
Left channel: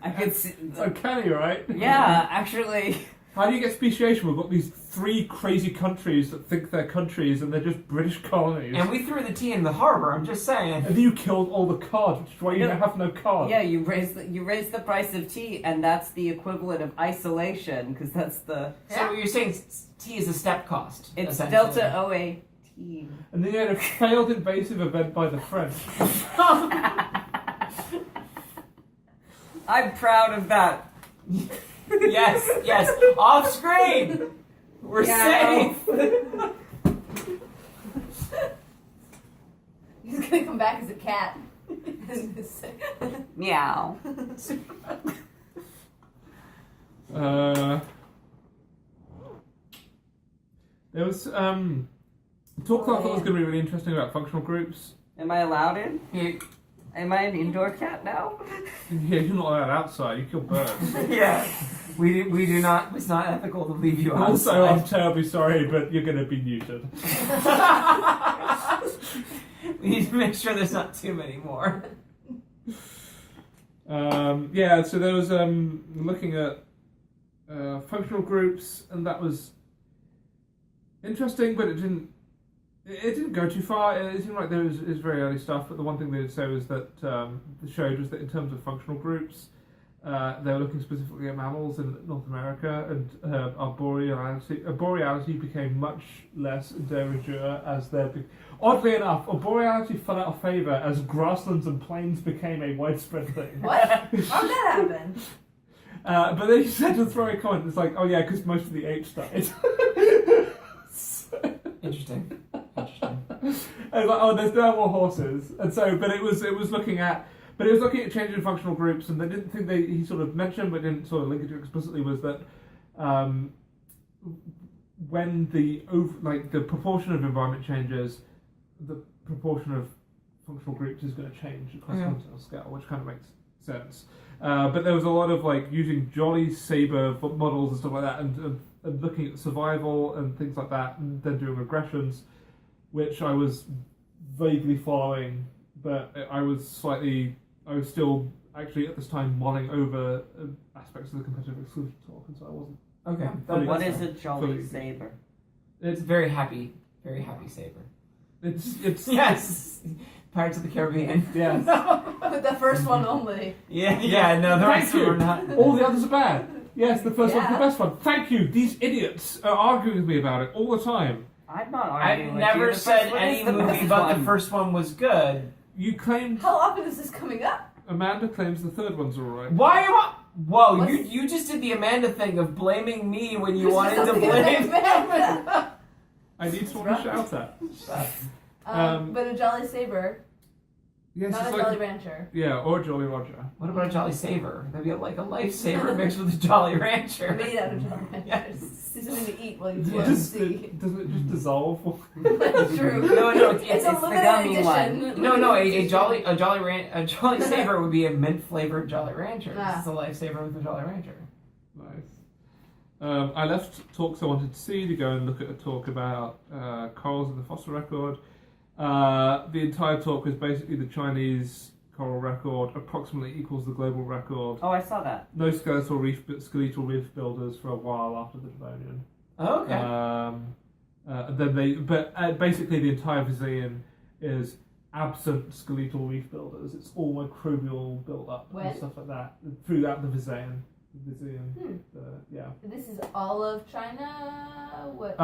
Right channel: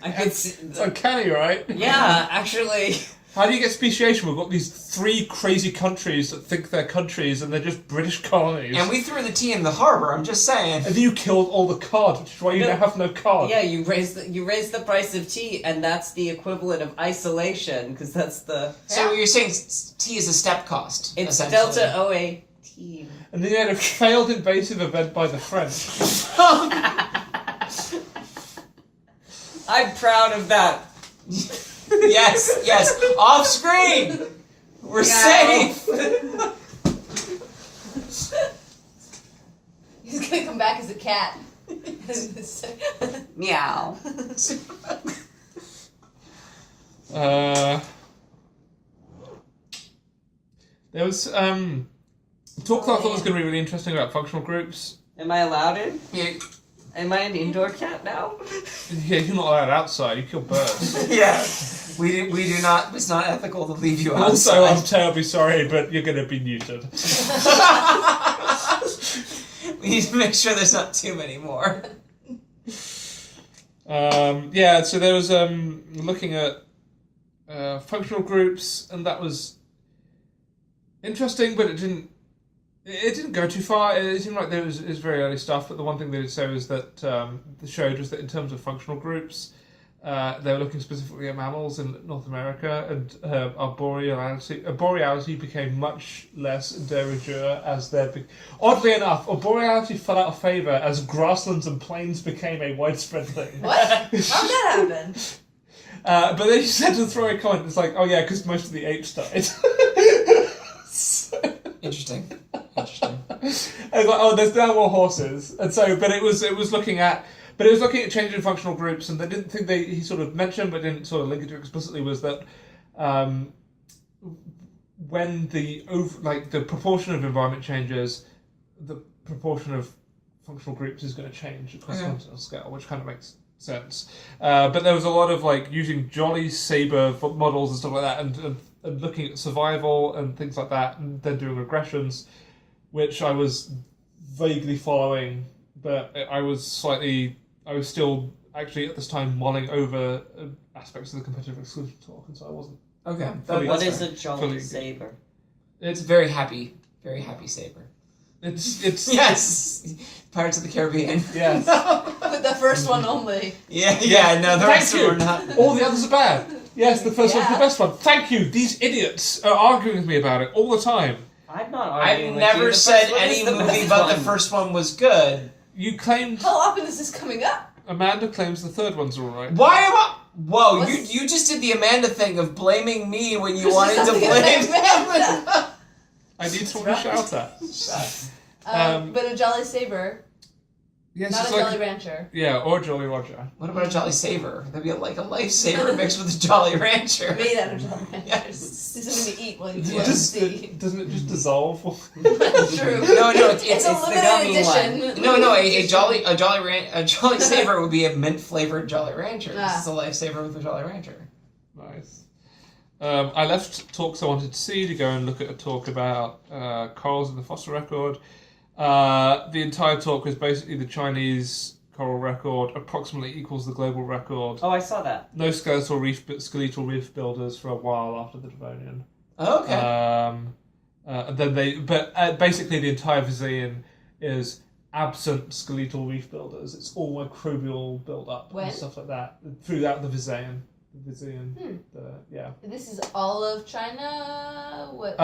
I could see. It's uncanny, right? Yeah, actually. How do you get speciation? We've got these 3 crazy countries that think they're countries and they're just British colonies. And we threw the tea in the harbor. I'm just saying. And then you killed all the cod, which is why you now have no cod. Yeah, you raise the price of tea, and that's the equivalent of isolation, because that's the. So you're saying tea is a step cost. It's essentially. delta OA. And then you had a failed invasive event by the French. I'm proud of that. Yes. Off screen. We're safe. He's gonna come back as a cat. Meow. There was talk that I thought was going to be really interesting about functional groups. Am I allowed in? Yeah. Am I an indoor cat now? Yeah, you're not allowed outside. You kill birds. Yeah. We do not. It's not ethical to leave you outside. Also, I'm terribly sorry, but you're going to be neutered. We need to make sure there's not too many more. Yeah, so there was looking at functional groups, and that was interesting, but it didn't go too far. It seemed like there was very early stuff, but the one thing they did say was that they showed was that in terms of functional groups, they were looking specifically at mammals in North America, and boreality became much less de rigueur as oddly enough, boreality fell out of favour as grasslands and plains became a widespread thing. What? How did that happen? But then she said to throw a comment, it's like, oh yeah, because most of the apes died. Interesting. I was like, oh, there's now more horses, and so, but it was looking at changing functional groups, and they didn't think he sort of mentioned, but didn't sort of link it to explicitly, was that when the proportion of environment changes, the proportion of functional groups is going to change across a continental scale, which kind of makes sense. But there was a lot of using jolly saber models and stuff like that, and looking at survival and things like that, and then doing regressions, which I was vaguely following, but I was still actually at this time mulling over aspects of the competitive exclusion talk, and so I wasn't. Okay. What is a jolly saber? It's very happy saber. It's Yes. Pirates of the Caribbean. Yes. With the first one only. Yeah. No, the rest of them are not. All the others are bad. Yes, the first one's the best one. Thank you. These idiots are arguing with me about it all the time. I'm not I've arguing with you. never The said first one any is the movie best but one. the first one was good. You claimed. How often is this coming up? Amanda claims the third one's alright. Why am I? Whoa, What's- you just did the Amanda thing of blaming me when you This is wanted to something blame Amanda. I need someone to shout at. But a jolly saber. Yes, Not a it's Jolly like, Rancher. yeah, or Jolly Roger. What about a Jolly Saver? That'd be like a lifesaver mixed with a Jolly Rancher. Made out of Jolly Ranchers. Yes. Something to eat while you Doesn't float to sea. doesn't it just dissolve? That's true. No, It's a it's the limited gummy edition. No, a Jolly Saver would be a mint flavored Jolly Rancher. Ah. This is a lifesaver with a Jolly Rancher. Nice. I left talks I wanted to see to go and look at a talk about corals in the fossil record. The entire talk was basically the Chinese coral record approximately equals the global record. Oh, I saw that. No skeletal reef builders for a while after the Devonian. Oh, okay. Basically the entire Visaean is absent skeletal reef builders. It's all microbial build-up When? and stuff like that throughout the Visaean. Yeah. This is all of China? What?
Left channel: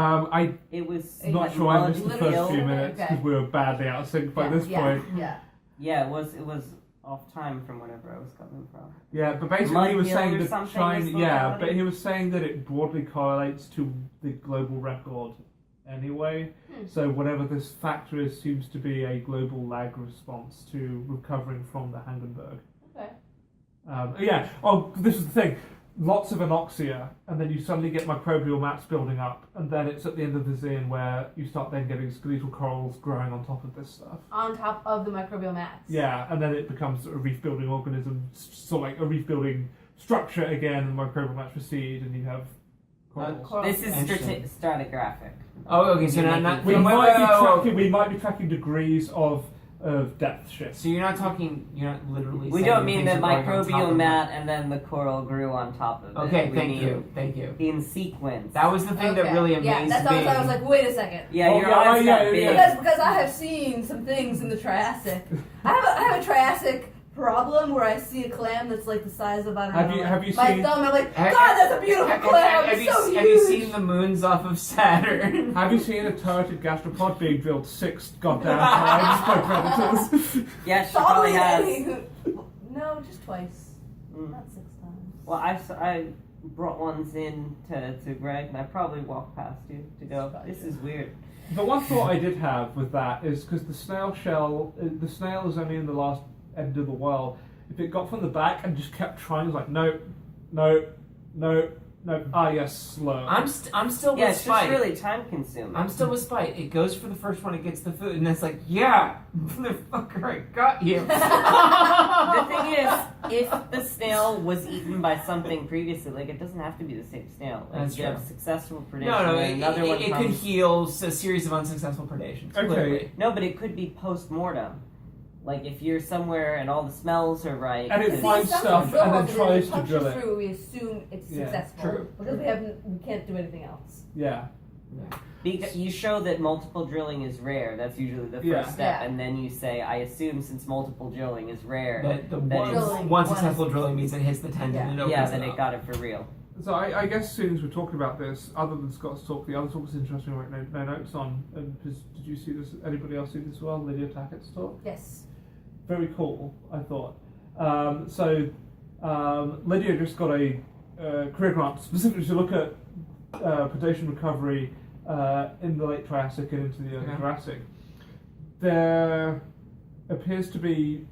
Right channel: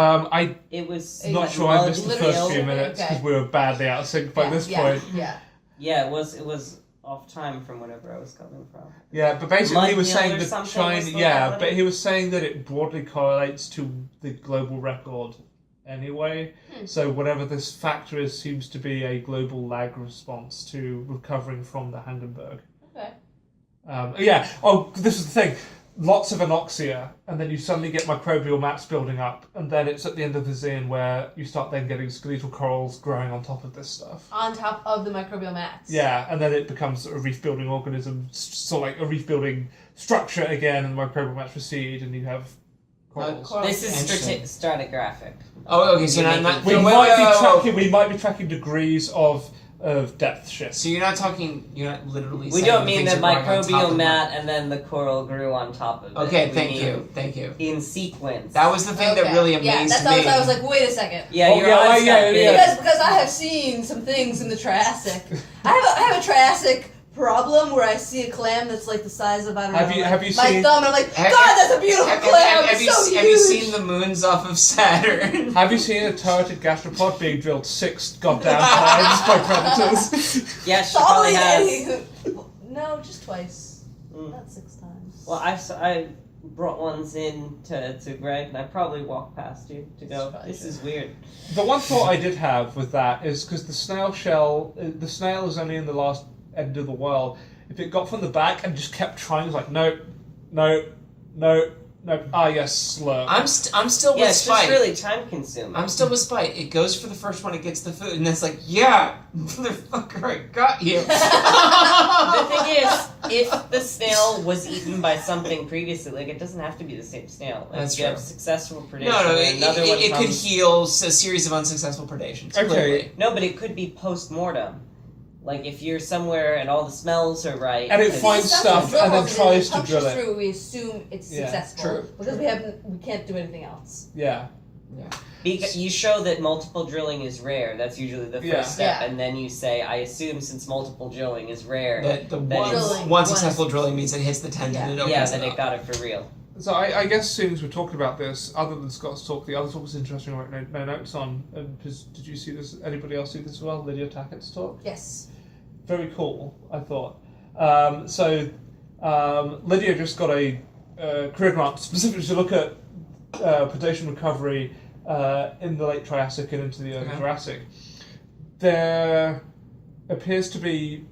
It was Not like sure I missed the literally first few over it? minutes Okay. because we were badly out of sync by this point. Yeah. Yeah, it was off time from whenever I was coming from. Yeah, but basically he was Mud hill saying or that something China. was the Yeah, one? but he was saying that it broadly correlates to the global record anyway. So whatever this factor is seems to be a global lag response to recovering from the Hangenberg. Okay. Yeah. Oh, this is the thing. Lots of anoxia, and then you suddenly get microbial mats building up, and then it's at the end of the Visaean where you start then getting skeletal corals growing on top of this stuff. On top of the microbial mats. Yeah, and then it becomes a reef-building organism, sort of like a reef-building structure again, and microbial mats recede, and you have corals. This is Interesting. stratigraphic. Oh, okay. So You're not We wait, might wait, be wait, wait, tracking. We might be tracking degrees of depth shift. So you're not literally. We saying don't mean things the are growing on top microbial of mat and then the coral grew on top of it. Okay, We thank mean you. In sequence. That was the thing that really amazed Yeah, that's me. I was like, wait a second. Yeah, Oh, your yeah, eyes got yeah, big. yeah. Because I have seen some things in the Triassic. I have a Triassic problem where I see a clam that's like the size of, I don't know, Have you my seen? thumb, and I'm like, Have- God, that's a beautiful clam. It's so huge. have you seen the moons off of Saturn? Have you seen a turreted gastropod being drilled 6 goddamn times by predators? Yeah, she probably has. No, just twice. Mm. Not 6 times. Well, I brought ones in to Greg, and I probably walked past you to go, this is weird. The one thought I did have with that is because the snail is only in the last end of the world. If it got from the back and just kept trying, it's like, no. Ah, yes, slurp. I'm still Yeah, with it's Spike. just really time consuming. I'm still with Spike. It goes for the first one, it gets the food, and it's like, yeah, motherfucker, I got you. The thing is, if the snail was eaten by something previously, like it doesn't have to be the same snail. Like, That's you have true. successful predation. No, and another one it could comes- heal a series of unsuccessful predations. Okay. Clearly. No, but it could be post-mortem. Like if you're somewhere and all the smells are right. And it and- finds stuff and then tries to drill it. Through, we assume it's Yeah, successful true. because we can't do anything else. Yeah. Because you show that multiple drilling is rare. That's usually the first Yeah. step, Yeah. and then you say, "I assume since multiple drilling is rare, That the That one, is- one successful drilling means it hits the tendon Yeah. and it opens yeah, it that up. it got it for real." So I guess as soon as we're talking about this, other than Scott's talk, the other talk was interesting. I wrote no notes on. And did you see this? Anybody else see this as well? Lydia Tackett's talk. Yes. Very cool, I thought. Lydia just got a career grant specifically to look at predation recovery in the late Triassic and into the early Jurassic. There appears to be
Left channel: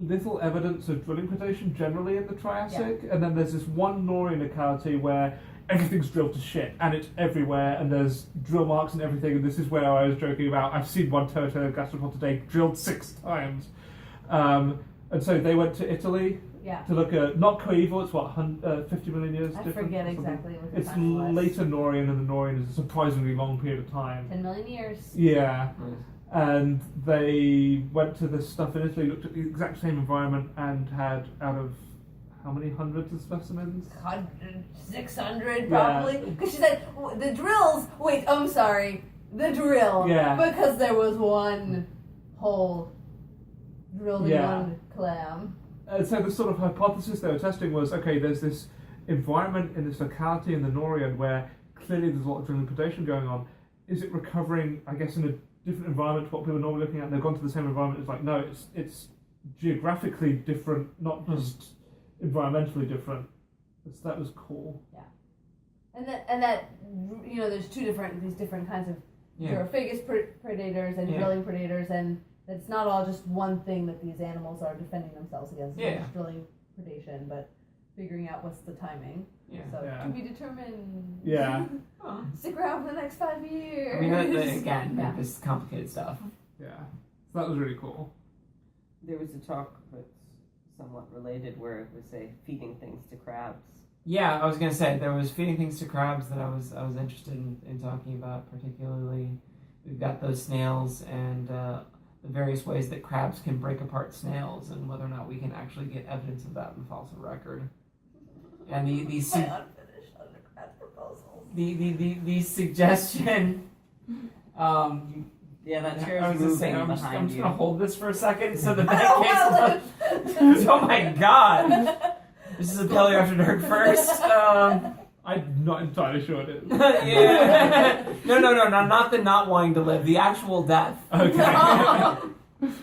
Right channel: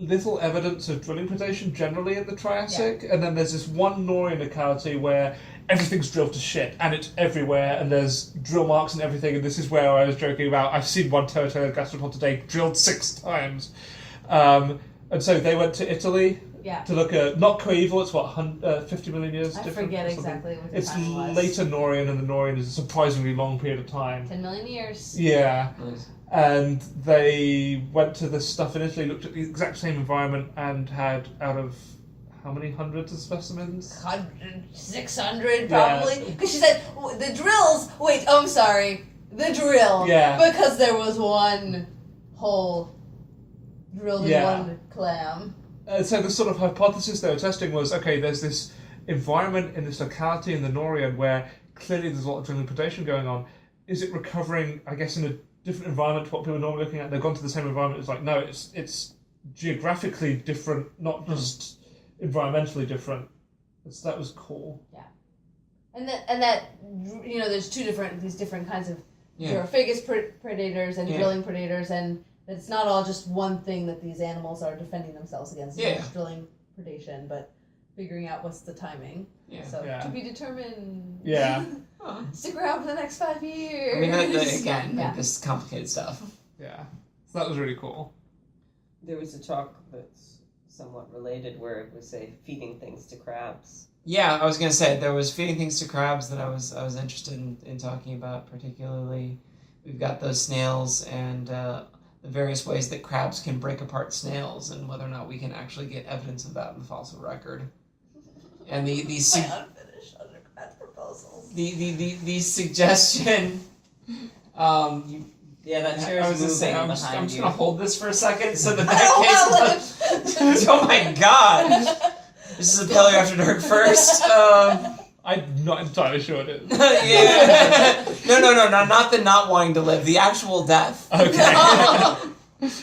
little evidence of drilling predation generally in the Triassic, and then there's this one Norian locality where everything's drilled to shit, and it's everywhere, and there's drill marks and everything, and this is where I was joking about, I've seen one turtle gastropod today drilled 6 times. And so they went to Italy Yeah. to look at, not coeval, it's what, 50 million years I different? forget or something? exactly what the It's timing was. later Norian, and the Norian is a surprisingly long period of time. 10 million years. Yeah. Nice. And they went to this stuff in Italy, looked at the exact same environment, and had out of how many hundreds of specimens? 100, 600 probably. Because she said, the drills, the drill. Yeah. Because there was one hole drilled in Yeah. one clam. So the sort of hypothesis they were testing was, okay, there's this environment in this locality in the Norian where clearly there's a lot of drilling predation going on. Is it recovering, I guess, in a different environment to what people are normally looking at? They've gone to the same environment. It's like, no, it's geographically different, not just environmentally different. That was cool. And that there's these different kinds of Gyrophagus predators and Yeah. drilling predators, and That it's not all just one thing that these animals are defending themselves against. It's Yeah. not just drilling predation, but figuring out what's the timing. Yeah. So Yeah. to be determined. Yeah. Stick around for the next 5 years. I mean, again, Yeah. this is complicated stuff. Yeah. So that was really cool. There was a talk that's somewhat related where it was, say, feeding things to crabs. Yeah, I was gonna say there was feeding things to crabs that I was interested in talking about particularly. We've got those snails and the various ways that crabs can break apart snails and whether or not we can actually get evidence of that in the fossil record. And My unfinished undergrad proposals. the suggestion. Yeah, that I chair's was moving just saying, I'm behind just you. gonna hold this for a second so that I don't that want case. Oh my god! This is a Paleo After Dark first. I'm not entirely sure it is. Yeah. No, not the not wanting to live, the actual death. Okay.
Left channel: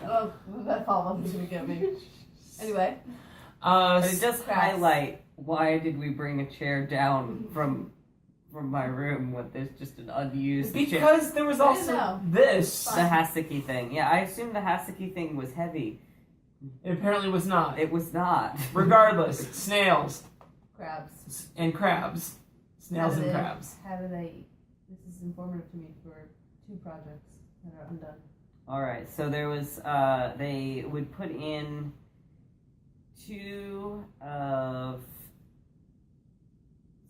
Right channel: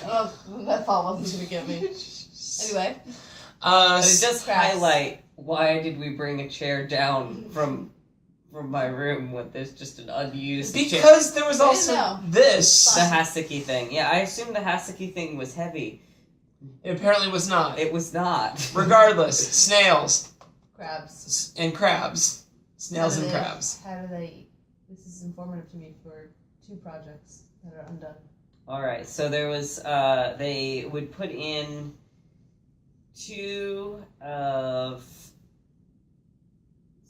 Oh, that thought wasn't going to get me. Anyway. But it does Crabs. highlight why did we bring a chair down from my room when there's just an unused chair. Because there was I also didn't this. The Haseki thing. Yeah, I assumed the Haseki thing was heavy. It apparently was not. It was not. Regardless, snails Crabs. and crabs. Snails How do and they- crabs. How do they eat? This is informative to me for 2 projects that are undone. Alright, so there was, they would put in 2 of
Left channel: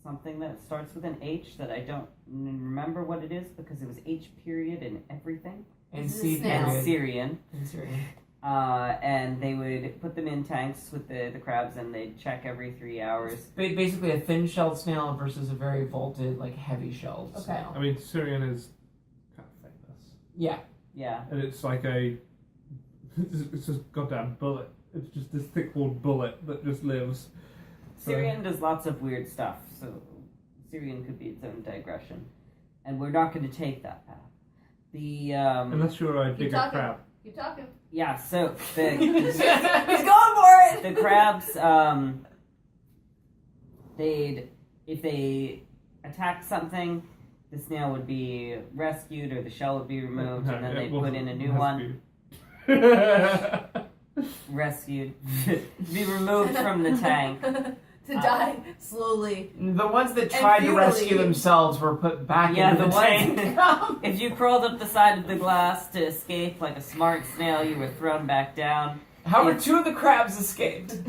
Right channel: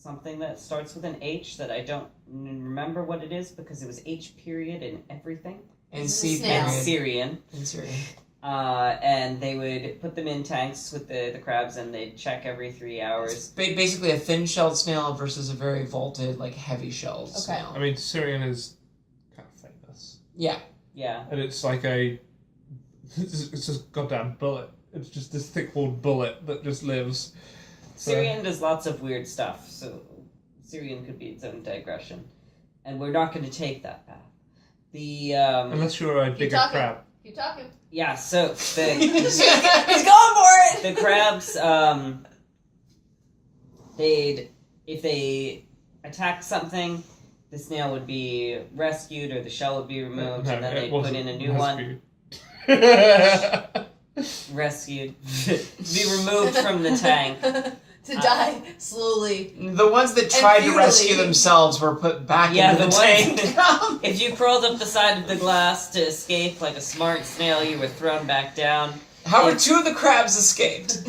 something that starts with an H that I don't remember what it is because it was H period in everything. And This is C a snail. period. Syrian. And Syrian. And they would put them in tanks with the crabs and they'd check every 3 hours. It's basically a thin-shelled snail versus a very vaulted, like heavy-shelled Okay. snail. I mean, Syrian is kind of famous. Yeah. Yeah. And it's like it's just goddamn bullet. It's just this thick-walled bullet that just lives. So- Syrian does lots of weird stuff, so Syrian could be its own digression. And we're not going to take that path. The, Unless you're a Keep bigger talking. crab. Keep talking. yeah, so the, He's going for it! the crabs, if they attacked something, the snail would be rescued or the shell would be removed, and then they'd put in a new one. Rescued. To be removed from the tank. To die slowly. The ones that tried to futilely. rescue themselves were put back Yeah, into the the tank. ones- If you crawled up the side of the glass to escape like a smart snail, you were thrown back down. However, 2 of the crabs escaped.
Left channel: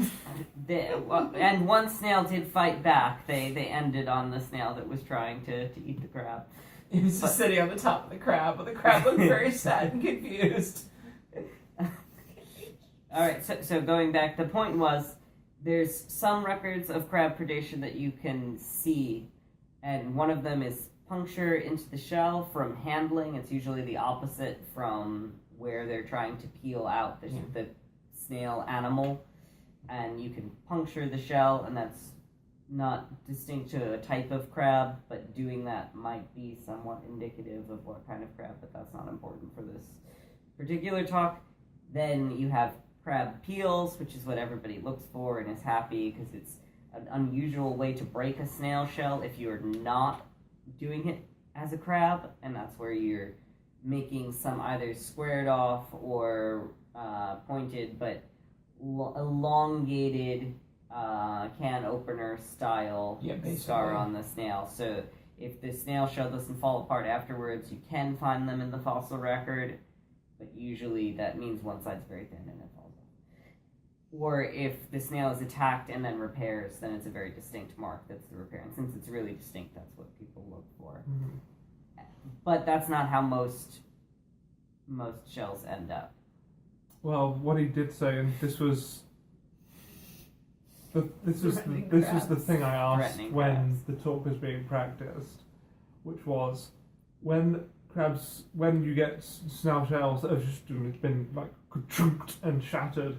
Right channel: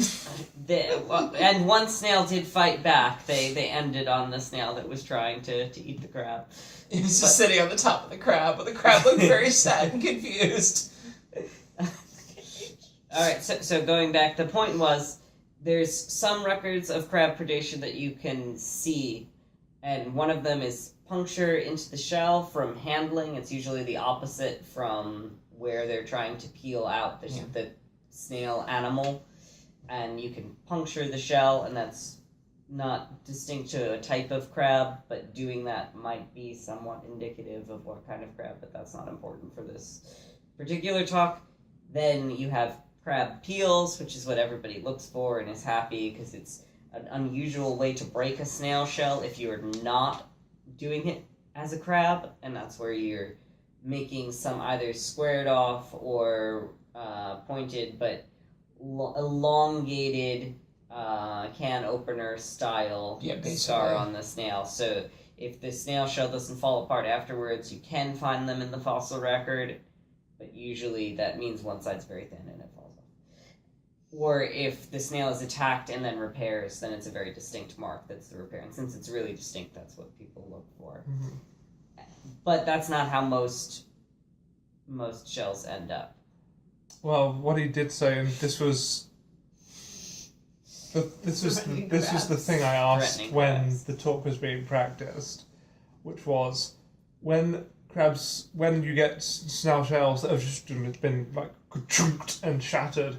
And one snail did fight back. They ended on the snail that was trying to eat the crab. He was just sitting on the top of the crab, but the crab looked very sad and confused. Alright, so going back, the point was there's some records of crab predation that you can see, and one of them is puncture into the shell from handling. It's usually the opposite from where they're trying to peel out the snail animal, and you can puncture the shell, and that's not distinct to a type of crab, but doing that might be somewhat indicative of what kind of crab, but that's not important for this particular talk. Then you have crab peels, which is what everybody looks for and is happy because it's an unusual way to break a snail shell if you're not doing it as a crab, and that's where you're making some either squared off or pointed but elongated can opener style scar on the snail. So if the snail shell doesn't fall apart afterwards, you can find them in the fossil record, but usually that means one side's very thin and it falls off. Or if the snail is attacked and then repairs, then it's a very distinct mark that's the repair. And since it's really distinct, that's what people look for. Mm-hmm. But that's not how most shells end up. Well, what he did say, and this was the thing I asked Threatening when crabs. the talk was being practiced, which was when you get snail shells that have just been like chunked and shattered,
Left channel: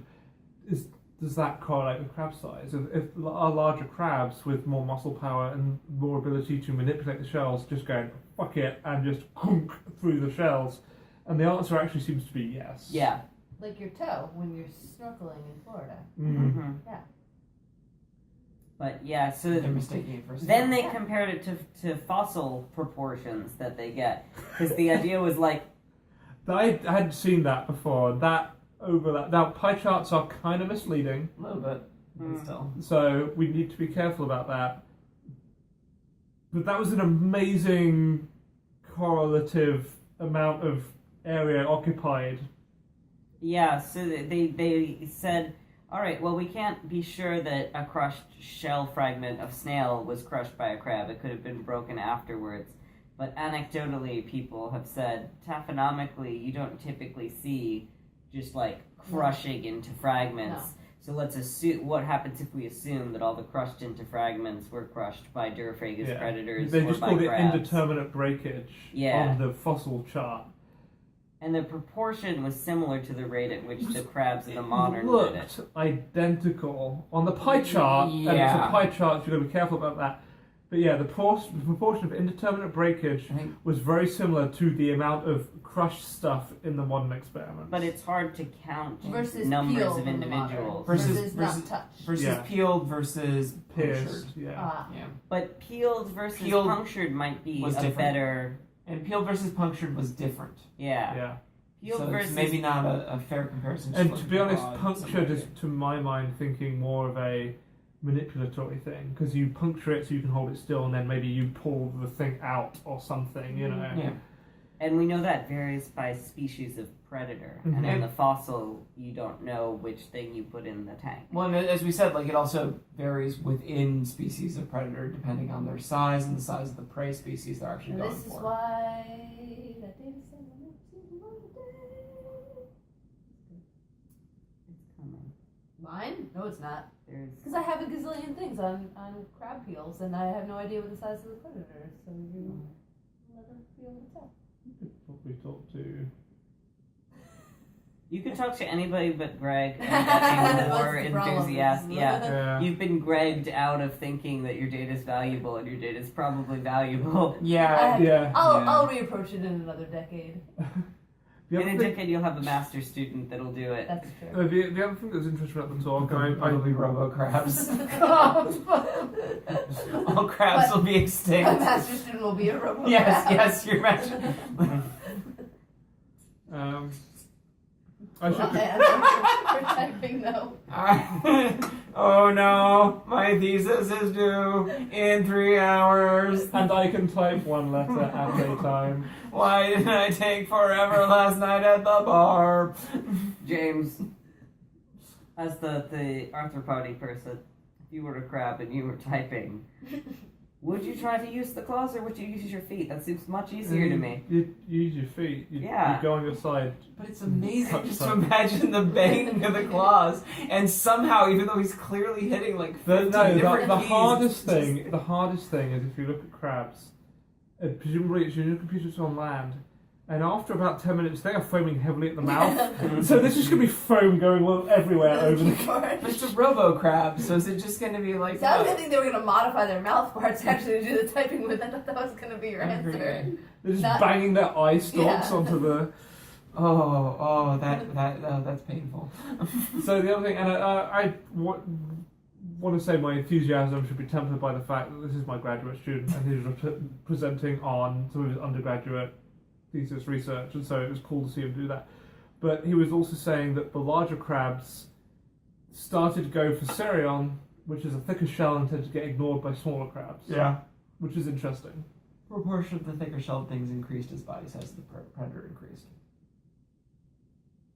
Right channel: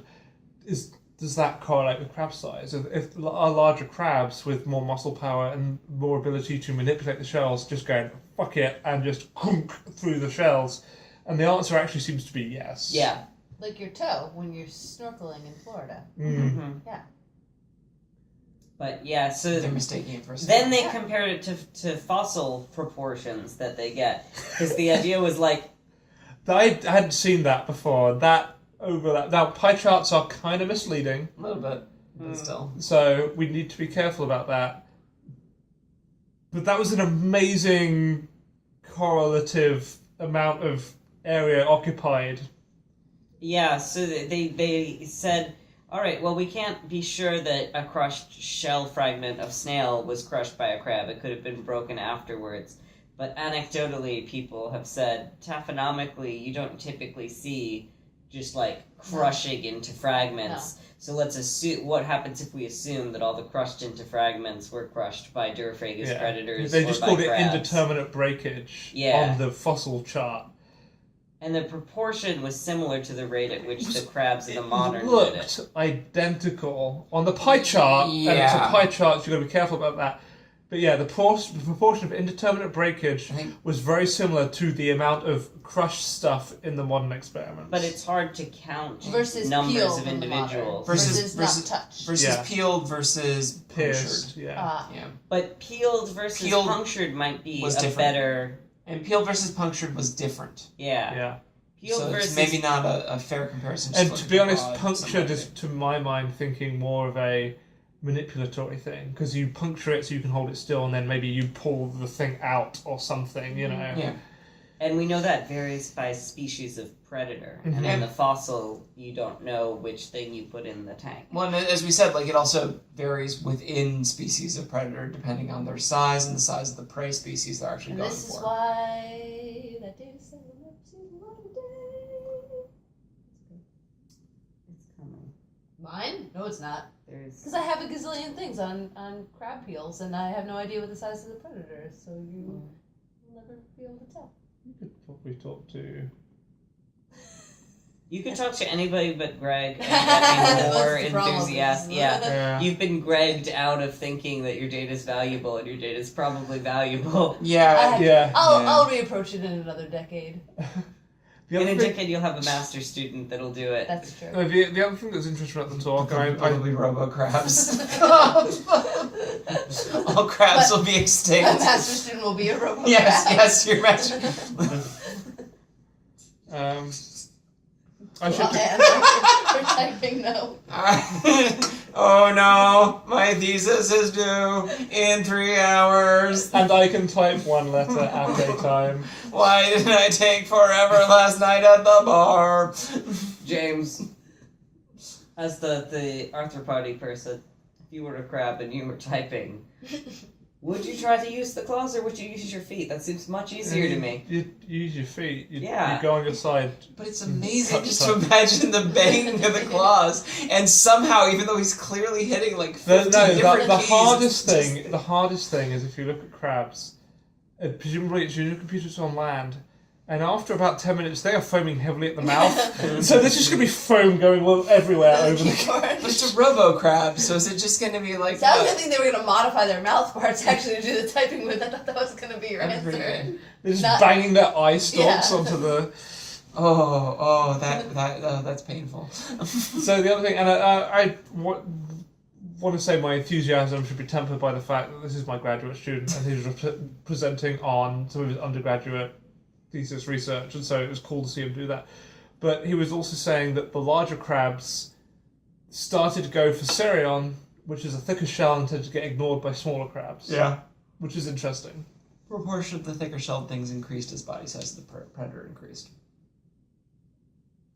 does that correlate with crab size? If are larger crabs with more muscle power and more ability to manipulate the shells just going fuck it and just through the shells? And the answer actually seems to be yes. Yeah. Like your toe when you're snorkeling in Florida. Mm-hmm. Yeah. But yeah, so They're mistaking it for a then snail. they compared it to fossil proportions that they get. Because the idea was like, I hadn't seen that before. That overlap. Now, pie charts are kind of misleading. A little bit, but still. So we need to be careful about that. But that was an amazing correlative amount of area occupied. Yeah, so they said, all right, well, we can't be sure that a crushed shell fragment of snail was crushed by a crab. It could have been broken afterwards. But anecdotally, people have said, taphonomically, you don't typically see just, like, crushing into fragments. No. So let's assume, what happens if we assume that all the crushed into fragments were crushed by Duraphagus predators They or just by called crabs? it indeterminate breakage Yeah. on the fossil chart. And the proportion was similar to the rate at which the crabs in the modern did looked it. identical on the pie chart, and it's a pie chart, so you've got to be careful about that. But yeah, the proportion of indeterminate breakage was very similar to the amount of crushed stuff in the modern experiments. But it's hard to count versus numbers peeled of individuals. versus not touched. Versus peeled versus pierced. punctured. Yeah. But peeled versus punctured might be was a different. better... And peeled versus punctured was different. Yeah. Peeled So versus... it's maybe not a fair comparison. And to be honest, punctured is, to my mind, thinking more of a manipulatory thing, because you puncture it so you can hold it still, and then maybe you pull the thing out or something, you know. Yeah. And we know that varies by species of predator. Mhm. And in the fossil, you don't know which thing you put in the tank. Well, and as we said, like it also varies within species of predator depending on their size and the size of the prey species they're actually And going this for. is why that data set will never see the light of day. It's coming. Mine? No, it's not. There's... Because I have a gazillion things on crab peels, and I have no idea what the size of the predator is, so you will never be able to tell. You could probably talk to... You could talk to anybody but Greg and That's get me more the problem. enthusiastic. Yeah. Yeah. You've been Gregged out of thinking that your data is valuable, and your data is probably valuable. Yeah. Yeah. I'll reapproach it in another decade. In a decade, you'll have a master student that'll do it. That's true. The other thing that's interesting about the talk, and I Probably robo-crabs. All crabs will be A extinct. master student will be a robot. Yes, your master. I should We're typing no. Oh no, my thesis is due in 3 hours. and I can type one letter at a time. Why did I take forever last night at the bar? James, as the arthropody person, if you were a crab and you were typing, would you try to use the claws or would you use your feet? That seems much easier to me. You use your feet. You go on your side. But it's amazing just to imagine the banging of the claws, and somehow, even though he's clearly hitting like 15 different The keys, hardest thing is if you look at crabs, presumably it's using computers on land, and after about 10 minutes they are foaming heavily at the mouth. So there's just going to be foam going everywhere over the... But it's a robo-crab, so is it just going to be like... So I was going to think they were going to modify their mouth parts actually to do the typing with. I thought that was going to be your That'd be pretty answer. good. They're just banging their eye stalks Yeah. onto the... That's painful. So the other thing, and I want to say my enthusiasm should be tempered by the fact that this is my graduate student and he's presenting on some of his undergraduate thesis research, and so it was cool to see him do that. But he was also saying that the larger crabs started to go for Cerion, which is a thicker shell and tend to get ignored by smaller crabs. Yeah. Which is interesting. Proportion of the thicker shelled things increased as body size of the predator increased.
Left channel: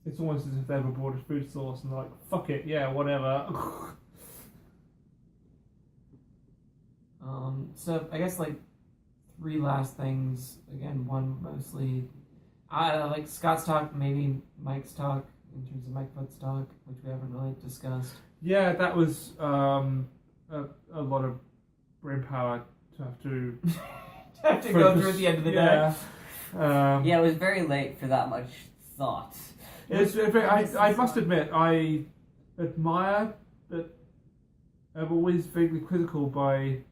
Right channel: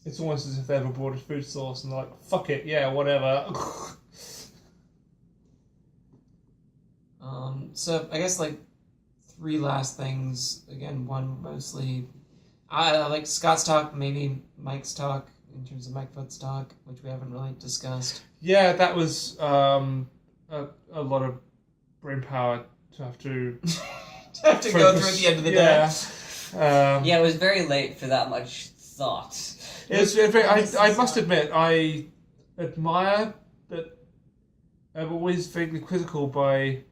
It's almost as if they have a broader food source and they're like, fuck it, yeah, whatever. So I guess like 3 last things. Again, one mostly I like Scott's talk, maybe Mike's talk in terms of Mike Foot's talk, which we haven't really discussed. Yeah, that was a lot of brain power to have to go through at the end of the day. Yeah, it was very late for that much thought. It's very, I must admit, I admire, but I'm always vaguely quizzical by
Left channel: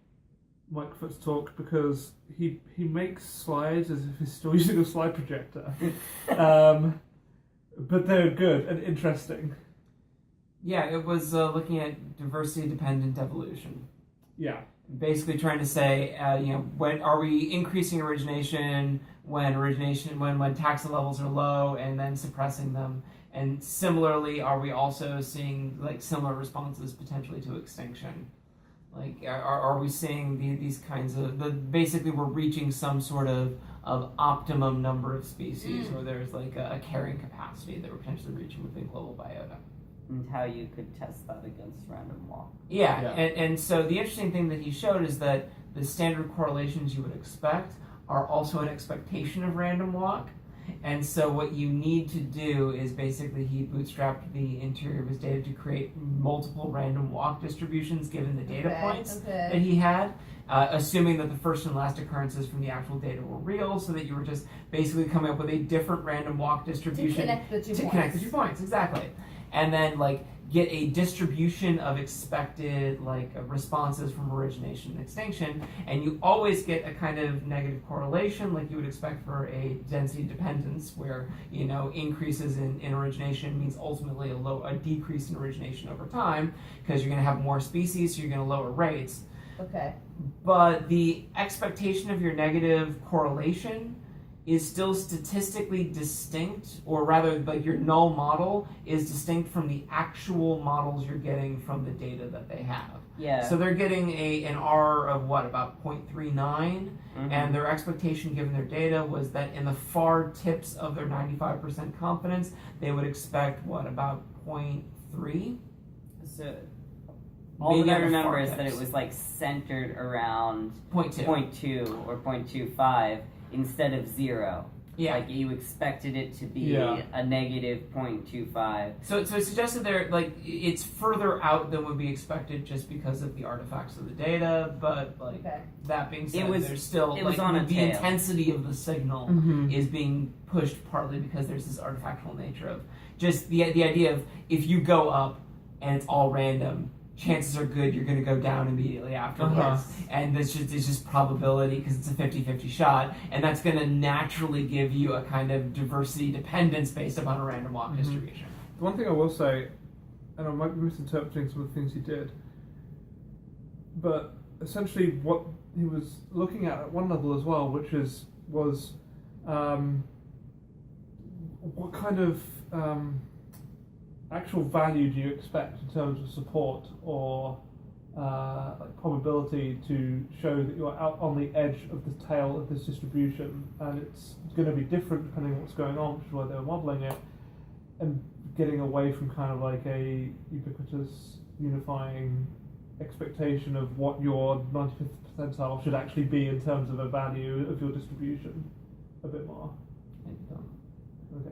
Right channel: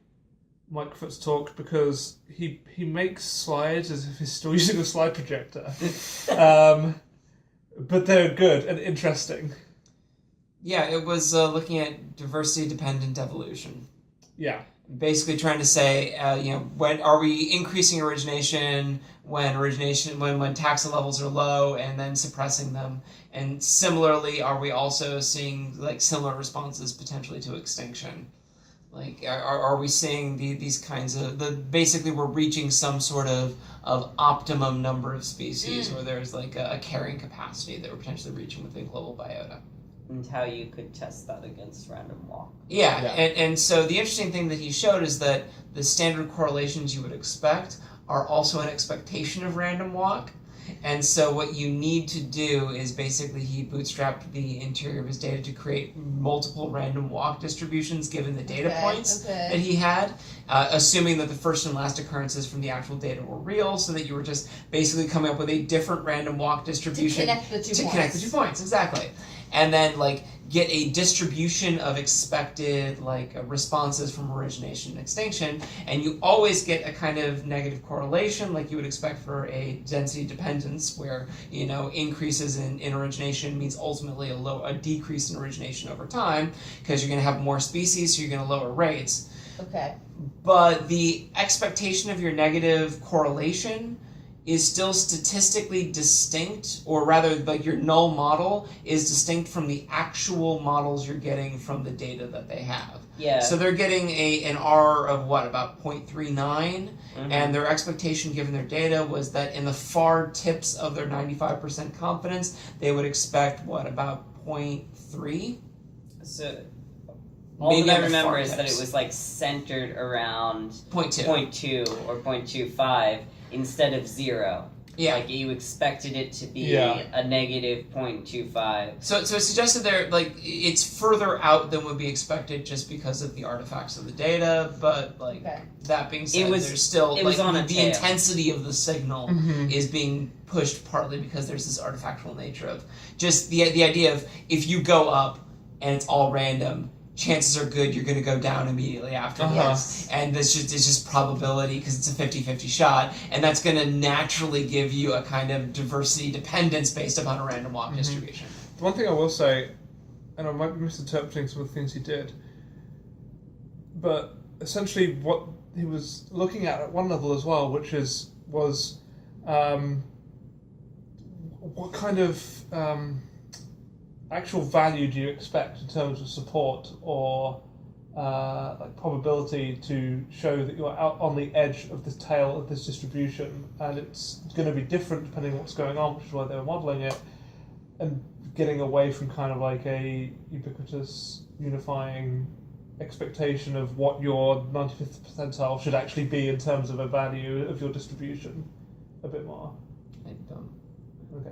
Mike Foot's talk because he makes slides as if he's still using a slide projector. But they're good and interesting. Yeah, it was looking at diversity-dependent evolution. Yeah. basically trying to say, when are we increasing origination when taxa levels are low, and then suppressing them, and similarly, are we also seeing like similar responses potentially to extinction? Like, are we seeing these kinds of basically we're reaching some sort of optimum number of species where there's like a carrying capacity that we're potentially reaching within global biota. And how you could test that against random walk. Yeah. And so the interesting thing that he showed is that the standard correlations you would expect are also an expectation of random walk. And so what you need to do is basically he bootstrapped the interior of his data to create multiple random walk distributions given the data points that he had, assuming that the first and last occurrences from the actual data were real, so that you were just basically coming up with a different random walk distribution to connect the 2 points, exactly. And then like get a distribution of expected responses from origination and extinction, and you always get a kind of negative correlation like you would expect for a density dependence where increases in origination means ultimately a decrease in origination over time because you're going to have more species, so you're going to lower rates. Okay. But the expectation of your negative correlation is still statistically distinct, or rather, like your null model is distinct from the actual models you're getting from the data that they have. Yeah. So they're getting an R of about 0.39, and their expectation given their data was that in the far tips of their 95% confidence, they would expect about 0.3? So all that I remember is that it was like centered around 0.2 or 0.25 instead of 0. Yeah. Like you expected it to be a negative 0.25. So it suggested it's further out than would be expected just because of the artifacts of the data, but that being said, there's still the intensity of the signal is being pushed partly because there's this artifactual nature of just the idea of if you go up and it's all random, chances are good you're going to go down immediately afterwards. And it's just probability because it's a 50-50 shot, and that's going to naturally give you a kind of diversity dependence based upon a random walk distribution. The one thing I will say, and I might be misinterpreting some of the things he did, but essentially what he was looking at one level as well, which was what kind of actual value do you expect in terms of support or probability to show that you're out on the edge of the tail of this distribution, and it's going to be different depending on what's going on, which is why they were modelling it, and getting away from kind of like a ubiquitous unifying expectation of what your 95th percentile should actually be in terms of a value of your distribution a bit more. Okay.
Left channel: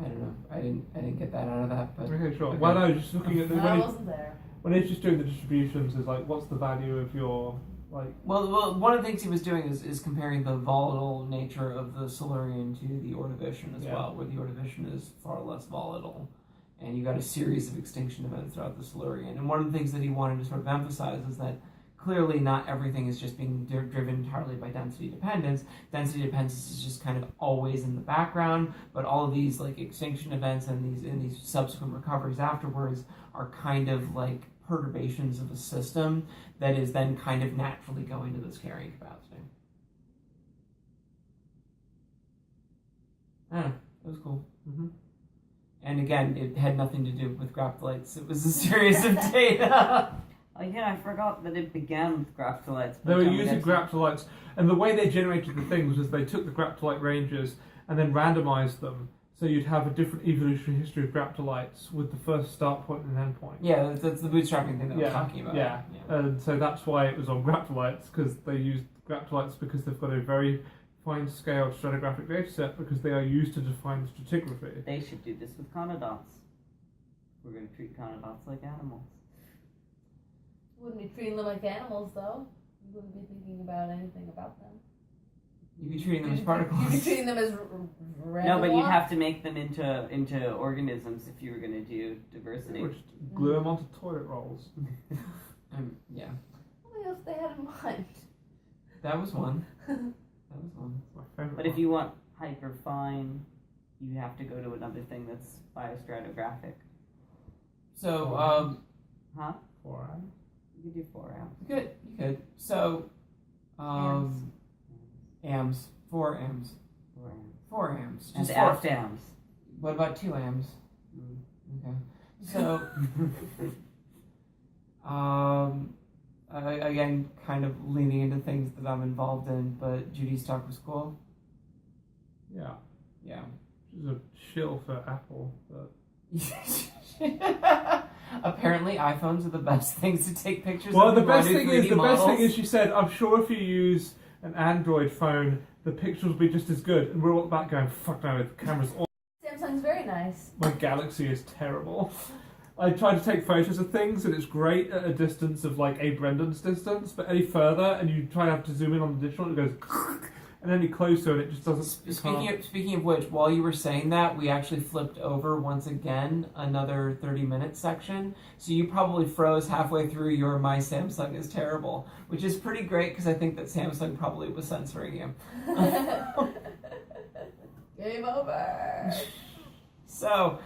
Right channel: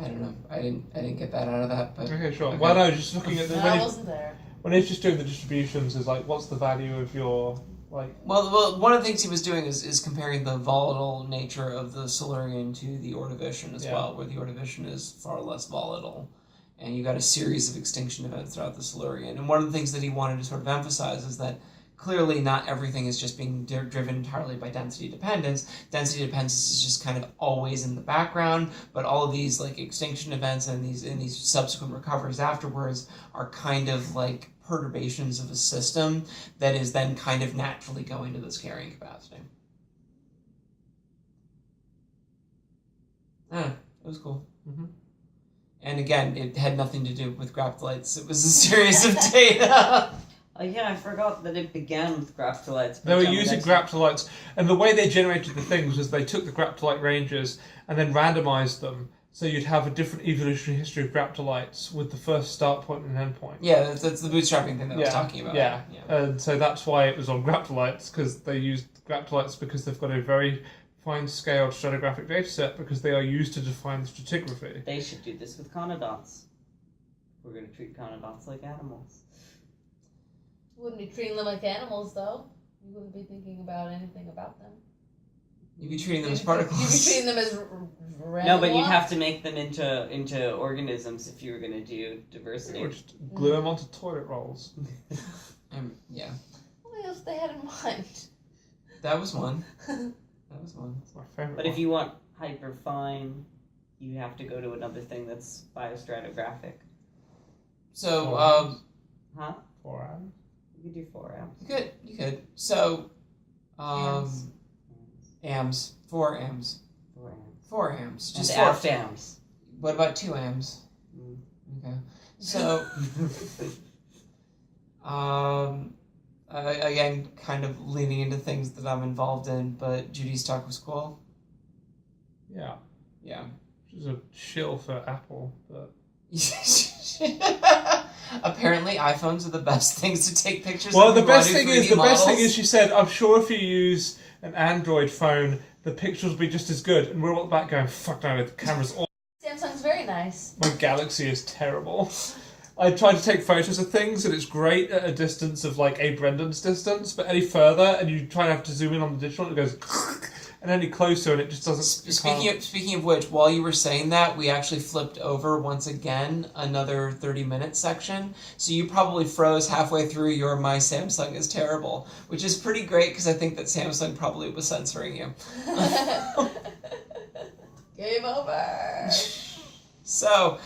I don't know. I didn't get that out of that. But okay, sure. Okay. Well, no, just looking at the I wasn't there. When he's just doing the distributions, is what's the value of your Well, one of the things he was doing is comparing the volatile nature of the Silurian to the Ordovician as well, where the Ordovician is far less volatile, and you got a series of extinction events throughout the Silurian. And one of the things that he wanted to sort of emphasize is that clearly not everything is just being driven entirely by density dependence. Density dependence is just kind of always in the background, but all of these extinction events and these subsequent recoveries afterwards are kind of like perturbations of a system that is then kind of naturally going to this carrying capacity. It was cool. And again, it had nothing to do with graptolites. It was a series of data. I forgot that it began with graptolites. They were using graptolites, and the way they generated the things was they took the graptolite ranges and then randomized them, so you'd have a different evolutionary history of graptolites with the first start point and end point. Yeah, that's the bootstrapping thing that I was talking about. Yeah, and so that's why it was on graptolites, because they used graptolites because they've got a very fine-scaled stratigraphic data set because they are used to define the stratigraphy. They should do this with conodonts. We're going to treat conodonts like animals. Wouldn't be treating them like animals, though. You wouldn't be thinking about anything about them. You'd be treating them as particles. You'd be treating them as no, but you'd have to make them into organisms if you were going to do diversity. Or just glue them onto toilet rolls. Yeah. What else they had in mind? That was one. That's my favorite. But if you want hyperfine, you have to go to another thing that's biostratigraphic. So, Huh? 4 atoms? You could do 4 amps. You could. So, amps. 4 amps. 4 amps. 4 amps. Just And 4 amps. What about 2 amps? Okay. So, again, kind of leaning into things that I'm involved in, but Judy's talk was cool. Yeah. Yeah. Which is a shill for Apple, but... Apparently, iPhones are the best things to take pictures. Well, of the if you wanna best do thing 3D is, models. she said, I'm sure if you use an Android phone, the pictures will be just as good. And we're all back going, fuck no, the camera's awful. Samsung's very nice. My Galaxy is terrible. I tried to take photos of things, and it's great at a distance of like a Brendan's distance, but any further, and you try to have to zoom in on the digital, and it goes... And any closer, and it just doesn't... Speaking of which, while you were saying that, we actually flipped over once again another 30-minute section. So you probably froze halfway through your "My Samsung is terrible," which is pretty great because I think that Samsung probably was censoring you. Game over. So,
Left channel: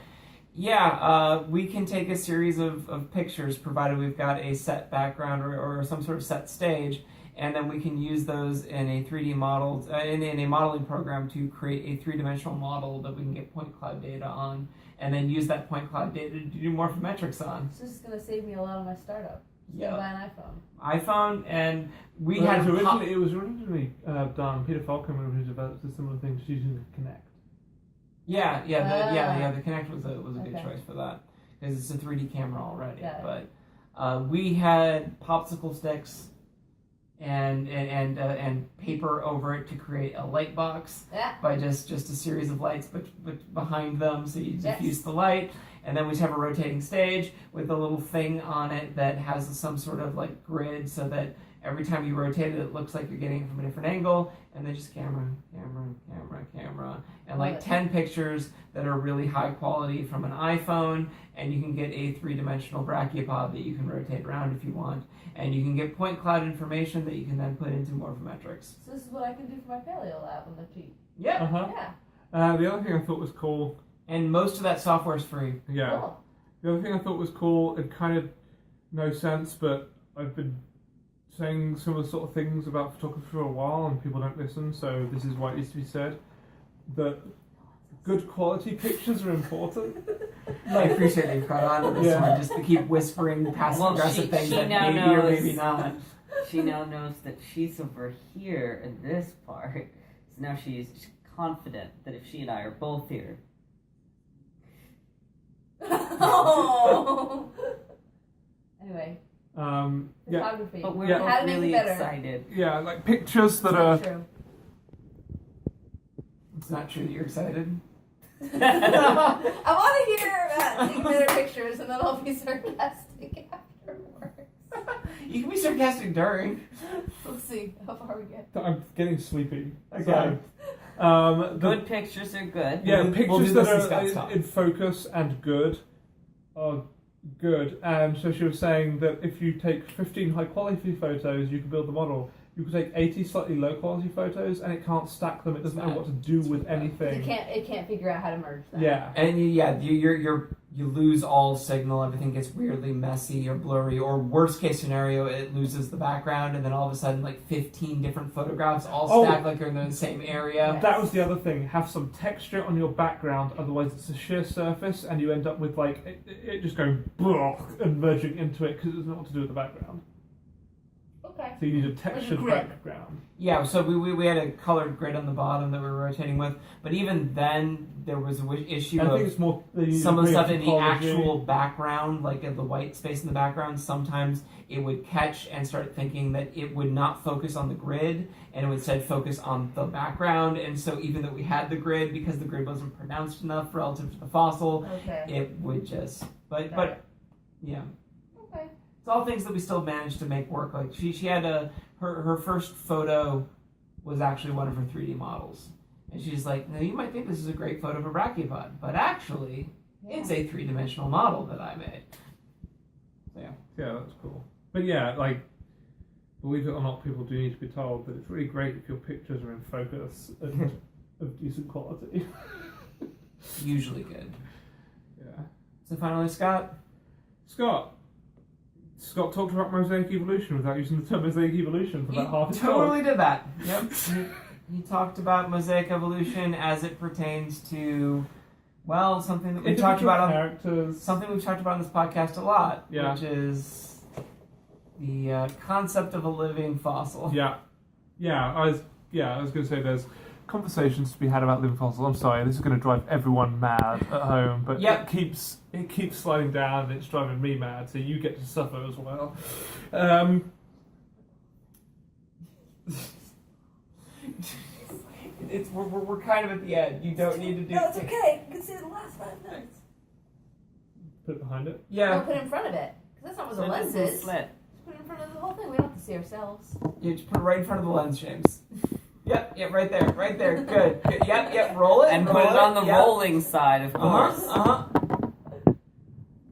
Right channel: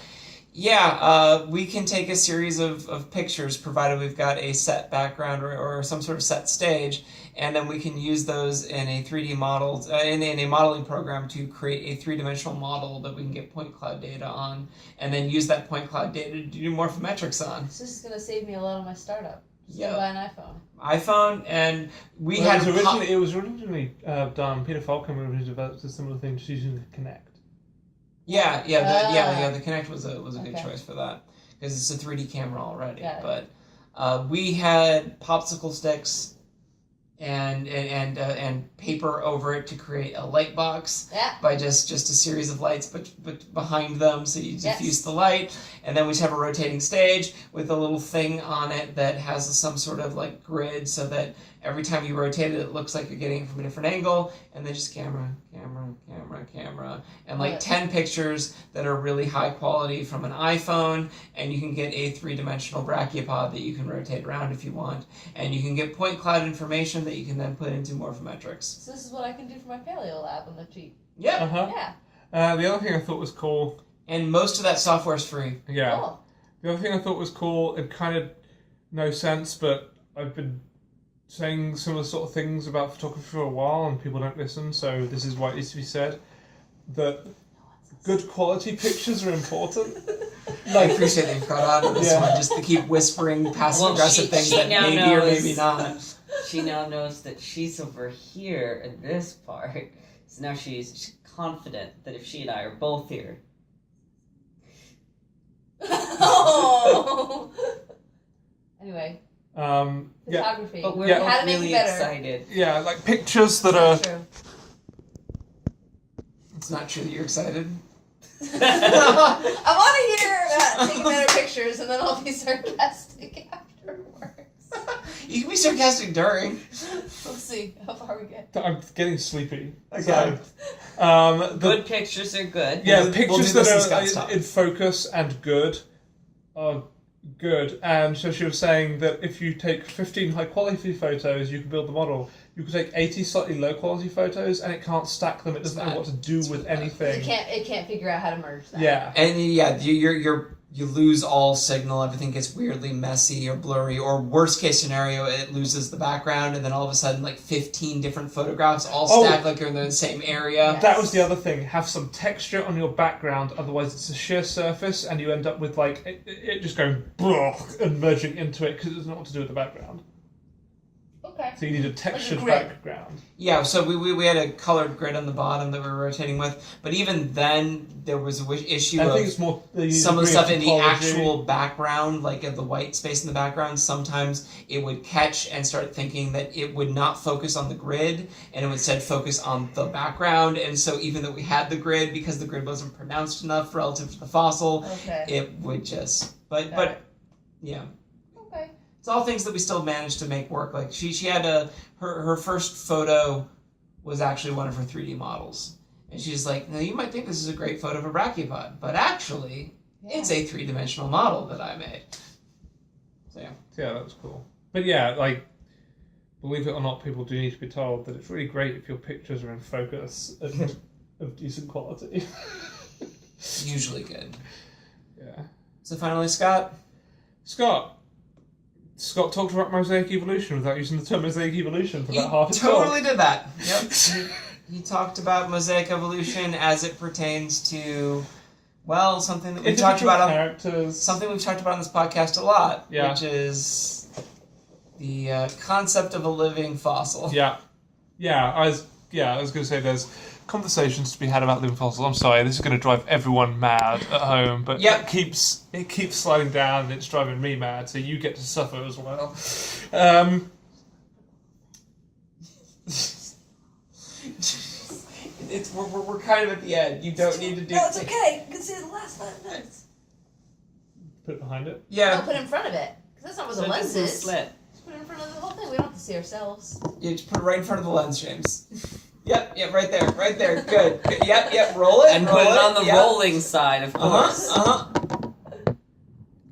yeah, we can take a series of pictures provided we've got a set background or some sort of set stage. And then we can use those in a 3D model, in a modeling program to create a 3-dimensional model that we can get point cloud data on, and then use that point cloud data to do morphometrics on. This is going to save me a lot of my startup. Just Yep. gonna buy an iPhone. iPhone, and we Well, had... it was originally done, Peter Falcon originally developed a similar thing just using Connect. Yeah, the Kinect was a good choice for that, because it's a 3D camera already. Got it. But we had popsicle sticks and paper over it to create a light box by just a series of lights but behind them, so you diffuse the light, and then we have a rotating stage with a little thing on it that has some sort of like grid, so that every time you rotate it, it looks like you're getting it from a different angle, and then just camera, and like 10 pictures that are really high quality from an iPhone, and you can get a 3-dimensional brachiopod that you can rotate around if you want, and you can get point cloud information that you can then put into morphometrics. So this is what I can do for my paleo lab on the cheap. Yeah. Yeah. The other thing I thought was cool... And most of that software is free. Yeah. Cool. The other thing I thought was cool, it kind of no sense, but I've been saying some of the sort of things about photography for a while and people don't listen, so this is why it needs to be said, that good quality pictures are important. I appreciate that you've got out of this one, just to keep whispering passive-aggressive things that maybe or maybe not. She now knows that she's over here in this part, so now she's confident that if she and I are both here... Oh. Anyway. Photography. But we're how to make really it better. excited. Yeah, like pictures that Not are... true. It's not true that you're excited. I want to hear about taking better pictures, and then I'll be sarcastic afterwards. You can be sarcastic during. We'll see how far we get. I'm getting sleepy. Okay. Good pictures are good. Yeah, We'll pictures do this in that Scott's are talk. in focus and good are good. And so she was saying that if you take 15 high-quality photos, you can build the model. You can take 80 slightly low-quality photos, and it can't stack them. It doesn't know what to do with anything. It can't figure out how to merge them. Yeah. And you lose all signal, everything gets weirdly messy or blurry, or worst case scenario, it loses the background, and then all of a sudden like 15 different photographs all stacked like you're in the same area. That was the other thing. Have some texture on your background, otherwise it's a sheer surface, and you end up with like it just going and merging into it because it doesn't know what to do with the background. Okay. So you need a textured grid. background. Yeah, so we had a colored grid on the bottom that we were rotating with, but even then there was an issue I of think it's more some of the stuff in the topology. actual background, like the white space in the background, sometimes it would catch and start thinking that it would not focus on the grid, and it would instead focus on the background, and so even though we had the grid, because the grid wasn't pronounced enough relative to the fossil, it would just... But yeah. Okay. It's all things that we still managed to make work. Like she had her first photo was actually one of her 3D models. And she's like, now you might think this is a great photo of a brachiopod, but actually it's a 3-dimensional model that I made. So yeah, that's cool. But yeah, like, believe it or not, people do need to be told that it's really great if your pictures are in focus and of decent quality. usually good. Yeah. So finally, Scott. Scott talked about mosaic evolution without using the term mosaic evolution for about half his totally did that. Yep. He talked about mosaic evolution as it pertains to, well, something that we've talked about on this podcast a lot, which is the concept of a living fossil. I was going to say there's conversations to be had about living fossils. I'm sorry, this is going to drive everyone mad at home, but it keeps sliding down and it's driving me mad, so you get to suffer as well. We're kind of at the end. You don't need to do. No, it's okay. You can see the last 5 minutes. Put it behind it. Yeah. No, put it in front of it, because that's not where the lens is. Slit. Just put it in front of the whole thing. We don't have to see ourselves. Yeah, just put it right in front of the lens, James. Yep, right there. Good. Yep, roll it. And put it on the rolling side, of course.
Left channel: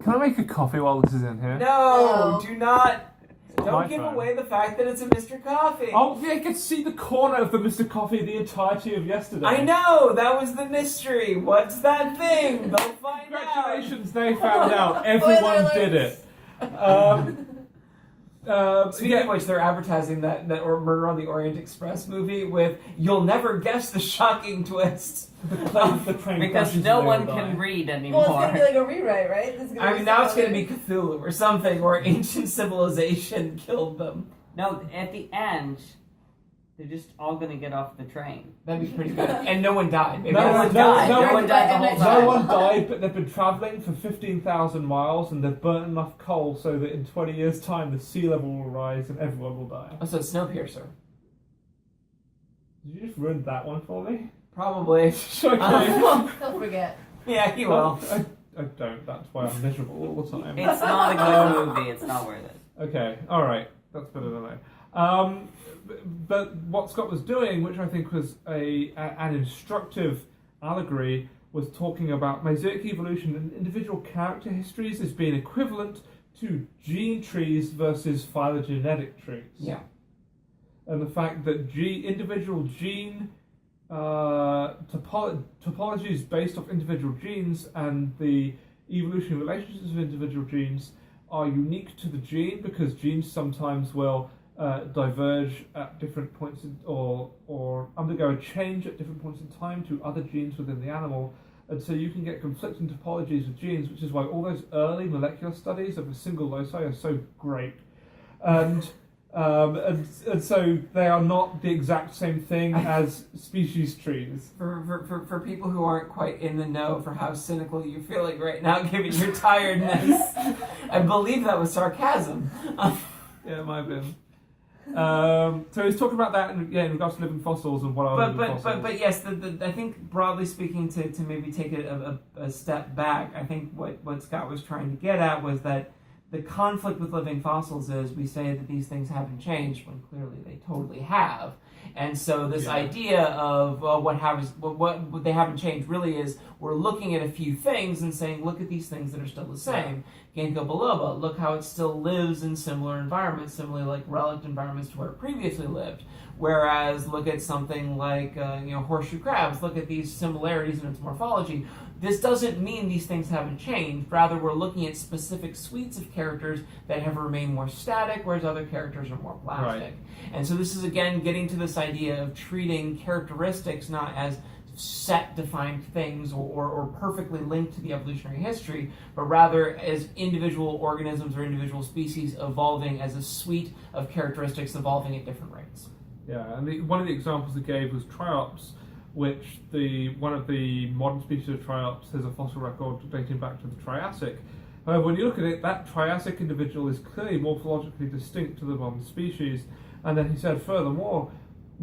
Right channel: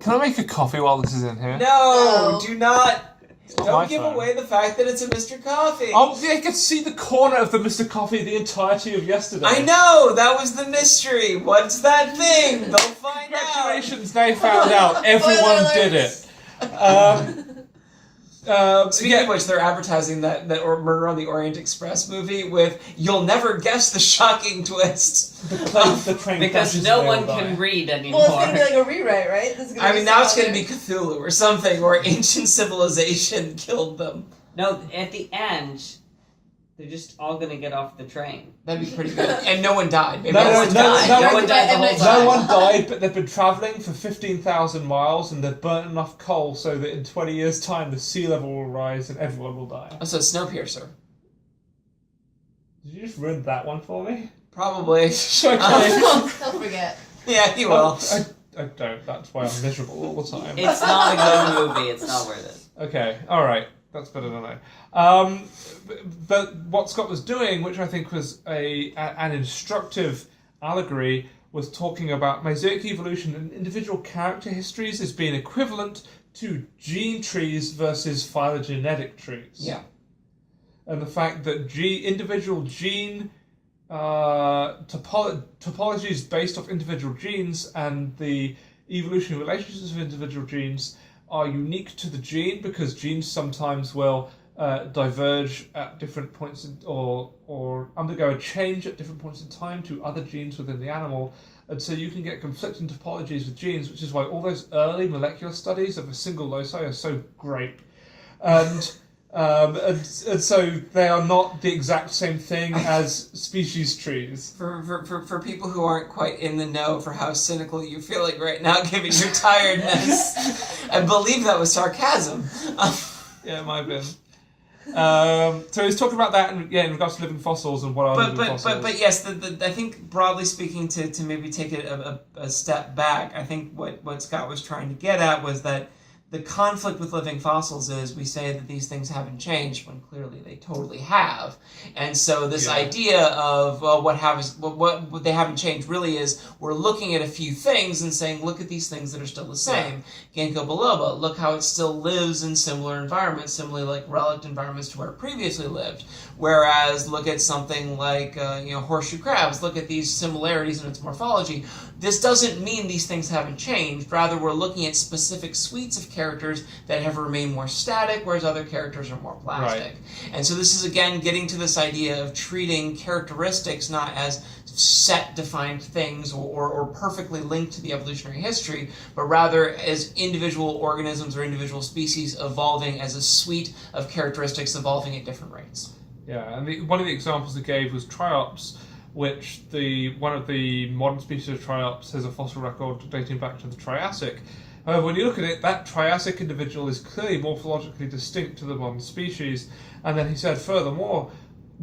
Can I make a coffee while this is in here? No, do not. Don't give phone. away the fact that it's a Mr. Coffee. Oh, I could see the corner of the Mr. Coffee the entirety of yesterday. I know, that was the mystery. What's that thing? They'll find out. Congratulations, they found out. Everyone did it. Speaking of which, they're advertising that Murder on the Orient Express movie with "You'll never guess the shocking twist." The train because no one can read anymore. Well, it's going to be like a rewrite, right? Now it's going to be Cthulhu or something, or ancient civilization killed them. No, at the end, they're just all going to get off the train. That'd be pretty good. And no one died. No one died the whole time. No one died, but they've been travelling for 15,000 miles and they've burnt enough coal so that in 20 years' time the sea level will rise and everyone will die. Oh, so Snowpiercer. Did you just ruin that one for me? Probably. He'll forget. Yeah, he will. I don't. That's why I'm miserable all the time. It's not a good movie. It's not worth it. Okay, alright. That's better than I. But what Scott was doing, which I think was an instructive allegory, was talking about mosaic evolution and individual character histories as being equivalent to gene trees versus phylogenetic trees. Yeah. And the fact that individual gene topologies based off individual genes and the evolutionary relationships of individual genes are unique to the gene, because genes sometimes will diverge at different points or undergo a change at different points in time to other genes within the animal. And so you can get conflicting topologies with genes, which is why all those early molecular studies of a single loci are so great. And so they are not the exact same thing as species trees. For people who aren't quite in the know for how cynical you're feeling right now, given your tiredness, I believe that was sarcasm. Yeah, it might have been. So he's talking about that in regards to living fossils and what are living fossils. But yes, I think broadly speaking, to maybe take it a step back, I think what Scott was trying to get at was that the conflict with living fossils is we say that these things haven't changed when clearly they totally have. And so this idea of what they haven't changed really is we're looking at a few things and saying, look at these things that are still the same. Ginkgo biloba, look how it still lives in similar environments, similarly like relict environments to where it previously lived. Whereas look at something like horseshoe crabs, look at these similarities in its morphology. This doesn't mean these things haven't changed. Rather, we're looking at specific suites of characters that have remained more static, whereas other characters are more plastic. Right. And so this is, again, getting to this idea of treating characteristics not as set defined things or perfectly linked to the evolutionary history, but rather as individual organisms or individual species evolving as a suite of characteristics evolving at different rates. Yeah, and one of the examples they gave was triops, which one of the modern species of triops has a fossil record dating back to the Triassic. However, when you look at it, that Triassic individual is clearly morphologically distinct to the modern species. And then he said, furthermore,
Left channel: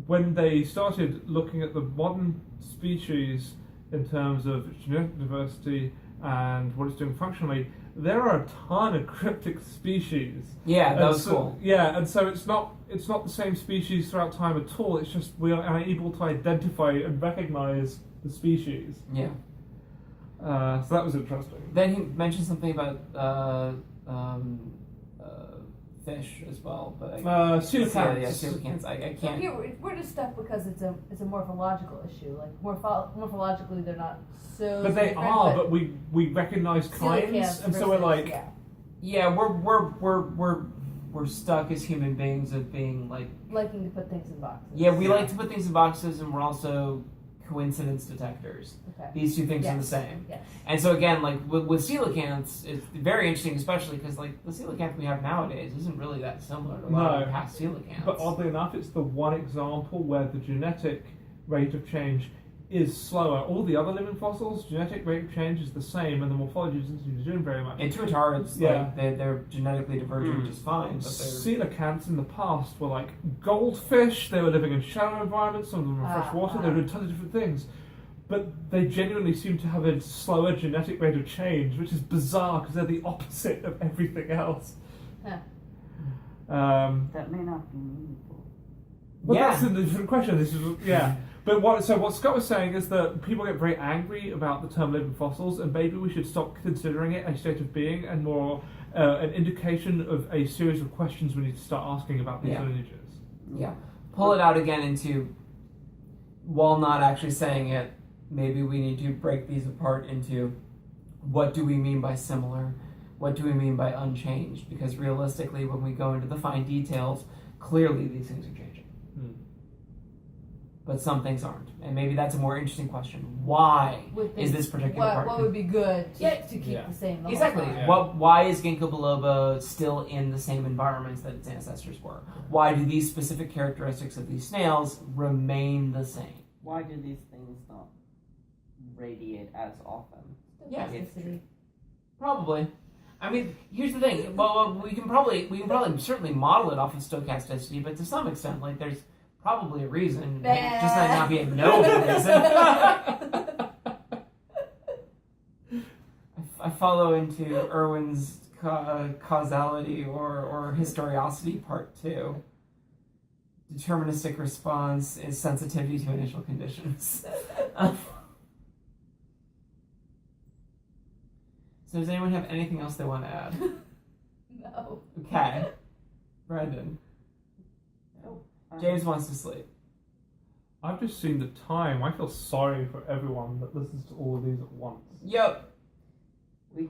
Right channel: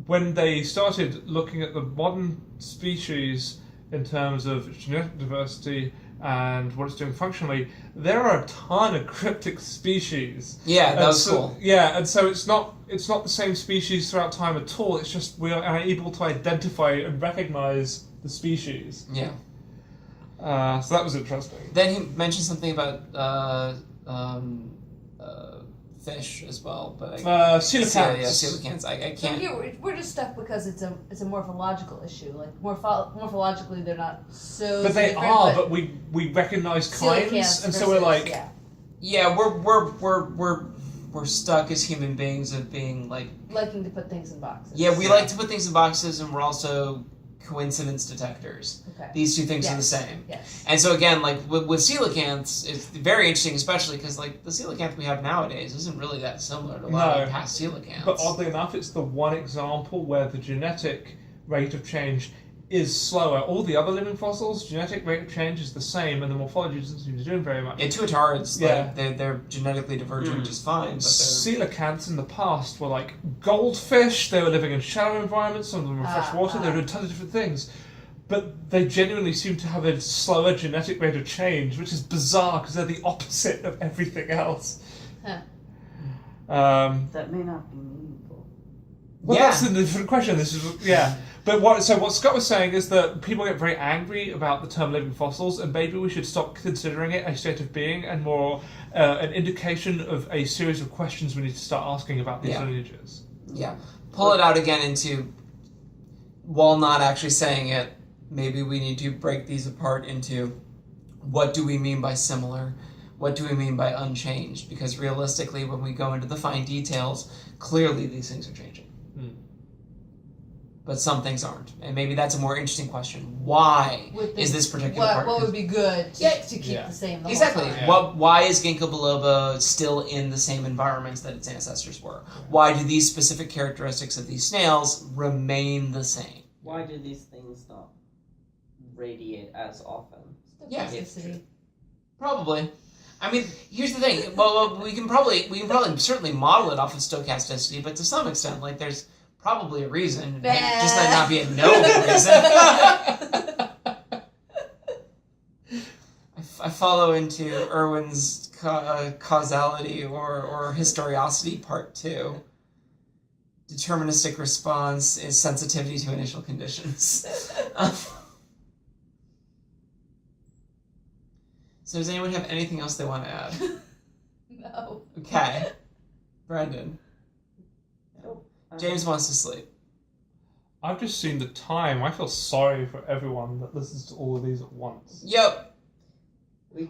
when they started looking at the modern species in terms of genetic diversity and what it's doing functionally, there are a ton of cryptic species. Yeah, that was cool. Yeah, and so it's not the same species throughout time at all. It's just we are able to identify and recognize the species. Yeah. So that was interesting. Then he mentioned something about fish as well, but coelacanths. Yeah, coelacanths. I can't. So here we're just stuck because it's a morphological issue. Like morphologically, they're not so. But they different, are. But we recognize kinds, and so we're like, Yeah, we're stuck as human beings of being like liking to put things in boxes. Yeah, we like to put things in boxes, and we're also coincidence detectors. Okay. These two things are the Yes. same. Yes. And so again, like with coelacanths, it's very interesting, especially because like the coelacanth we have nowadays isn't really that similar to a lot of past coelacanths. But oddly enough, it's the one example where the genetic rate of change is slower. All the other living fossils, genetic rate of change is the same, and the morphology doesn't seem to be doing very much. Yeah, tuatarids, Yeah. like, they're genetically divergent just fine, but they're... Coelacanths in the past were like goldfish. They were living in shallow environments. Some of them were freshwater. They were doing tons of different things. But they genuinely seem to have a slower genetic rate of change, which is bizarre because they're the opposite of everything else. Huh. That may not be meaningful. Well, Yeah. that's a different question. This is But what Scott was saying is that people get very angry about the term living fossils, and maybe we should stop considering it a state of being and more an indication of a series of questions we need to start asking about these lineages. Yeah. Pull it out again into, while not actually saying it, maybe we need to break these apart into what do we mean by similar, what do we mean by unchanged, because realistically when we go into the fine details, clearly these things are changing. But some things aren't. And maybe that's a more interesting question. Why is this particular part? What would be good to keep the same the Exactly. whole time? Why is ginkgo biloba still in the same environments that its ancestors were? Why do these specific characteristics of these snails remain the same? Why do these things not radiate as often? Yeah. Stochasticity. Probably. I mean, here's the thing. Well, we can probably certainly model it off of stochasticity, but to some extent, like there's probably a reason. It just might not be a known reason. I follow into Irwin's causality or historicity part 2. Deterministic response is sensitivity to initial conditions. So does anyone have anything else they want to add? No. Okay. Brandon. James wants to sleep. I've just seen the time. I feel sorry for everyone that listens to all of these at once. Yep.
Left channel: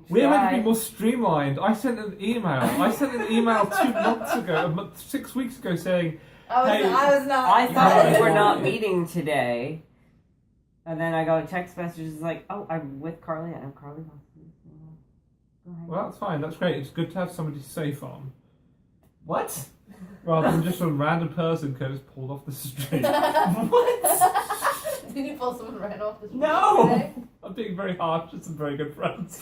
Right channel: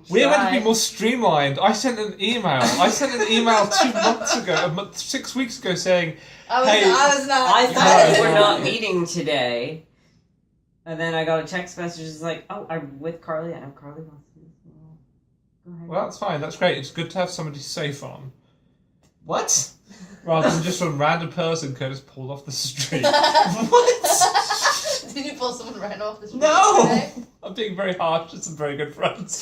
We're meant to be more streamlined. I sent an email 2 months ago, 6 weeks ago, saying, I was not. I thought we were not meeting today. And then I got a text message that's like, oh, I'm with Carlie. I know Carlie wants to do this. Go ahead. well, that's fine. That's great. It's good to have somebody safe on. What? Rather than just some random person Curtis pulled off the street. What? Did you pull someone right off the street? No! Today? I'm being very harsh to some very good friends.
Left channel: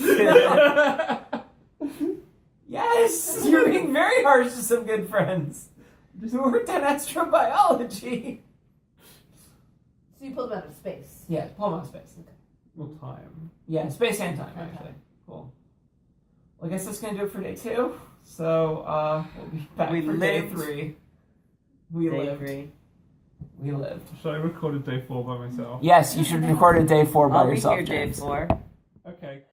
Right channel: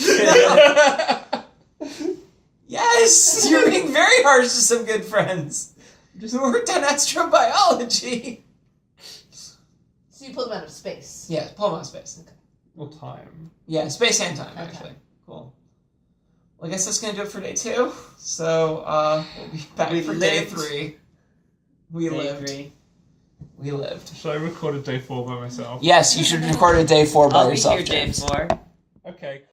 Yes! You're being very harsh to some good friends. Who worked on astrobiology. So you pulled them out of space. Yeah, pull them out of space. Okay. Or time. Yeah, space and time, Okay. actually. Cool. Well, I guess that's going to do it for day 2. So, we'll be back for day lived. 3. We Day lived. 3. We lived. Should I record a day 4 by myself? Yes, you should record a day 4 by I'll yourself, be here James. day 4. Okay.